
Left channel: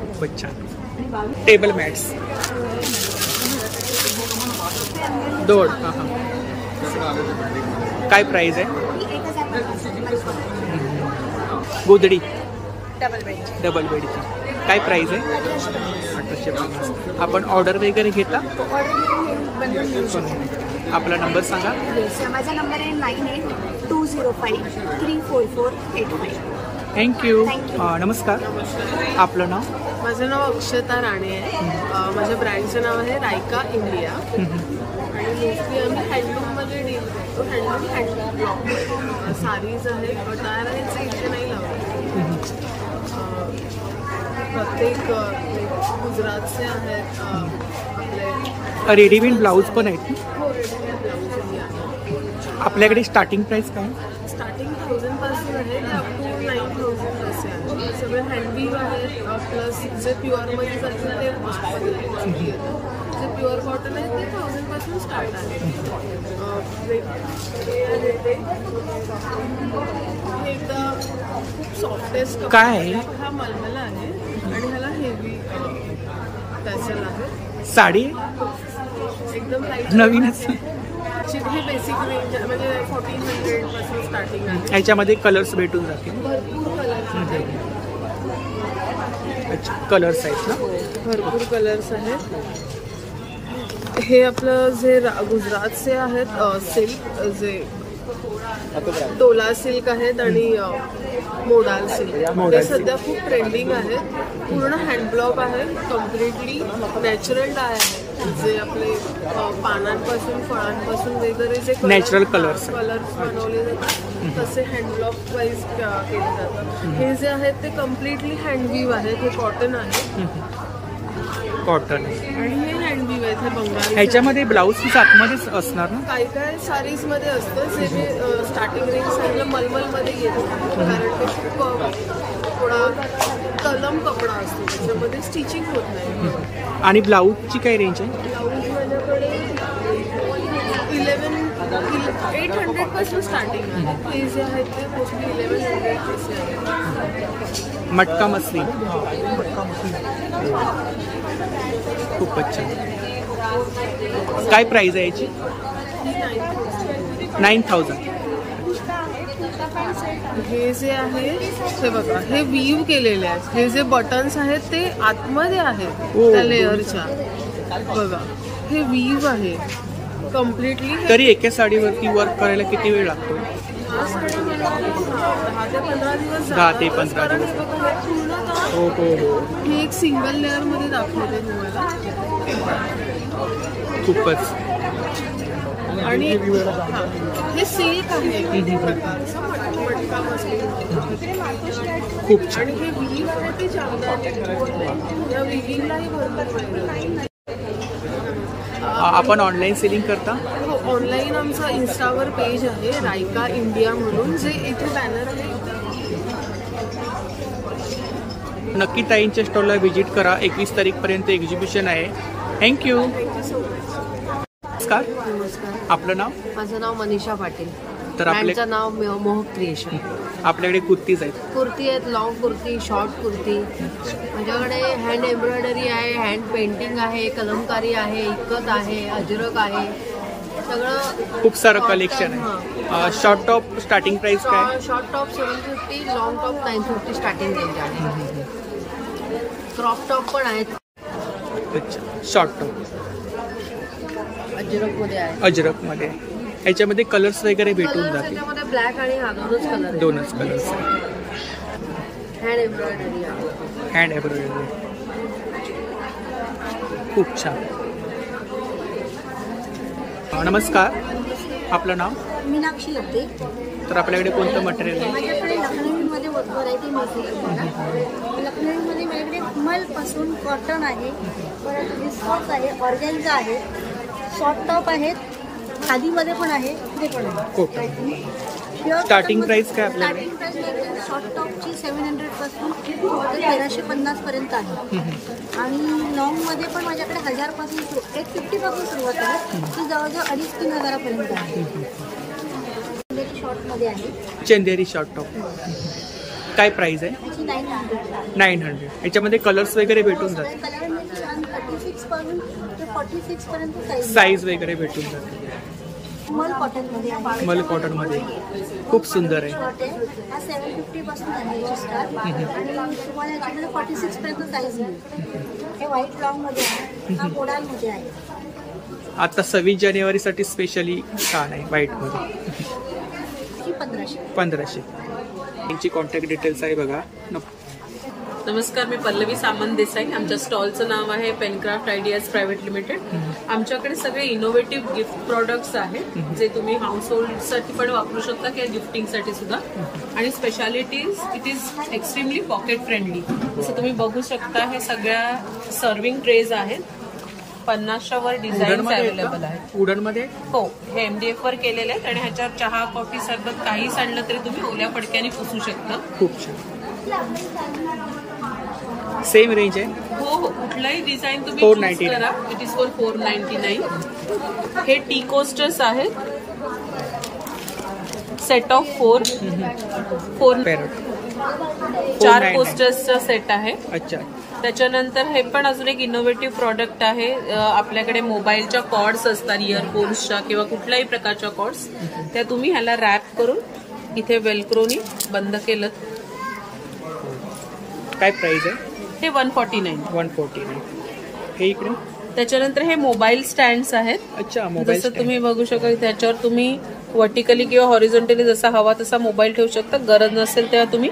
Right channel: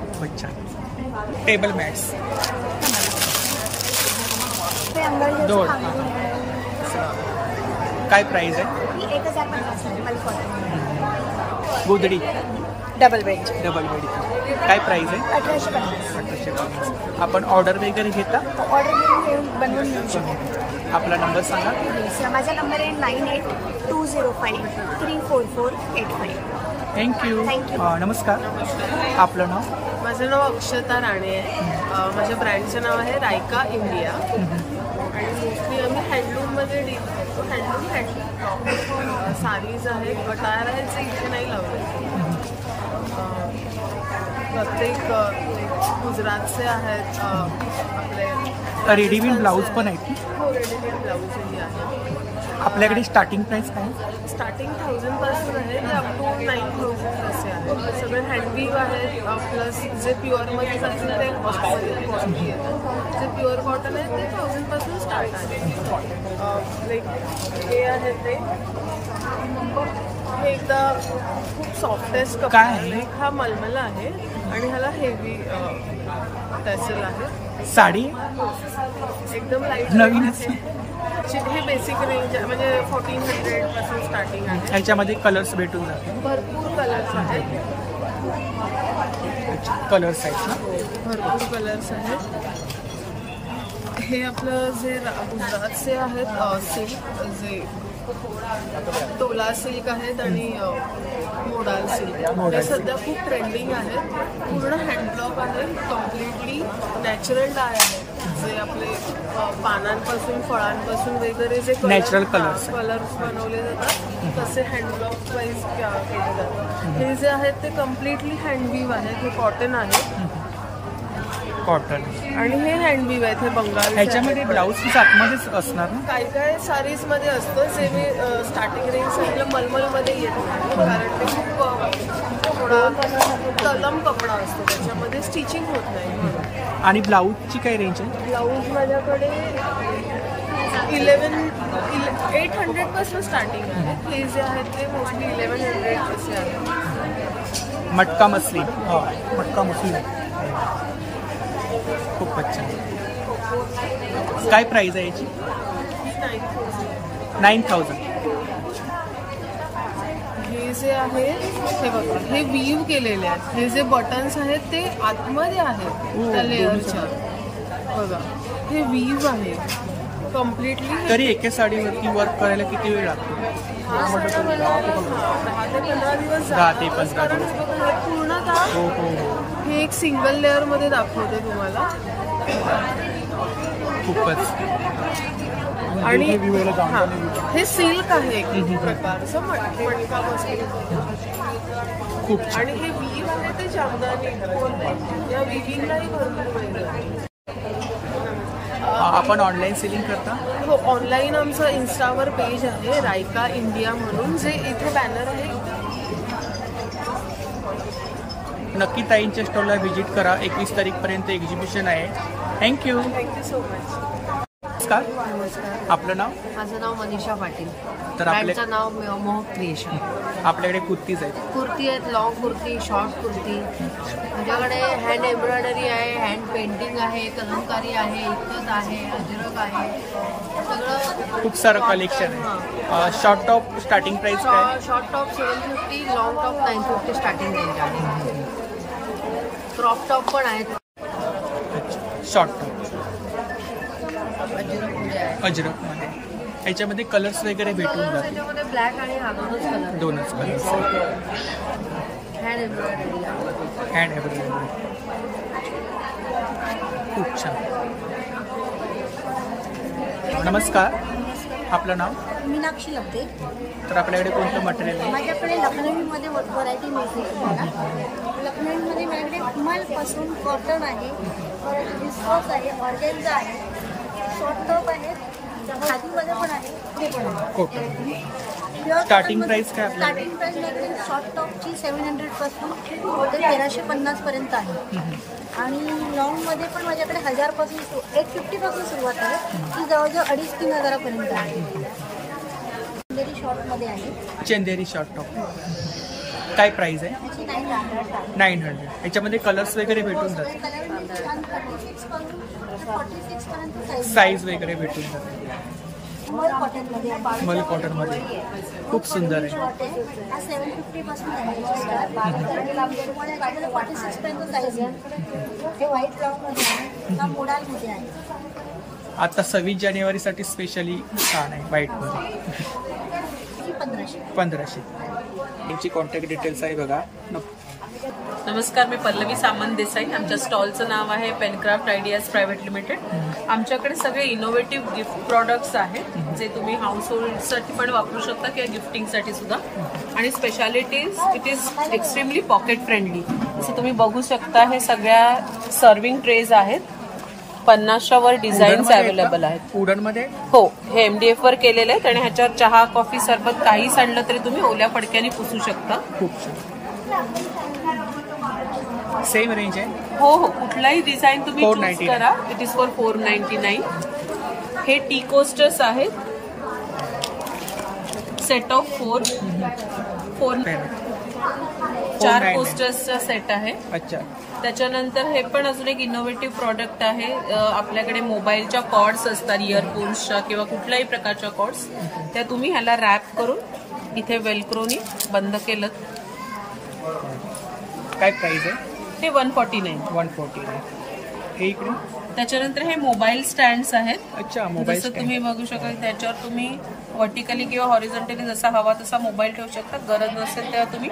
खूपच छान. Table mats. दोड. काय प्राइस आहे? 1050. गोदडी. डबल बेडची. काय प्राइस आहे? 1850. आपण ऑर्डर वगैरे घेता? ऑर्डर घेऊन बनवून मिळू शकतो. आपला नंबर सांगा. माझा नंबर आहे 9820534485. थँक्यू. नमस्कार. आपलं नाव? माझं नाव अक्षता राणे आहे. माझ्या ब्रँडचं नाव आहे रायका इंडिया. आणि मोस्टली आम्ही हँडलूममध्ये डील करतो. हँड ब्लॉकमध्ये साडीज आहेत, अटायर आहेत जे इथे नाही लावले. प्रत्येक गुजरातचे आहेत. आपले रेडीमेड ब्लाऊज पण आहेत. हो, रेडीमेड ब्लाऊजही आहे. आपल्याकडे स्टार्टिंग प्राइस काय? स्टार्टिंग 1000 पासून आहे ते अप टू 9000 असे आहेत. सगळे हँडवीव आहेत. प्लस जे प्युअरमध्ये जातील ते कॉस्टली येतात. जे प्युअर कॉटन आहे ते 1000 पासून स्टार्ट आहे. लाईक हे आहे ते एकदा खूप सॉफ्टेस्ट काय? हा मलमल आहे आणि ह्याला हेवी टॅसल आहे. साडी एकदम लाईट नवीनच. हे बेसिक रेंज म्हणजे 1400 पासून स्टार्टिंग आहे. ह्याच्यामध्ये कलर्स भेटून जातील. भरपूर कलर्स आहेत. कलर्स आहेत ना? भरपूर कलर्स आहेत. हे आपलं जे गुजरातचे आहेत सिल्क जे डोला सिल्क आहेत आणि मोडाल सिल्क हे सध्या खूप ट्रेंडिंग आहेत. पूर्ण हँडब्लॉक आहे, कम्प्लिटली नॅचरल डाय आहे, जे आपले पानांपासून फळांपासून वगैरे जे नॅचरल कलर्स बनवले जातात तसे हँडब्लॉक वाईज केले जातात. हे जे आहेत ते कम्प्लिटली हँडवीव आहेत. हे कॉटन आहे, कॉटन आणि हे हँडवीव आहेत. हे बंगाल. ह्याच्यामध्ये ब्लाऊज पीस आतमध्येच असणार ना? काही काय साडीज मध्ये असतं, जे मी स्टार्टिंग रेंज सांगितलं मलमल मध्ये येत नाही, कारण ते खूप थोडा तलम कपडा असतो, त्याच्यामध्ये स्टिचिंग होत नाही म्हणून. आणि ब्लाऊजची काय रेंज आहे? ब्लाऊज माझ्याकडे 800 पासून स्टार्टिंग आहे. हे जे आहेत ते मोस्टली 1100 असे आहेत. मटका मसली खूपच छान. काय प्राइस आहे याची? 9,000. हे जे आहे हे बघा, हे वीव केलेले आहेत. हे जे बटन्स आहेत ते आतमध्ये आहेत त्या लेअरच्या. बघा, हे वीव आहे कम्प्लिटली. तरी एका साडीवरती वर्क करायला किती वेळ लागतो? हा साड्या बनवायला 10 ते 15 दिवस 10 ते 15 कारण दिवस. हे बघा, हे पूर्णतः हे एक सिंगल लेअर मध्ये दाखवते तुम्हाला. खूपच. आणि हे सिल्क आहे एक प्रकारचं मटका मसली खूप. आणि हे वीव आहे ते जामदानी. या विविंगलाही भरपूर वेळ आहे. आपण ऑनलाईन सेलिंग करता? हो, ऑनलाईन आमचं इन्स्टावर पेज आहे रायका इंडिया म्हणून, जे इथे बॅनर आहे. नक्की ताईंच्या स्टॉलला व्हिजिट करा. 21 तारीखपर्यंत एक्झिबिशन आहे. थँक्यू. Thank you so much. नमस्कार. नमस्कार. आपलं नाव? माझं नाव मनीषा पाटील. तर ब्रँडचं नाव मोहक क्रिएशन. आपल्याकडे कुर्तीज आहेत? कुर्ती आहेत, लॉंग कुर्ती, शॉर्ट कुर्ती. माझ्याकडे हँड एम्ब्रॉयडरी आहे, हँड पेंटिंग आहे, कलमकारी आहे, इकत आहे, अजरक आहे, सगळं खूप सारं कलेक्शन आहे. शॉर्ट टॉप स्टार्टिंग प्राइस काय? Short top 750, long top 950 starting range आहे. क्रॉप टॉप पण आहेत. अच्छा, शॉर्ट टॉप अजरक मध्ये आहे. अजरक मध्ये. याच्यामध्ये कलर्स वगैरे भेटून जातील? त्याच्यामध्ये ब्लॅक आणि दोनच कलर्स आहेत. हँड एम्ब्रॉयडरी आहे. हँड एम्ब्रॉयडरी खूप छान. नमस्कार. आपलं नाव? मीनाक्षी लब्धे. तर आपल्याकडे कोणतं मटेरियल आहे? माझ्याकडे लखनवीमध्ये व्हरायटी मिळते तुम्हाला. लखनवीमध्ये माझ्याकडे मलपासून कॉटन आहे, परत विस्कॉस आहे, ऑर्गेन्झा आहे, शॉर्ट टॉप आहेत, खादीमध्ये पण आहे, ते पण आहे. कॉटन. स्टार्टिंग प्राइस काय आपल्याकडे? स्टार्टिंग प्राइस माझ्याकडे शॉर्ट टॉपची 700 पासून ते 1350 पर्यंत आहे. आणि लॉंग मध्ये पण माझ्याकडे 1000 पासून 850 पासून सुरुवात आहे, ती जवळजवळ 2,500-3 हजारापर्यंत आहे. शॉर्ट मध्ये आहे चंदेरी शॉर्ट टॉप. काय प्राइस आहे? 900. याच्यामध्ये कलर्स वगैरे भेटून जातात? कलर 36 पासून ते 46 पर्यंत साईज वगैरे भेटून जाते. मल कॉटन मध्ये आहे. मल कॉटन मध्ये खूप सुंदर आहे. शॉर्ट आहे, हा 750 पासून आहे याची स्टार्ट. आणि तुम्हाला याच्यामध्ये 46 पर्यंत साईज आहे. हे व्हाईट लॉंग मध्ये आहे, हा मोडाल मध्ये आहे. आता 26 जानेवारीसाठी स्पेशली छान आहे व्हाईट मध्ये. 1500. यांची कॉन्टॅक्ट डिटेल्स आहे बघा. नमस्कार, मी पल्लवी सामंत देसाई. आमच्या स्टॉलचं नाव आहे पेनक्राफ्ट आयडियाज प्रायव्हेट लिमिटेड. आमच्याकडे सगळे इनोव्हेटिव्ह गिफ्ट प्रॉडक्ट्स आहेत, जे तुम्ही हाऊस होल्डसाठी पण वापरू शकता किंवा गिफ्टिंगसाठी सुद्धा. आणि specialities it is extremely pocket friendly. जसं तुम्ही बघू शकता, हे सगळ्या सर्विंग ट्रेज आहेत. 50च्या वर डिझाईन्स अवेलेबल आहेत. वुडन मध्ये? हो, हे MDF वर केलेले आहेत आणि ह्याच्यावर चहा, कॉफी, सरबत काही सांडलं तरी तुम्ही ओल्या फडक्याने पुसू शकता. खूप छान. सेम रेंज आहे? हो हो, कुठलाही डिझाईन तुम्ही चूज करा. It is for 499. हे टी कोस्टर्स आहेत, सेट ऑफ 4 4 कोस्टर्सचा सेट आहे. अच्छा. त्याच्यानंतर हे पण अजून एक इनोव्हेटिव्ह प्रॉडक्ट आहे. आपल्याकडे मोबाईलच्या कॉर्ड्स असतात, इयरफोन्सच्या किंवा कुठल्याही प्रकारच्या कॉर्ड्स, त्या तुम्ही ह्याला रॅप करून इथे वेलक्रोनी बंद केलं. काय प्राइस आहे? हे 149. हे इकडे. त्याच्यानंतर हे मोबाईल स्टँड्स आहेत. अच्छा, मोबाईल जसं तुम्ही बघू शकाल, त्याच्यावर तुम्ही वर्टिकली किंवा हॉरिझॉन्टली जसा हवा तसा मोबाईल ठेवू शकता. गरज नसेल तेव्हा तुम्ही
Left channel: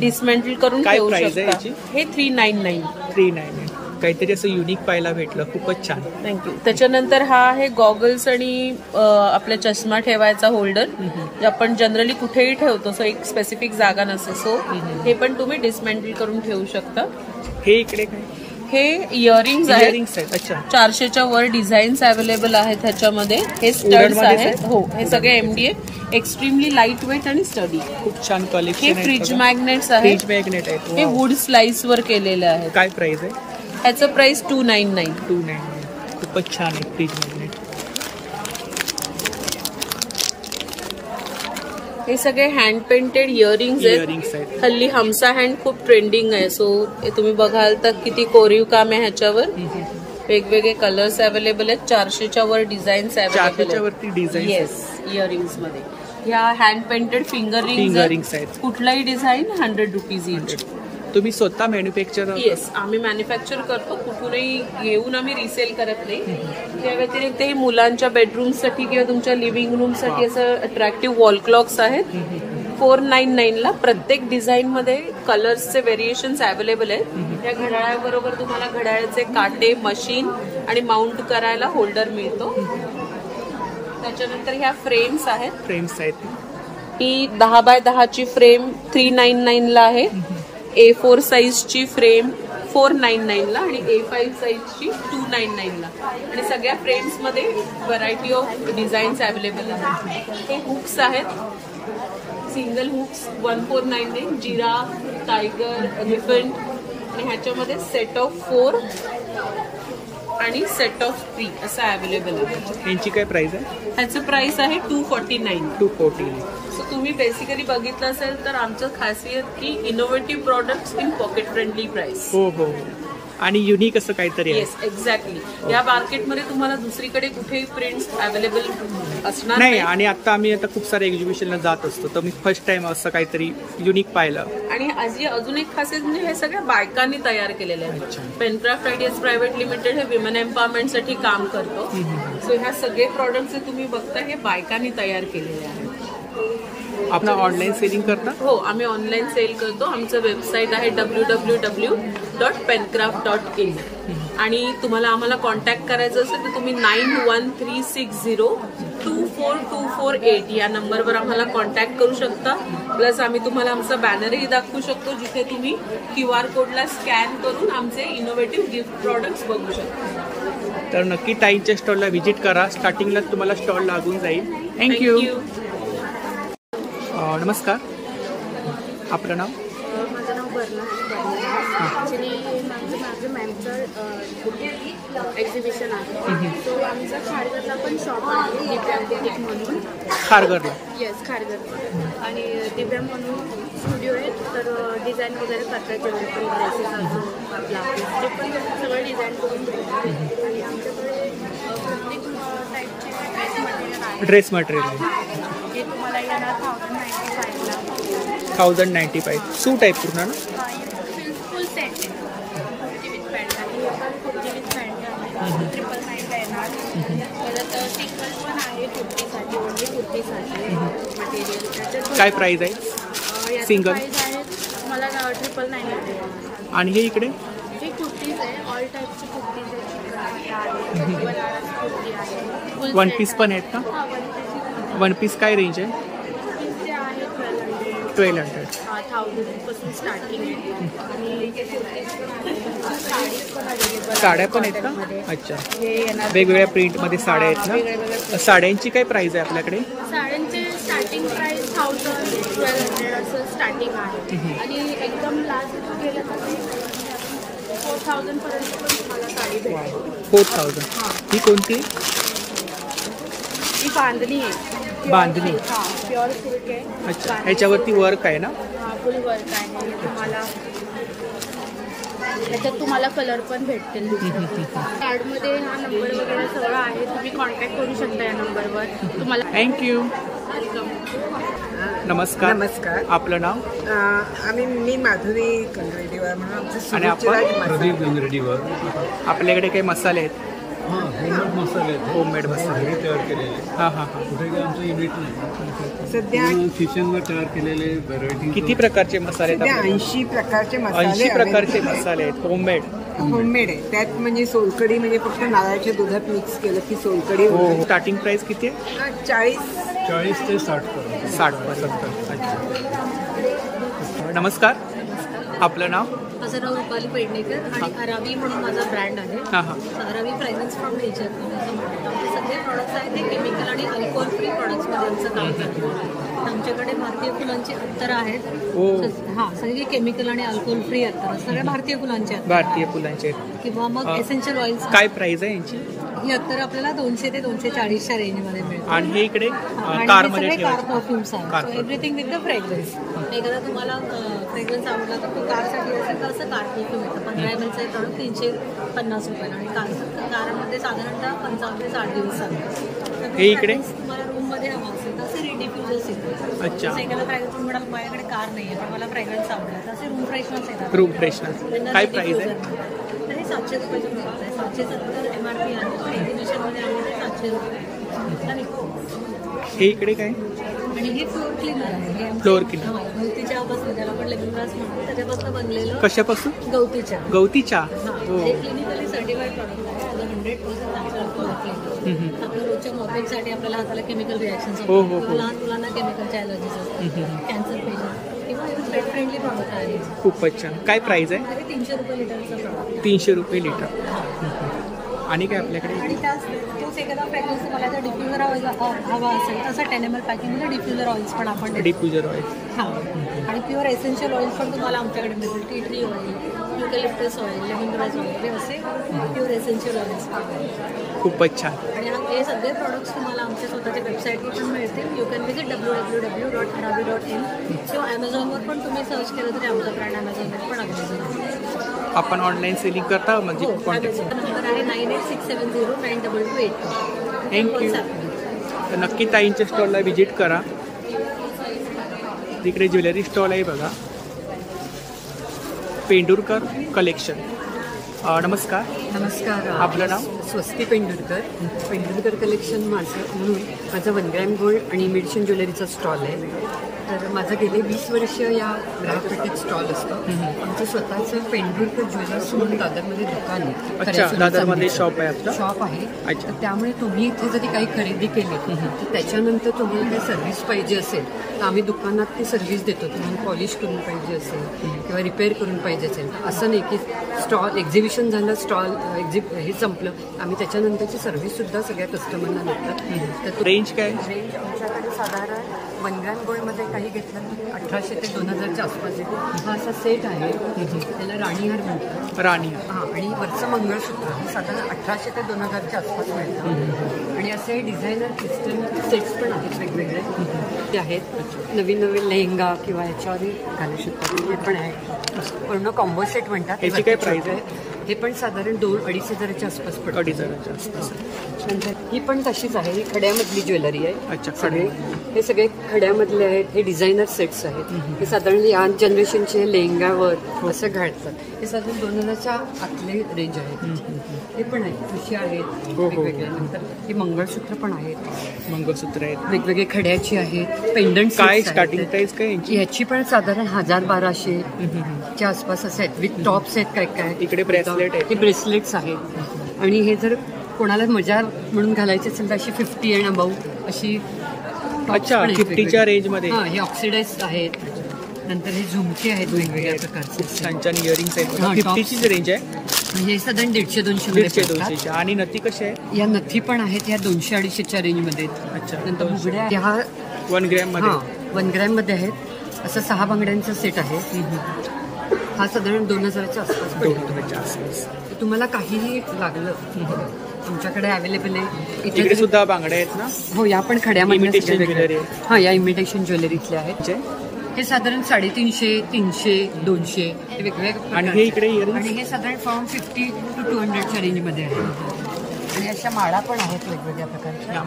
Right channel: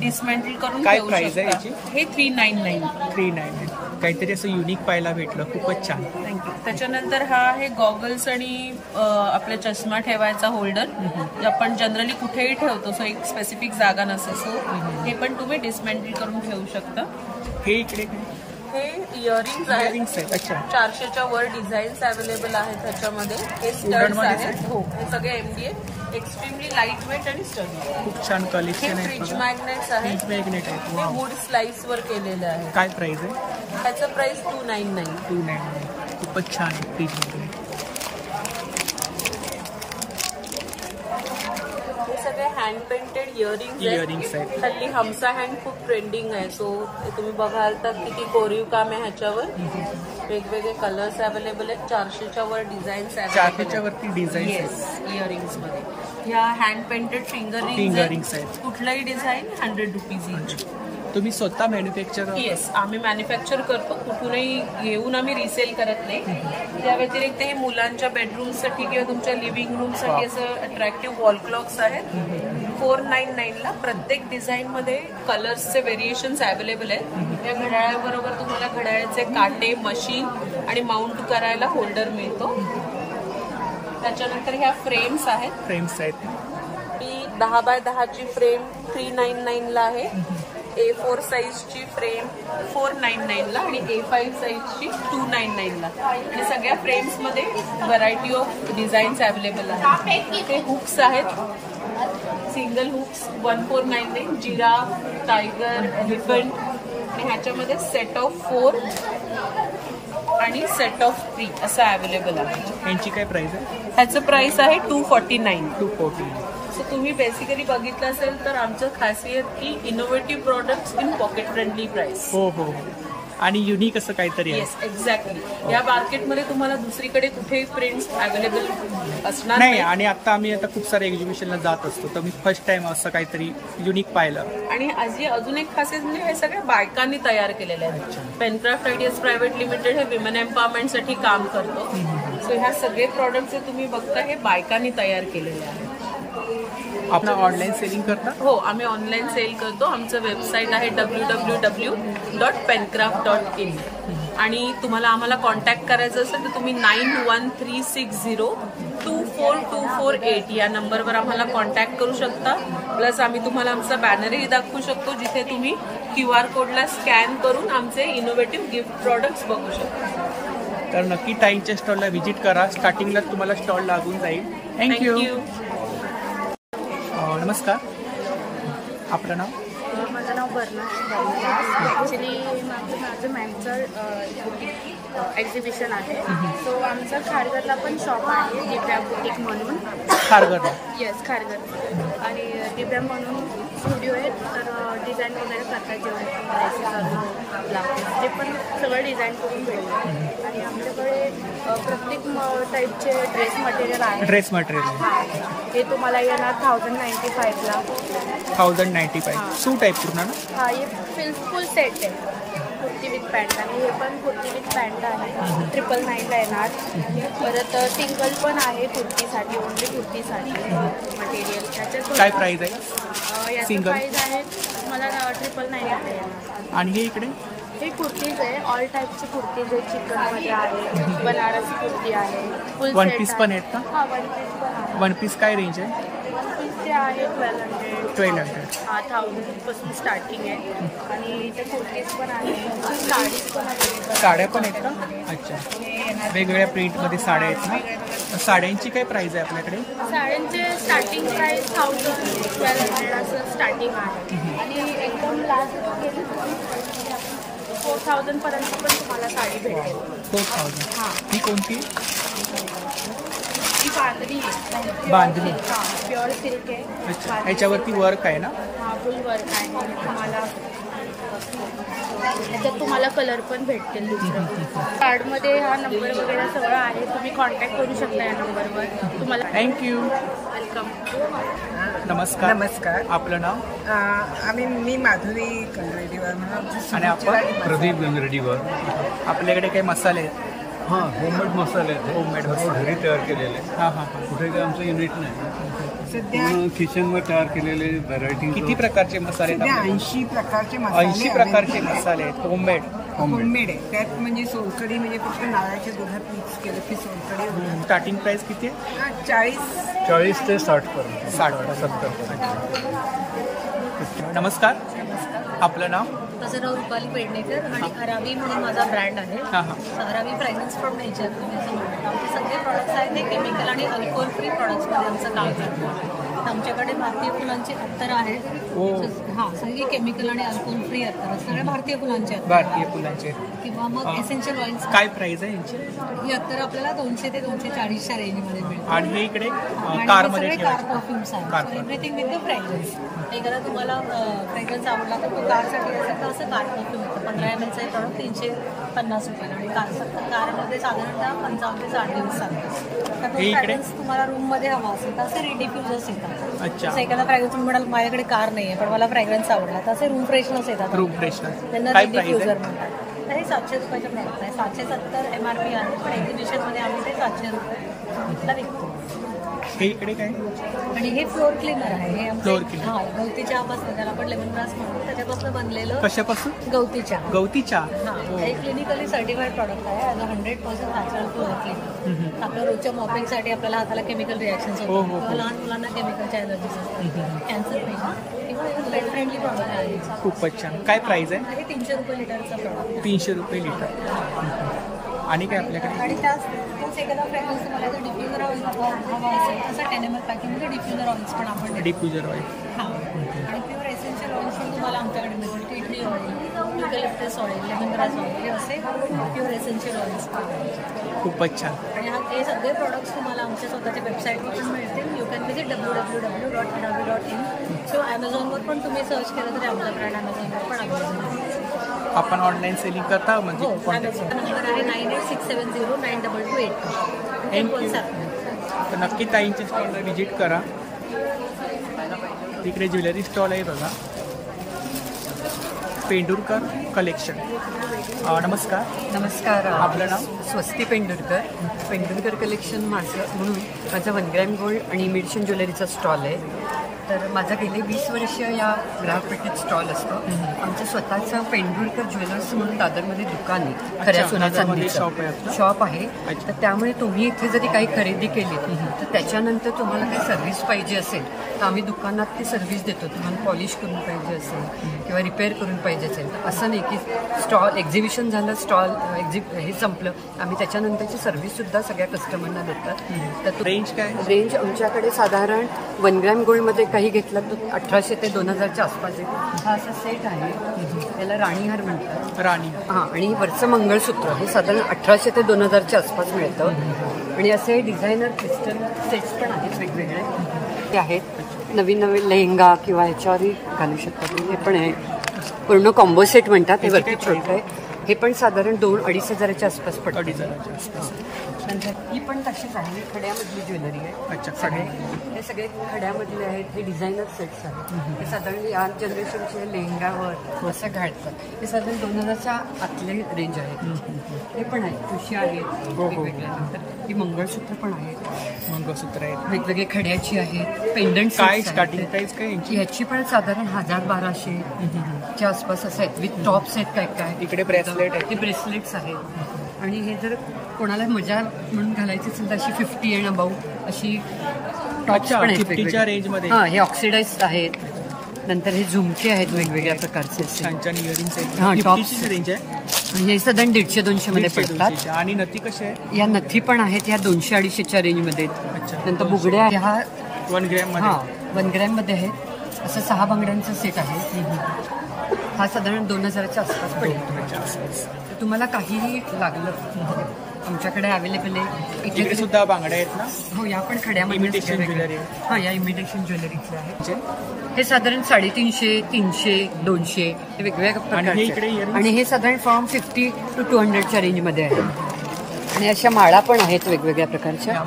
डिसमेंटल करून ठेवू शकता. हे 399. 399. काहीतरी असं युनिक पाहायला भेटलं, खूपच छान. थँक्यू. त्याच्यानंतर हा आहे गॉगल्स आणि आपला चष्मा ठेवायचा होल्डर, जे आपण जनरली कुठेही ठेवतो. सो एक स्पेसिफिक जागा नसते. सो हे पण तुम्ही डिसमेंटल करून ठेवू शकता. हे इकडे काय? हे इयरिंग्स आहेत. अच्छा. 400च्या वर डिझाईन्स अवेलेबल आहेत ह्याच्यामध्ये. हे स्टड्स आहेत. हो, हे सगळे MDF, एक्स्ट्रीमली लाईट वेट आणि स्टडी. खूप छान कलेक्शन आहे. फ्रीज मॅग्नेट्स आहेत. फ्रीज मॅग्नेट आहेत. हे वुड स्लाइस वर केलेले आहे. काय प्राइस आहे ह्याचं? प्राइस 299. 299. खूपच छान आहे फ्रीज मॅग्नेट. हे सगळे हँड पेंटेड इयरिंग्स आहेत. हल्ली हमसा हँड खूप ट्रेंडिंग आहे. सो तुम्ही बघाल तर किती कोरीव काम आहे ह्याच्यावर. वेगवेगळे कलर्स अवेलेबल आहेत. 400च्या वर डिझाईन्स अवेलेबल. 400च्या वरती डिझाईन्स आहेत इयरिंग्स मध्ये. ह्या हँड पेंटेड फिंगर रिंग्स आहेत. कुठलाही डिझाईन 100 रुपीज इच. तुम्ही स्वतः मॅन्युफॅक्चर? येस, आम्ही मॅन्युफॅक्चर करतो. कुठूनही घेऊन आम्ही रिसेल करत नाही. त्या व्यतिरिक्त हे मुलांच्या बेडरूमसाठी किंवा तुमच्या लिव्हिंग रूमसाठी असं अट्रॅक्टिव्ह वॉल क्लॉक्स आहेत. 499 ला. प्रत्येक डिझाईन मध्ये कलर्सचे व्हेरिएशन्स अवेलेबल आहेत. त्या घड्याळाबरोबर तुम्हाला घड्याळाचे काटे, मशीन आणि माउंट करायला होल्डर मिळतो. त्याच्यानंतर ह्या फ्रेम्स आहेत. ही 10 बाय 10ची फ्रेम 399 ला आहे. A4 साईजची फ्रेम 499 ला आणि A5 साईजची 299 ला. आणि सगळ्या फ्रेम्स मध्ये व्हरायटी ऑफ डिझाईन्स अवेलेबल आहेत. हे हुक्स आहेत. Single hooks 1499. Giraffe, tiger, elephant. आणि ह्याच्यामध्ये सेट ऑफ 4 आणि सेट ऑफ 3 असं अवेलेबल आहे. यांची काय प्राइस आहे? ह्याचं प्राइस आहे 249. 249. सो तुम्ही बेसिकली बघितलं असेल तर आमचं खासियत की innovative products in pocket friendly price. हो हो. आणि युनिक असं काहीतरी आहे. Yes, exactly. या मार्केटमध्ये तुम्हाला दुसरीकडे कुठेही प्रिंट्स अवेलेबल असणार नाही. आणि आता खूप सारे एक्झिबिशनला जात असतो, तर मी फर्स्ट टाइम असं काहीतरी युनिक पाहिलं. आणि अजून एक खासियत म्हणजे हे सगळ्या बायकांनी तयार केलेले आहेत. पेनक्राफ्ट आयडियाज प्रायव्हेट लिमिटेड हे विमेन एम्पॉवरमेंटसाठी काम करतो. सो ह्या सगळे प्रोडक्ट्स जे तुम्ही बघता हे बायकांनी तयार केलेले आहेत. आपण ऑनलाईन सेलिंग करता? हो, आम्ही ऑनलाईन सेल करतो. आमचं वेबसाईट आहे www.pencraft.in. आणि तुम्हाला आम्हाला कॉन्टॅक्ट करायचं असेल तर तुम्ही 9136024248 या नंबरवर आम्हाला कॉन्टॅक्ट करू शकता. प्लस आम्ही तुम्हाला आमचा बॅनरही दाखवू शकतो, जिथे तुम्ही QR कोडला स्कॅन करून आमचे इनोव्हेटिव्ह गिफ्ट प्रॉडक्ट्स बघू शकता. तर नक्की ताईंच्या स्टॉलला व्हिजिट करा. स्टार्टिंगला तुम्हाला स्टॉल लागून जाईल. थँक्यू. नमस्कार, आपलं नाव? माझं नाव बर्ना आहे, बर्ना दास. ॲक्च्युली माझं मॅमचं एक्झिबिशन आहे. सो आमचं खारघरला पण शॉप आहे, दिव्या बुटीक म्हणून. खारघरला? येस, खारघरला. आणि दिव्या म्हणून स्टुडिओ आहे. तर डिझाईन वगैरे करतात, जेवढे पण ड्रेसेस असो, ब्लाउजेस, ते पण सगळं डिझाईन करून भेटतात. आणि आमच्याकडे प्रत्येक टाईपचे ड्रेस मटेरियल आहे. ड्रेस मटेरियल हे तुम्हाला येणार 1095 ला. 1095. सूट आहे पूर्ण ना? हा, एक फुल सेट आहे. Kurti with pant. आणि हे पण कुर्ती विथ पॅन्ट आहे. 999 ला येणार. परत सिंगल पण आहे कुर्तीसाठी, ओनली कुर्तीसाठी मटेरियल. त्याच्यात काय प्राइस आहे? याचं प्राइस आहे मला 999 मध्ये येणार. आणि हे इकडे हे कुर्तीज आहे. ऑल टाईपचे कुर्तीज आहे. चिकनमध्ये आहे, बनारस कुर्ती आहे. वन पीस पण आहेत का? हा, वन पीस पण आहे. वन पीस काय रेंज आहे? वन पीसचे आहे 1200. हा, 1000 पासून स्टार्टिंग आहे. आणि इथे कुर्तीज पण आहे, साडीज पण अवेलेबल. साड्या पण आहेत का? अच्छा. वेगवेगळ्या प्रिंट मध्ये साड्या आहेत ना? साड्यांची काय प्राइस आहे आपल्याकडे? साड्यांचे स्टार्टिंग प्राइस 1000-1200 असं स्टार्टिंग आहे. आणि एकदम लास्ट गेलं तर 4000 पर्यंत पण तुम्हाला साडी भेटेल. 4000. ही कोणती? ही बांधणी आहे. बांधणी? हा, प्युअर सिल्क आहे. अच्छा. ह्याच्यावरती वर्क आहे ना? हा, फुल वर्क आहे. तुम्हाला ह्याच्यात तुम्हाला कलर पण भेटतील दुसरं. कार्डमध्ये हा नंबर वगैरे सगळं आहे. तुम्ही कॉन्टॅक्ट करू शकता या नंबरवर. तुम्हाला थँक्यू. वेलकम. नमस्कार. नमस्कार. आपलं नाव? मी माधुरी गंगरेडीवर म्हणून. आणि आपण? प्रदीप गंगरेडीवर. आपल्याकडे काही मसाले आहेत? हां, होममेड मसाले आहेत. होममेड मसाले घरी तयार केलेले. हां हां हां. कुठे काय आमचं युनिट नाही. सध्या किचनवर तयार केलेले व्हरायटी. किती प्रकारचे मसाले आहेत? 80 प्रकारचे मसाले. 80 प्रकारचे मसाले आहेत होममेड. होममेड आहे. त्यात म्हणजे सोलकढी म्हणजे फक्त नारळाच्या दुधात मिक्स केलं की सोलकढी. हो. स्टार्टिंग प्राइस किती आहे? 40 ते 60 पर्यंत. 60 पर्यंत. अच्छा. नमस्कार. आपलं नाव? माझं नाव रुपाली पेडणेकर आणि अरावी म्हणून माझा ब्रँड आहे. अरावी फ्रॅग्रन्स फ्रॉम नेचर असं म्हणतात. आमचे सगळे प्रॉडक्ट्स आहेत ते केमिकल आणि अल्कोहोल फ्री प्रॉडक्ट्समध्ये आमचं काम करतो. आमच्याकडे भारतीय फुलांची अत्तर आहेत. हां, सगळी केमिकल आणि अल्कोहोल फ्री अत्तर, सगळे भारतीय फुलांचे आहेत. भारतीय फुलांचे किंवा मग एसेन्शियल ऑइल्स. काय प्राइस आहे यांची? ही अत्तर आपल्याला 200 ते 240च्या रेंजमध्ये मिळते. आणि हे इकडे कारमध्ये कार परफ्युम्स आहे. Everything with the fragrance. एखादा तुम्हाला फ्रेग्रन्स आवडला तर तो कारसाठी असेल तर असं कार परफ्यूम येतं. 15 ml चे प्रॉडक्ट 350 रुपयाला. आणि कारमध्ये साधारणतः 55 ते 60 दिवस चालतात. हे इकडे तुम्हाला रूम मध्ये हवा असेल तर असे डिफ्युजर्स येतात. अच्छा. एखादा फ्रेग्रन्स तुम्ही म्हणाल माझ्याकडे कार नाहीये पण मला फ्रेग्रन्स आवडला तर असे रूम फ्रेशनर्स येतात. रूम फ्रेशनर काय प्राइस आहे? हे 700 रुपयाचं प्रॉडक्ट आहे. 770 MRP आहे पण एक्झिबिशन मध्ये आम्ही ते 700 रुपये विकतो. हे इकडे काय? आणि हे फ्लोअर क्लीनर आहे. हे फ्लोअर क्लीनर. हां, गवती चहापासून, त्याला आपण लेमन ग्रास म्हणतो, त्याच्यापासून बनलेलं. कशापासून? गवती चहा. गवती चहा. हां, हे क्लिनिकली सर्टिफाईड प्रॉडक्ट आहे. आज 100% नॅचरल फ्लोअर क्लीनर. आपल्या रोजच्या मॉपिंगसाठी आपल्याला हाताला केमिकल रिॲक्शन्स होतात किंवा लहान मुलांना केमिकलच्या ॲलर्जीज असतात, कॅन्सर पेशंट किंवा इव्हन पेट फ्रेंडली प्रॉडक्ट आहे. खूपच छान. काय प्राइस आहे? हे 300 रुपये लिटरचं प्रॉडक्ट आहे. 300 रुपये लिटर. आणि काय आपल्याकडे? आणि तोच एखादा फ्रेग्रन्स तुम्हाला जर डिफ्युजर ऑइल हवा असेल तसं 10 ml पॅकिंगमध्ये डिफ्युजर ऑइल्स पण आपण. Diffuser oil. हां. आणि प्युअर एसेन्शियल ऑइल्स पण तुम्हाला आमच्याकडे मिळतील. Tea tree oil, eucalyptus oil, lemon grass oil, हे असे प्युअर एसेन्शियल ऑइल्स पण आहेत. खूपच छान. आणि हे सगळे प्रॉडक्ट्स तुम्हाला आमच्या स्वतःच्या वेबसाईटवर पण मिळतील. यू कॅन विजिट www.aravi.in किंवा ॲमेझॉनवर पण तुम्ही सर्च केलं तरी आमचा ब्रँड ॲमेझॉनवर पण अवेलेबल आहे. आपण ऑनलाईन सेलिंग करता म्हणजे? नंबर आहे 9867092282. थँक्यू. तर नक्की ताईंच्या स्टॉलला व्हिजिट करा. तिकडे ज्वेलरी स्टॉल आहे बघा, पेंडुरकर कलेक्शन. नमस्कार. नमस्कार. आपलं नाव? स्वस्ती पेंडुरकर. पेंडुरकर कलेक्शन म्हणून माझं 1 ग्रॅम गोल्ड आणि इमिटेशन ज्वेलरीचा स्टॉल आहे. तर माझं गेले 20 वर्ष या ग्राहकपेठेत स्टॉल असतं. आमचं स्वतःचं पेंडुरकर ज्वेलर्स म्हणून दादरमध्ये दुकान आहे. दादरमध्ये शॉप आहे आपलं? शॉप आहे. तर त्यामुळे तुम्ही इथे जरी काही खरेदी केली तर त्याच्यानंतर तुम्हाला काही सर्व्हिस पाहिजे असेल तर आम्ही दुकानात ती सर्व्हिस देतो. तुम्हाला पॉलिश करून पाहिजे असेल किंवा रिपेअर करून पाहिजे असेल तर असं नाही की स्टॉल एक्झिबिशन झालं, स्टॉल हे संपलं, आम्ही त्याच्यानंतरची सर्व्हिस सुद्धा सगळ्या कस्टमरना देतात. तर रेंज काय? रेंज आमच्याकडे साधारण 1 ग्रॅम गोल्डमध्ये काही घेतलं तर 1800 ते 2000च्या आसपास आहे. हा असा सेट आहे, त्याला राणीहार म्हणतात. राणीहार. हां. आणि वरचं मंगळसूत्र हे साधारण 1800 ते 2000च्या आसपास मिळतं. आणि असे डिझायनर क्रिस्टल सेट्स पण आहेत वेगवेगळे. ते आहेत नवीन नवीन लेहंगा किंवा ह्याच्यावरही घालू शकतात. हे पण आहे पूर्ण कॉम्बो सेट म्हणतात. काय प्राइस आहे? हे पण साधारण 2-2.5 हजाराच्या आसपास पडतं. 2.5 हजाराच्या आसपास. नंतर ही पण तशीच आहे. ही खड्यामधली ज्वेलरी आहे. अच्छा. हे सगळे खड्यामधले आहेत. हे डिझायनर सेट्स आहेत. हे साधारण या जनरेशनचे लेहंगावर असं घालतात. हे साधारण 2000च्या आतले रेंज आहे. हे पण आहे. ठुशी आहेत. नंतर ही मंगळसूत्र पण आहेत. मंगळसूत्र आहेत वेगवेगळे खड्याची आहेत. पेंडंट काय स्टार्टिंग प्राइस काय यांची? ह्याची पण साधारण 1000-1200 च्या आसपास असं आहेत. विथ टॉप्स आहेत. काय काय इकडे ब्रेसलेट आहेत. हे ब्रेसलेट्स आहेत. आणि हे जर कोणाला मजा म्हणून घालायची असेल तर अशी 50 अँड अबाऊ अशी. अच्छा. 50च्या रेंज मध्ये. हां. हे ऑक्सिडाइज्ड आहेत. नंतर हे झुमके आहेत वेगवेगळ्या प्रकारचे. छान छान इयरिंग्स आहेत. 50ची रेंज आहे. हे साधारण 150-200 मध्ये पडतात. आणि नथी कशी आहे? या नथी पण आहेत. ह्या 200-250च्या रेंज मध्ये. अच्छा. नंतर बुगड्या ह्या 1 ग्रॅम मध्ये. हां. 1 ग्रॅम मध्ये आहेत. असं 6 बांगड्यांचा सेट आहे. हा साधारण 2000च्या आसपास पडतो. तुम्हाला काहीही लागलं आमच्याकडे अवेलेबल आहे. इकडे सुद्धा बांगड्या आहेत ना? हो. या पण खड्यामध्ये इमिटेशन ज्वेलरी आहे. हां. या इमिटेशन ज्वेलरीतल्या आहेत. हे साधारण 350, 300, 200 हे वेगवेगळ्या. आणि हे इकडे इयरिंग. आणि हे साधारण फ्रॉम 50 to 200च्या रेंजमध्ये आहे. आणि अशा माळा पण आहेत वेगवेगळ्या प्रकारच्या.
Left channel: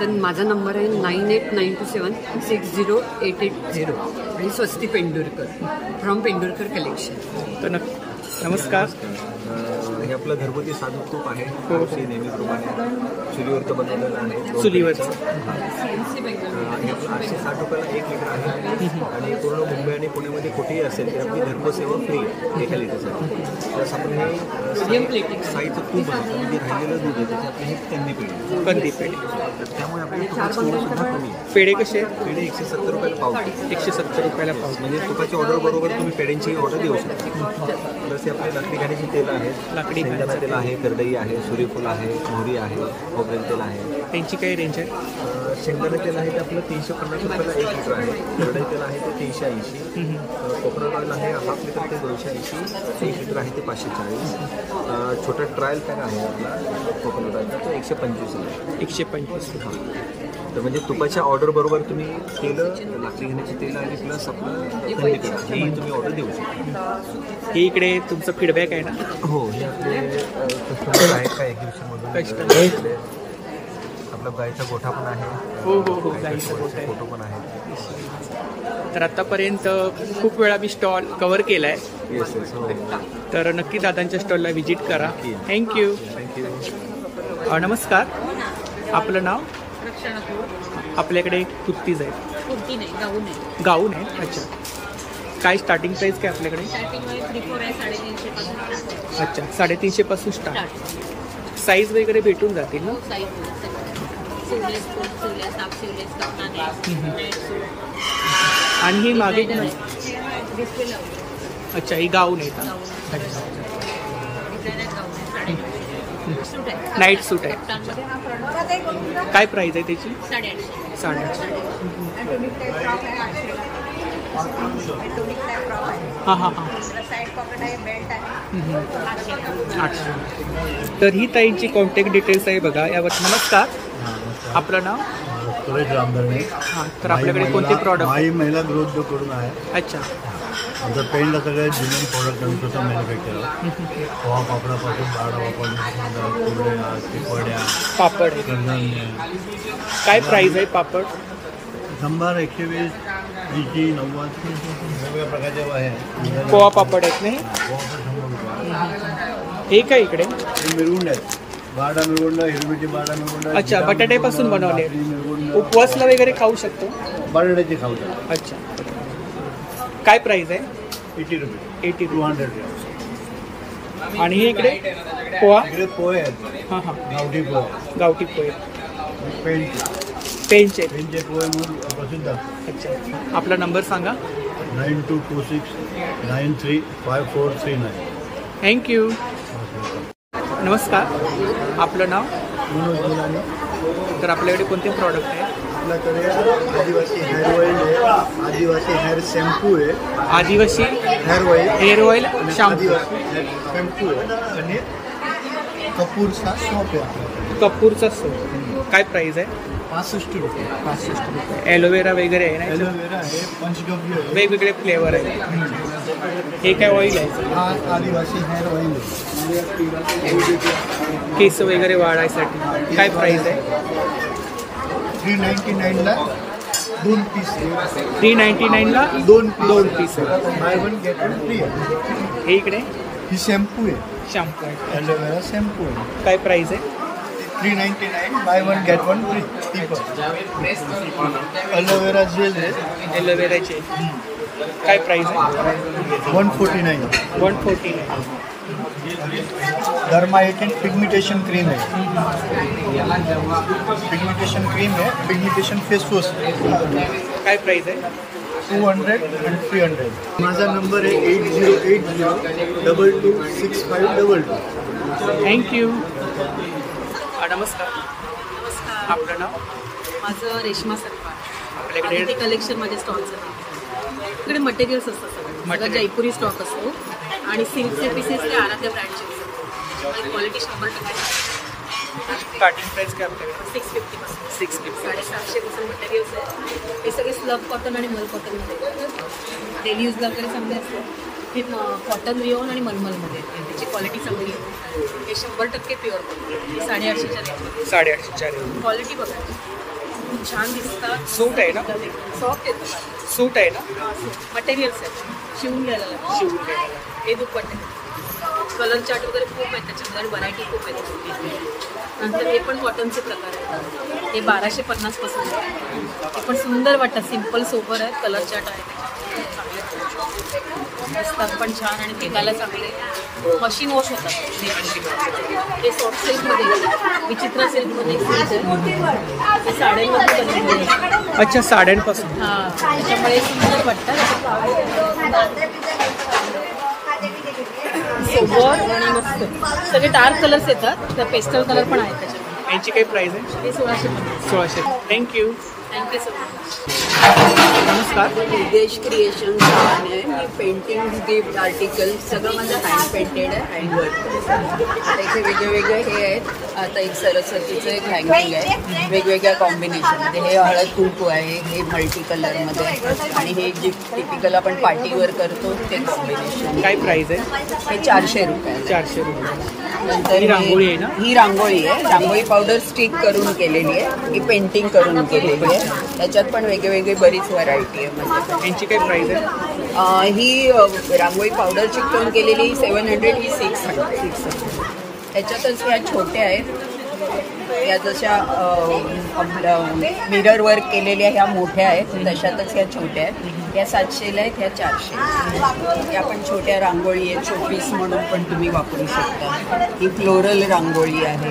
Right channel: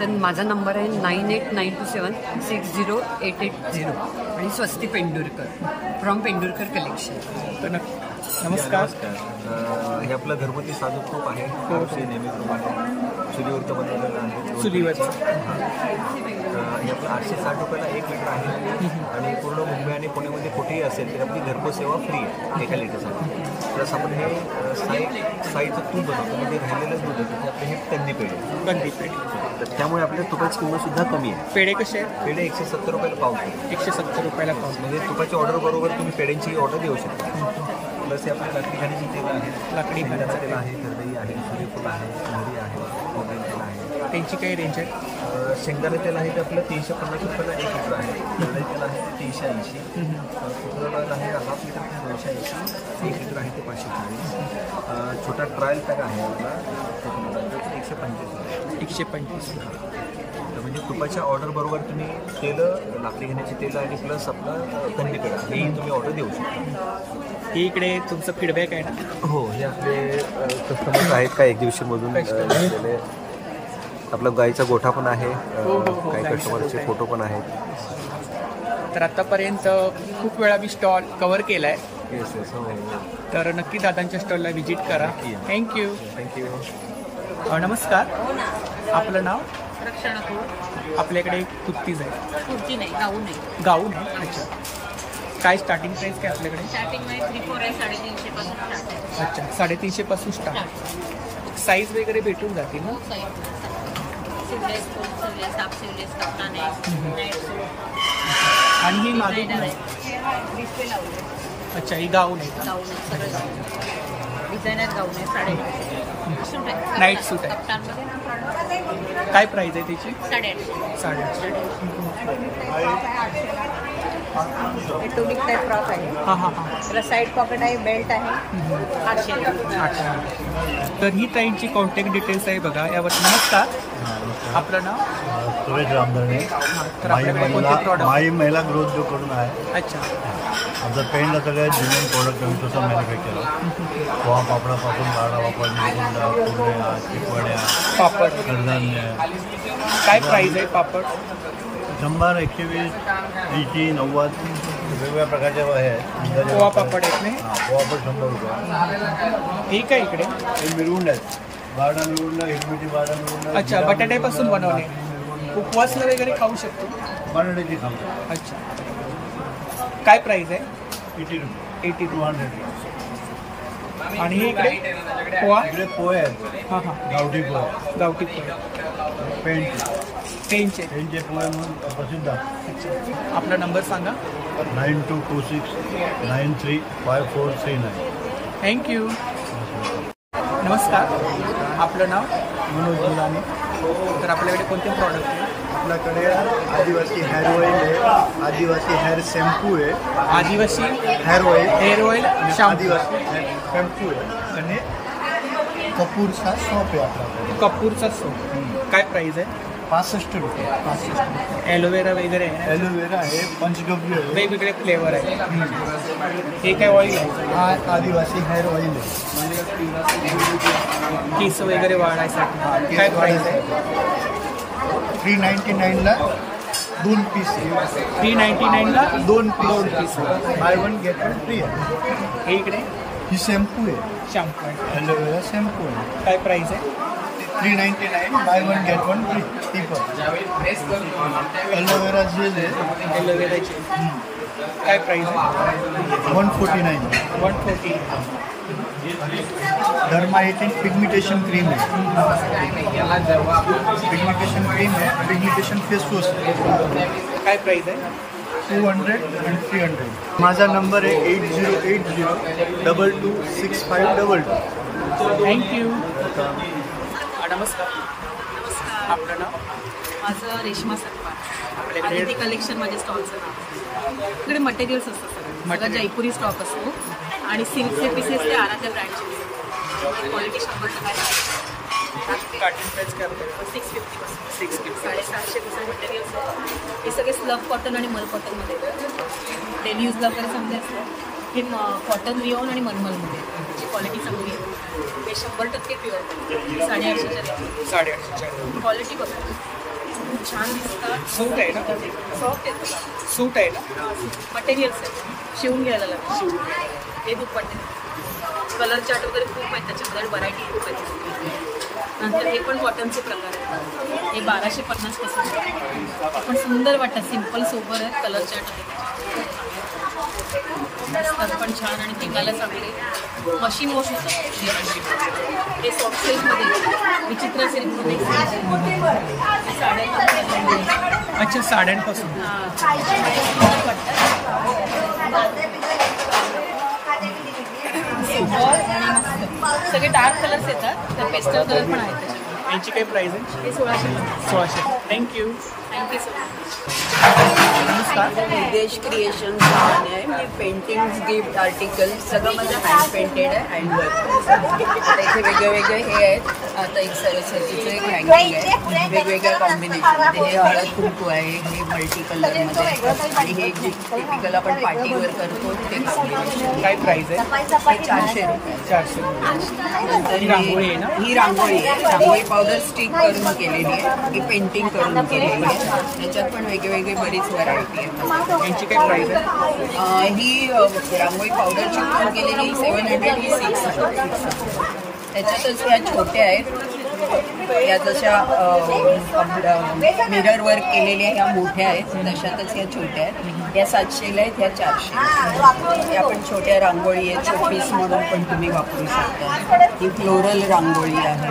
तर माझा नंबर आहे 9892760880 आणि स्वस्ती पेंडुरकर फ्रॉम पेंडुरकर कलेक्शन. तर नक्की नमस्कार. हे आपलं घरगुती साजूक तूप आहे. नेहमीप्रमाणे चुलीवरचं बनवलेलं आहे. चुलीवरचं. हे आपलं 860 रुपयाला 1 लिटर आहे आणि पूर्ण मुंबई आणि पुण्यामध्ये कुठेही असेल तर आपली घरपोच सेवा फ्री आहे 1 लिटरसाठी. प्लस आपण हे साईचं तूप बनवतो आणि जे राहिलेलं दूध आहे त्याचे आपले हे कंदी पेढे. त्यामुळे आपल्या तुपाची किंमत सुद्धा कमी आहे. पेढे कसे आहेत? पेढे 170 रुपयाला पाव किलो. 170 रुपयाला पाव. म्हणजे तुपाच्या ऑर्डर बरोबर तुम्ही पेढ्यांची ऑर्डर देऊ शकता. प्लस हे आपले लाकडी घाण्याची तेल आहे. लाकडी घाण्याचं तेल आहे, करडई आहे, सूर्यफूल आहे, मोहरी आहे, खोबरेल तेल आहे. त्यांची काही रेंज आहे? शेंगदाणे तेल आहे ते आपलं 350 रुपयाला 1 लिटर आहे. करडई तेल आहे ते 380. कोकोनट ऑइल आहे हाफ लिटर ते 280. 1 लिटर आहे ते 540. छोटा ट्रायल पॅक आहे आपला कोकोनट ऑइलचा ते 125 आहे. 125. तर म्हणजे तुपाच्या ऑर्डर बरोबर तुम्ही तेल, लाकडी घाण्याची तेल आणि प्लस आपलं कंदी पेढा हेही तुम्ही ऑर्डर देऊ शकता. हे इकडे तुमचं फीडबॅक आहे ना? हो, हे आपले कस्टमर आहेत का एक दिवशीमधून कस्टमर. आपला गाईचा गोठा पण आहे. हो हो हो, गाईचा गोठा फोटो पण आहेत. तर आतापर्यंत खूप वेळा मी स्टॉल कव्हर केलाय. Yes yes. हो. तर नक्की दादांच्या स्टॉलला व्हिजिट करा. थँक्यू. थँक्यू. नमस्कार. आपलं नाव? रक्षणा थोर. आपल्याकडे कुर्तीज आहेत? कुर्ती नाही, गाऊन आहे. गाऊन आहे. अच्छा. काय स्टार्टिंग प्राइस काय आपल्याकडे? स्टार्टिंग मध्ये 3-4 आहे, 350 पासून स्टार्ट आहे. अच्छा, 350 पासून स्टार्ट. साईज वगैरे भेटून जातील ना? Sleeveless, full sleeveless, half sleeveless, कप्ताने, नाईट सूट. आणि ही मागे डिस्प्ले लावले. अच्छा, ही गाऊन आहे का? अच्छा. डिझायनर गाऊन आहे. 950 सूट आहे. नाईट सूट आहे. कप्तानमध्ये हा प्रॉडक्ट. काय प्राइस आहे त्याची? 850. 850. टोनिक टाईप फ्रॉक आहे 800ला. टोनिक टाईप फ्रॉक आहे. हां हां हां. साईड पॉकेट आहे, बेल्ट आहे. 800. तर ही ताईंची कॉन्टॅक्ट डिटेल्स आहे बघा यावर. नमस्कार. आपलं नाव? सुरेश रामधरणे. हां. तर आपल्याकडे कोणते प्रॉडक्ट? माई महिला गृह उद्योग करून आहे. अच्छा. आमचं पेंटला सगळे जुनियन प्रोडक्ट आम्ही स्वतः मॅन्युफॅक्चर आहोत. पोहा पापडापासून बारडा पापड, निरगुंडा, कुरड्या, चिपड्या, पापड, कडधान्य. काय प्राइस आहे पापड? 100, 120, 80, 90 वेगवेगळ्या प्रकारचे आहे. पोहा पापड आहेत ना? पोहा पापड 100 रुपये. हे काय इकडे? हे मिरगुंड आहेत. बारडा मिरगुंडा, हिरवीची बारडा मिरगुंडा. अच्छा, बटाट्यापासून बनवले. उपवासला वगैरे खाऊ शकतो? बटाट्याची खाऊ शकतो. अच्छा. काय प्राइस आहे? 80 रुपये. 80 200. आणि हे इकडे पोहा? इकडे पोहे आहेत. हां हां. गावठी पोहे. गावठी पोहे. पेनचे पोहे म्हणून प्रसिद्ध. अच्छा. आपला नंबर सांगा. 9226 935439. थँक्यू. नमस्कार. आपलं नाव? मनोज मुलानी. तर आपल्याकडे कोणते प्रॉडक्ट आहे? आपल्याकडे आदिवासी हेअर ऑइल आहे, आदिवासी हेअर शॅम्पू आहे. आदिवासी हेअर ऑइल शॅम्पू. आदिवासी हेअर शॅम्पू आहे आणि कपूरचा सोप आहे आपल्याकडे. कपूरचा सोप. काय प्राइस आहे? 65 रुपये. 65 रुपये. ॲलोवेरा वगैरे आहे ना? ॲलोवेरा आहे, पंचगव्य आहे, वेगवेगळे फ्लेवर आहे. हे काय ऑइल आहे? हा आदिवासी हेअर ऑइल आहे. केस वगैरे वाढायसाठी. काय प्राइस आहे? 399ला 2 पीस. 399ला 2 पीस आहे. बाय 1 गेट 1 फ्री आहे. हे इकडे ही शॅम्पू आहे. शॅम्पू आहे. ॲलोवेरा शॅम्पू आहे. काय प्राइस आहे? 399 बाय 1 गेट 1 फ्री. ती पण ॲलोवेरा जेल आहे. Aloe vera gel. काय प्राइस आहे? 149. 149. डर्माइटन पिगमेंटेशन क्रीम आहे. पिगमेंटेशन क्रीम आहे. Pigmentation face wash. काय प्राइस आहे? 200 and 300. माझा नंबर आहे 8080 226522. थँक्यू. नमस्कार. नमस्कार. आपलं नाव? माझं रेश्मा सरपाळ. आपल्याकडे ते कलेक्शन माझ्या स्टॉलचं नाव. इकडे मटेरियल्स असतात सगळं जयपुरी स्टॉक असतो आणि सिल्कचे पीसेस ते आराध्या ब्रँडचे असतात. क्वालिटी 100% स्टार्टिंग प्राइस काय आपल्याकडे? 650 पासून. 650. 750 पासून मटेरियल्स आहे. हे सगळे स्लब कॉटन आणि मल कॉटनमध्ये डेली यूजला वगैरे चांगले असतात. हे कॉटन रिओन आणि मलमलमध्ये त्याची क्वालिटी चांगली आहे. हे 100% प्युअर कॉटन. 850च्या रेंज. 850च्या रेंज. क्वालिटी बघा खूप छान दिसतात. सूट आहे ना? सॉफ्ट येतं. सूट आहे ना? मटेरियल्स आहेत. शिवून घ्यायला लागेल. शिवून घ्यायला लागेल. हे दुपट्टे कलर चार्ट वगैरे खूप आहेत त्याच्यामध्ये आणि व्हरायटी खूप आहे त्याच्यामध्ये. नंतर हे पण कॉटनचे प्रकार आहेत. हे 1250 पासून हे पण सुंदर वाटतात, सिम्पल सोबर आहेत, कलर चार्ट आहे पण छान आणि टिकायला चांगले, मशीन वॉश होतात. हे सॉफ्ट सिल्कमध्ये विचित्र सिल्कमध्ये हे साड्यांमध्ये. अच्छा, साड्यांपासून सोबर आणि मस्त सगळे डार्क कलर्स येतात, तर पेस्टल कलर पण आहेत त्याच्यामध्ये. यांची काय प्राइस आहे? हे 1650. 1600. थँक्यू. Thank you so much. नमस्कार. विदेश क्रिएशन नावाने आहे. मी पेंटिंग, गिफ्ट, आर्टिकल सगळं माझं हँड पेंटेड आहे, हँडवर्क. आता इथे वेगळे वेगळे हे आहेत. आता एक सरस्वतीचं एक हँगिंग आहे वेगवेगळ्या कॉम्बिनेशनमध्ये. हे हळद कुंकू आहे, हे मल्टी कलरमध्ये, आणि हे जे टिपिकल आपण पार्टीवर करतो ते कॉम्बिनेशन. काय प्राइस आहे? हे 400 रुपये. 400 रुपये. नंतर ही रांगोळी आहे ना? ही रांगोळी आहे. रांगोळी पावडर स्टिक करून केलेली आहे, ही पेंटिंग करून केलेली आहे. त्याच्यात पण वेगवेगळी बरीच व्हरायटी आहे म्हणजे. यांची काय प्राइस आहे? ही रांगोळी पावडर चिकटून केलेली 700, ही 600. त्याच्यातच ह्या छोट्या आहेत, या जशा मिरर वर्क केलेल्या ह्या मोठ्या आहेत, तशातच ह्या छोट्या आहेत. या 700ला आहेत, ह्या 400. या पण छोट्या रांगोळी आहे, शोपीस म्हणून पण तुम्ही वापरू शकता. ही फ्लोरल रांगोळी आहे.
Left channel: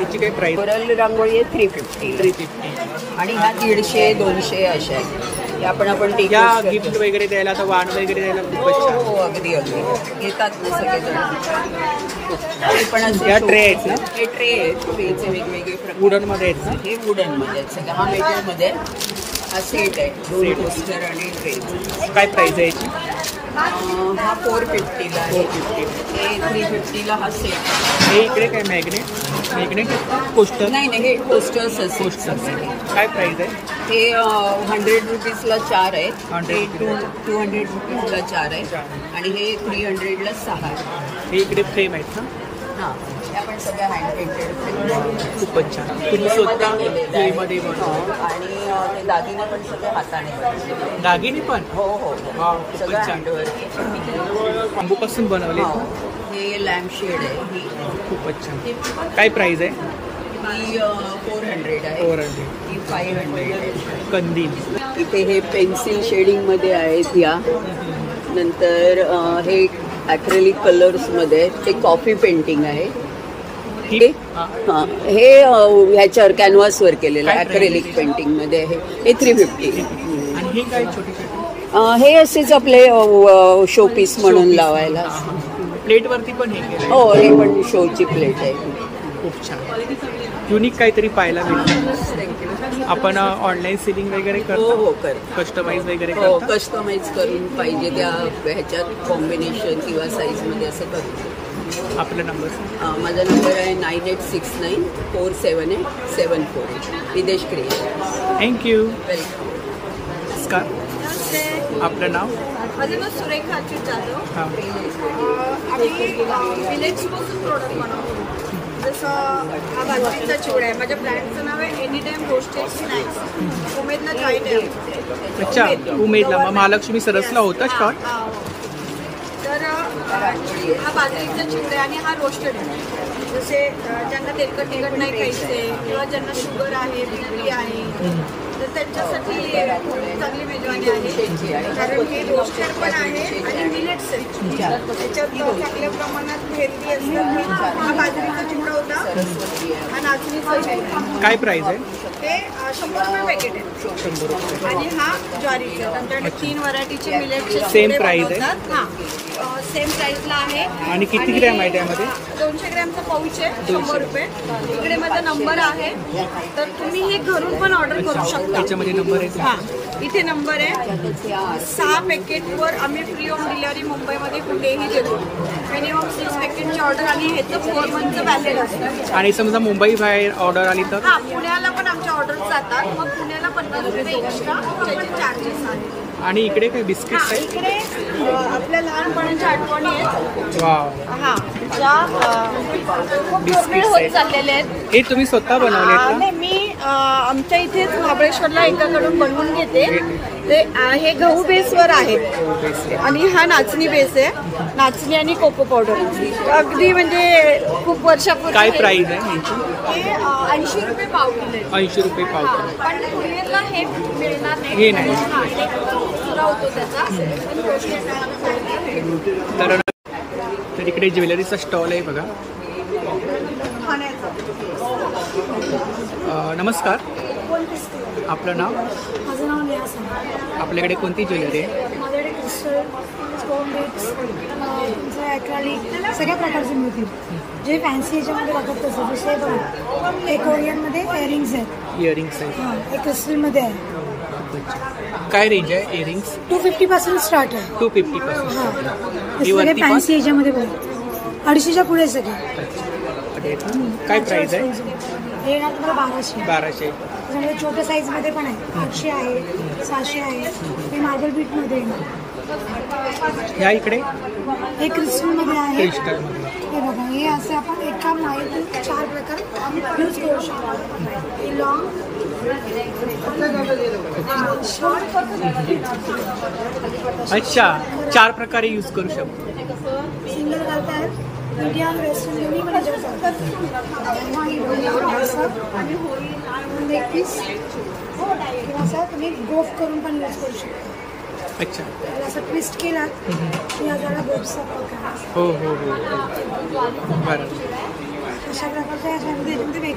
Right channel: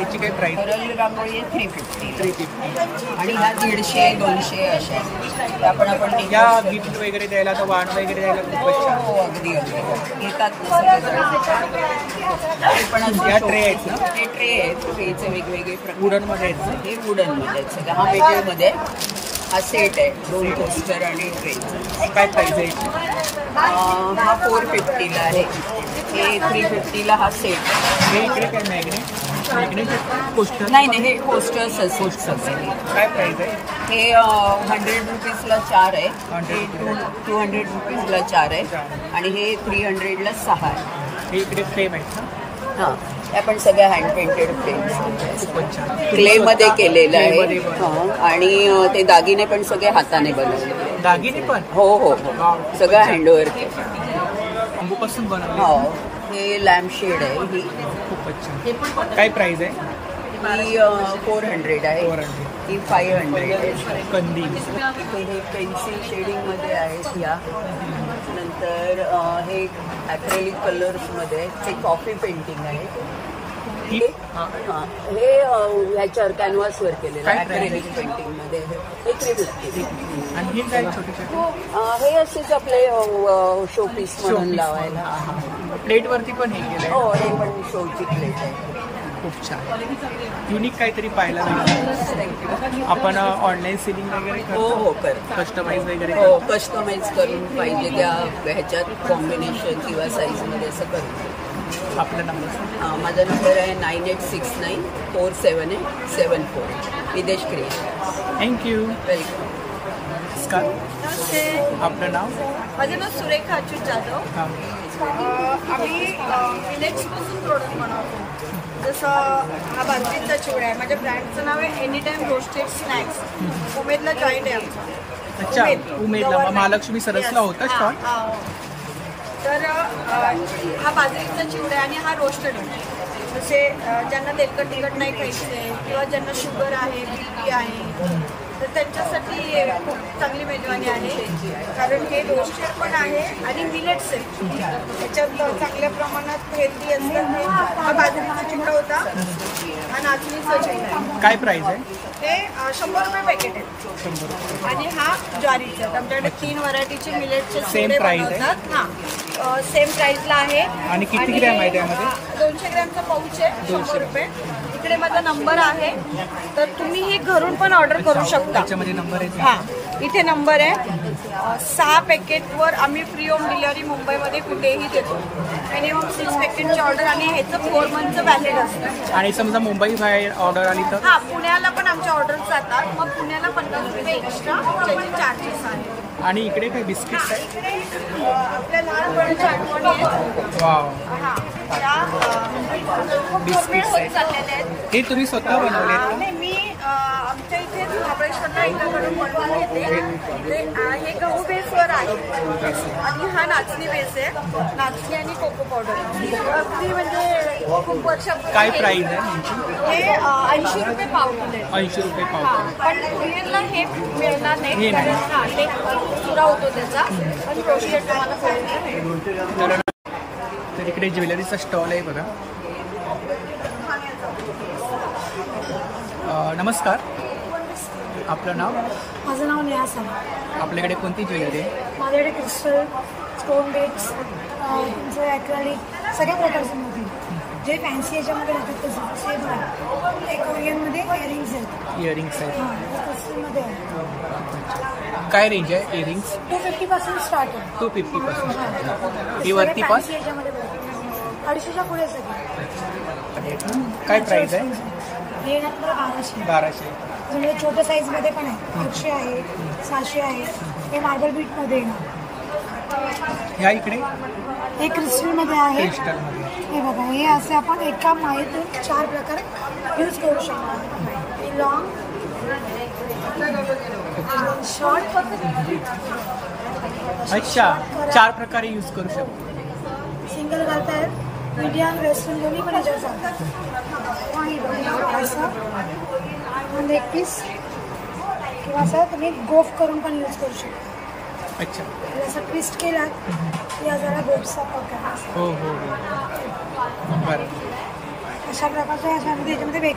याची काय प्राइस? फ्लोरल रांगोळी आहे 350. आणि ह्या 150, 200 अशा आहेत. त्या पण आपण गिफ्ट वगैरे द्यायला, आता वाण वगैरे द्यायला खूपच छान. हो, अगदी अगदी येतात ना सगळेजण. हे पण या ट्रे आहेत ना? हे ट्रे आहेत, ट्रेचे वेगवेगळे प्रकार. वुडन मध्ये आहेत ना? हे वुडन मध्ये आहेत सगळं. हा मेटेरियल मध्ये हा सेट आहे, 2 कोस्टर आणि ट्रेचा. काय प्राइस आहे याची? हा 450ला आहे. हे 350ला हा सेट आहे. हे इकडे काय मॅग्नेट कोस्टर? नाही नाही, हे कोस्टर्स असतात. काय प्राइस आहे? हे 100 रुपीजला 4 आहे. हे 200 रुपीजला 4 आहे. आणि हे 300ला 6 आहे. हे इकडे फ्रेम आहेत ना? त्या पण सगळ्या हँड पेंटेड फ्रेम, खूपच छान. क्ले मध्ये केलेलं आहे. आणि ते दागिने पण सगळे हाताने बनवले. दागिने पण? हो हो, सगळं हँडवर्क. बांबूपासून बनवले. हे लॅम्प शेड आहे. ही खूपच छान. काय प्राइस आहे? ही 400 आहे. 400. ही 500 आहे. कंदील. इथे हे पेन्सिल शेडिंग मध्ये आहेत. या नंतर हे ॲक्रेलिक कलर्स मध्ये ते कॉफी पेंटिंग आहे. हे ह्याच्यावर कॅनव्हासवर केलेलं आहे, ॲक्रेलिक पेंटिंग मध्ये आहे. हे 350. आणि हे काय छोटे छोटे? हे असेच आपले शोपीस म्हणून लावायला. प्लेट वरती पण हे केलं? हो, हे पण शोची प्लेट आहे. खूप छान. युनिक काहीतरी पाहायला मिळतं. आपण ऑनलाईन सेलिंग वगैरे करतो? हो हो, करतो. कस्टमाइज वगैरे? हो, कस्टमाइज करून पाहिजे त्या ह्याच्यात कॉम्बिनेशन किंवा साईज मध्ये असं करतो. आपला नंबर? माझा नंबर आहे 9869 478 विदेश क्रिएशन. थँक्यू. वेलकम. नमस्कार. नमस्ते. आपलं नाव? माझं नाव सुरेखा अच्युत जाधव. आम्ही मिलेट्सपासून प्रोडक्ट बनवतो. जसं हा बाजरीचा चिवडा आहे. माझ्या ब्रँडचं नाव आहे एनी टाइम रोस्टेड स्नॅक्स. उमेदला जॉईंट आहे आमचा. अच्छा, उमेदला. महालक्ष्मी सरसला होता स्टॉल? तर हा बाजरीचा चिवडा आहे आणि हा रोस्टेड आहे. जसे ज्यांना तेलकट तिखट नाही खायचे किंवा ज्यांना शुगर आहे, बीपी आहे, तर त्यांच्यासाठी खूप चांगली मेजवानी आहे. कारण हे रोस्टेड पण आहे आणि मिलेट्स आहे. त्याच्यात चांगल्या प्रमाणात हेल्दी असतात. हा बाजरीचा चिवडा होता, हा नाचणीचा चिवडा आहे. काय प्राइस आहे? हे 100 रुपये पॅकेट आहे. 100 रुपये. आणि हा ज्वारीचा आहे. आमच्याकडे 3 व्हरायटीचे मिलेटचे सेम प्राइस आहे? हा, सेम प्राइसला आहे. आणि किती ग्रॅम आहे त्यामध्ये? 200 ग्रॅमचा पाऊच आहे, 100 रुपये. इकडे माझा नंबर आहे, तर तुम्ही ही घरून पण ऑर्डर करू शकता. त्याच्यामध्ये नंबर आहे? हा, इथे नंबर आहे. 6 पॅकेटवर आम्ही फ्री होम डिलिव्हरी मुंबईमध्ये कुठेही देतो. मिनिमम 6 पॅकेटची ऑर्डर आणि ह्याचं 4 मंथचं व्हॅलिड असतं. आणि समजा मुंबई बाहेर ऑर्डर आली तर? हा, पुण्याला पण आमच्या ऑर्डर जातात. मग पुण्याला 50 रुपये एक्स्ट्रा त्याचे चार्जेस आहेत. आणि इकडे काय बिस्किट्स आहे? इकडे आपल्या लहानपणीच्या आठवणी आहेत. वाव. हा, बिस्किट्स आहेत. चाललेले आहेत. हे तुम्ही स्वतः बनवले आहेत का? मी आमच्या इथेच महाबळेश्वरला एकाकडून बनवून घेते. ते हे गहू बेसवर आहे आणि हा नाचणी बेस आहे. नाचणी आणि कोको पावडर अगदी म्हणजे खूप वर्षापूर्वी. काय प्राइस आहे यांची? हे 80 रुपये पाव किलो आहे. 80 रुपये पाव किलो. पण कुरिअरला हे मिळणार नाही. हा ते चुरा होतो त्याचा, पण रोस्टेड तुम्हाला कुरिअरला मिळेल. तर इकडे ज्वेलरीचा स्टॉल आहे बघा. नमस्कार, आपलं नाव? माझं नाव नेहा सावंत. आपल्याकडे कोणती ज्वेलरी आहे? माझ्याकडे क्रिस्टल, स्टोन बीड्स, तुमचं ॲक्रेलिक सगळ्या प्रकारचे मिळतील. जे फॅन्सी याच्यामध्ये राहतात तसं. जसे बघा, एक ओरियनमध्ये इयरिंग्स आहेत. इयरिंग्स आहेत. एक क्रिस्टलमध्ये आहे. काय रेंज आहे इयरिंग्स? 250 पासून स्टार्ट आहे. 250 पासून स्टार्ट आहे. ही वरती पण फॅन्सी याच्यामध्ये बघा, 250च्या पुढे सगळे. काय प्राइस आहे? हे ना तुम्हाला 1200. 1200. त्याच्यामध्ये छोट्या साईजमध्ये पण आहे. 800 आहे, 600 आहे. हे मार्बल बीटमध्ये आहे. ह्या इकडे हे क्रिस्टलमध्ये आहे. क्रिस्टलमध्ये हे बघा, हे असे आपण एका माळेतून 4 प्रकार यूज करू शकतो. हे लॉंग, शॉर्ट. अच्छा, 4 प्रकारे यूज करू शकतो. सिंगल घालतायत, मीडियम, वेस्टर्न दोन्ही पण याच्यावर चालतात. असं लेग पीस किंवा असं तुम्ही गोफ करून पण यूज करू शकता. अच्छा, असं ट्विस्ट केलात की जरा गोफचा प्रकार. हो हो हो, बरं. अशा प्रकारच्या याच्यामध्ये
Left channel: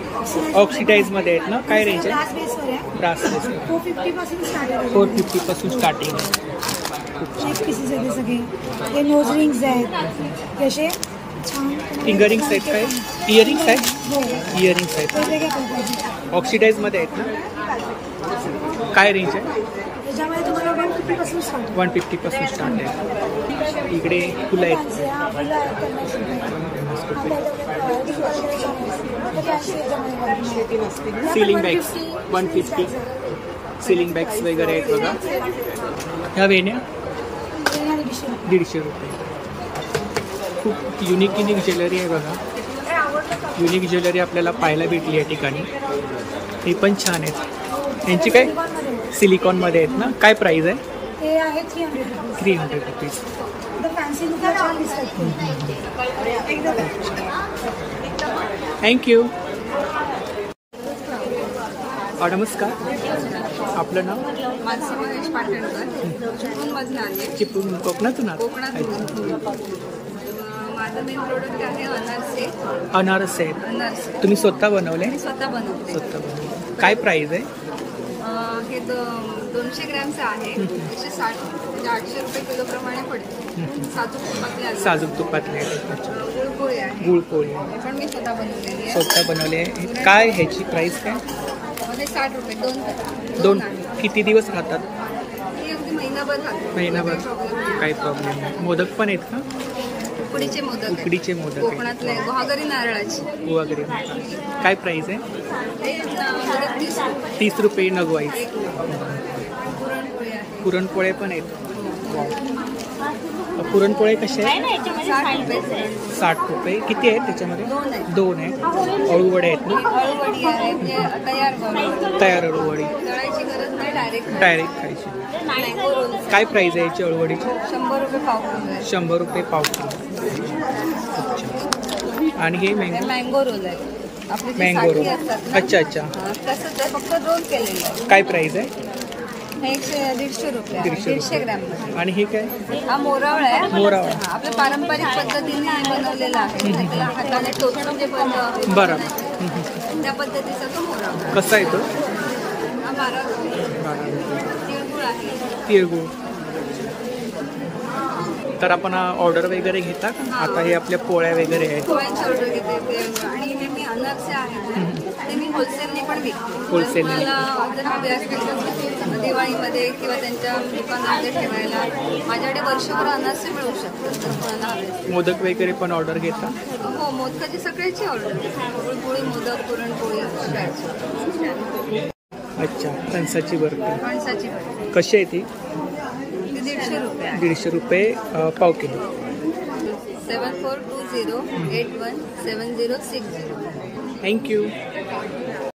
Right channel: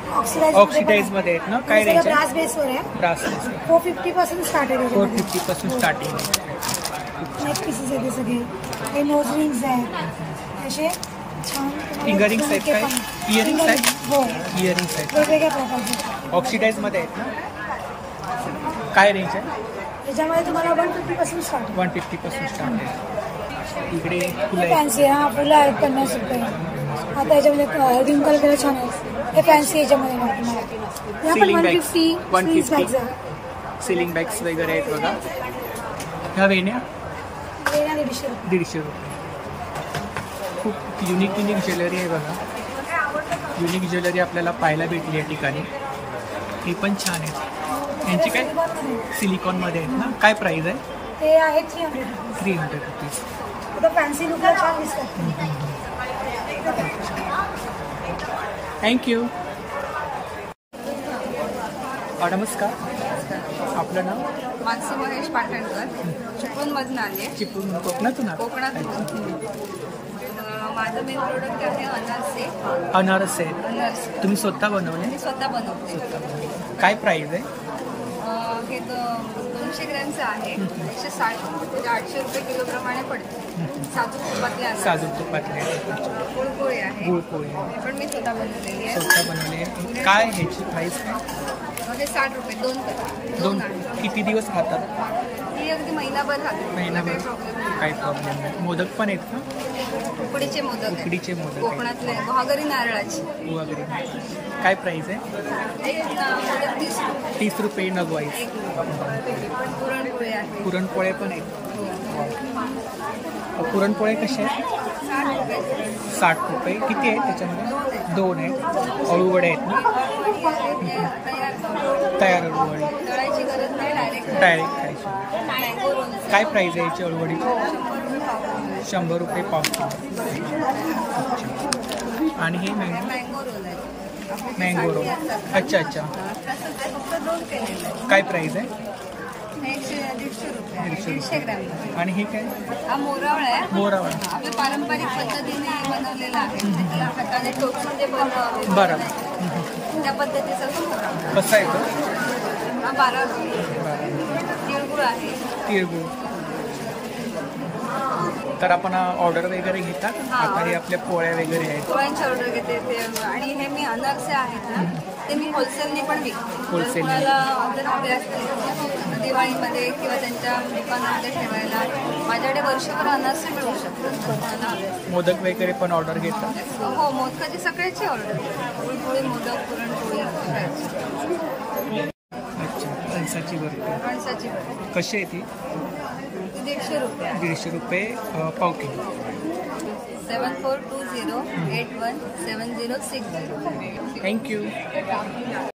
ऑक्सिडाइज मध्ये आहेत ना? काय रेंज आहे? ब्रास बेसवर आहे. ब्रास बेसवर 450 पासून स्टार्ट आहे. 450 पासून स्टार्टिंग. नेक पीसेस आहेत सगळे. हे नोज रिंग्स आहेत. जसे छान फिंगरिंग्स आहेत. काय इयरिंग्स आहेत? हो, इयरिंग्स आहेत वेगवेगळ्या प्रकारचे. ऑक्सिडाइज मध्ये आहेत ना? काय रेंज आहे? याच्यामध्ये तुम्हाला 150 पासून स्टार्ट आहे. 150 पासून स्टार्ट आहे. इकडे फुलं आहेत. फॅन्सी फुलं आहेत 50 रुपये. आता याच्यामध्ये डिंपल वगैरे छान आहे. ते फॅन्सी याच्यामध्ये. Ceiling bags 150. सिलिंग बॅग्स वगैरे आहेत बघा. ह्या वेण्या 150 रुपये. खूप युनिक ज्वेलरी आहे बघा. युनिक ज्वेलरी आपल्याला पाहायला भेटली या ठिकाणी. ही पण छान आहेत. यांची काय सिलिकॉन मध्ये आहेत ना? काय प्राइस आहे? ते आहे 300 रुपीज. 300 रुपीज. आता फॅन्सी लुकला छान दिसतात. थँक्यू. नमस्कार, आपलं नाव? मानसी महेश पाटणकर. चिपळूणमधून आली आहे. चिपळूण, कोकणातून? कोकणातून. माझं मेन प्रोडक्ट आहे अनारसे. अनारसे तुम्ही स्वतः बनवले? स्वतः बनवते. स्वतः बनवले. काय प्राइस आहे? हे 200 ग्रॅमचं आहे. 160 म्हणजे 800 रुपये किलो प्रमाणे पडते. साजूक तुपातले अनारसे. साजूक तुपातले. गुळपोळी आहे. गुळपोळी पण मी स्वतः बनवलेली आहे. स्वतः बनवली आहे. काय ह्याची प्राइस काय? म्हणजे 60 रुपये. दोन आहे. किती दिवस राहतात? ही अगदी महिनाभर राहते. महिनाभर. काही प्रॉब्लेम नाही. मोदक पण आहेत का? उकडीचे मोदक. उकडीचे मोदक कोकणातले गुहागरी नारळाची. गुहागरी. काय प्राइस आहे? एक मोदक 30 रुपये नग वाईज. पुरणपोळी आहे. पुरणपोळे पण आहेत. पुरणपोळे कसे आहेत? 60 रुपये. किती आहेत त्याच्यामध्ये? 2 आहेत. अळूवडे आहेत ना? तयार अळूवडी. तळायची गरज नाही, डायरेक्ट खायची. Mango role. काय प्राइस आहे याची अळूवडीची? 100 रुपये पाव किलो. आणि हे मँगो रोल आहे. Mango roll. अच्छा अच्छा. फक्त रोल केलेलं. काय प्राइस आहे? हे 150 रुपये. 150 ग्रॅम. आणि हे काय? हा मोरावळा आहे. मोरावळा आपल्या पारंपरिक पद्धतीने बनवलेला आहे. त्याला हाताने टोचून जे बरं. त्या पद्धतीचा तो मोरावळा. कसा आहे तो? हा 12 रुपये. 12 रुपये. तिळगुळ आहे. तिळगुळ. तर आपण ऑर्डर वगैरे घेता का? आता हे आपल्या पोळ्या वगैरे आहेत. पोळ्यांची ऑर्डर घेते. आणि हे मी अनारसे आहेत ना, ते मी होलसेलने पण विकते. होलसेल. कोणाला जर हवे असतील दिवाळीमध्ये किंवा त्यांच्या दुकानामध्ये ठेवायला, माझ्याकडे वर्षभर अनारसे मिळू शकतात. जर कोणाला हवे असतील. मोदक वगैरे पण ऑर्डर घेता? हो, मोदकाची सगळ्याची ऑर्डर घेते. गुळपोळी, मोदक, पुरणपोळी सगळ्याची. अच्छा. कणसाची बर्फी. कणसाची बर्फी कशी आहे ती? 150 रुपये. 150 रुपये पाव किलो. 7420817060. थँक्यू.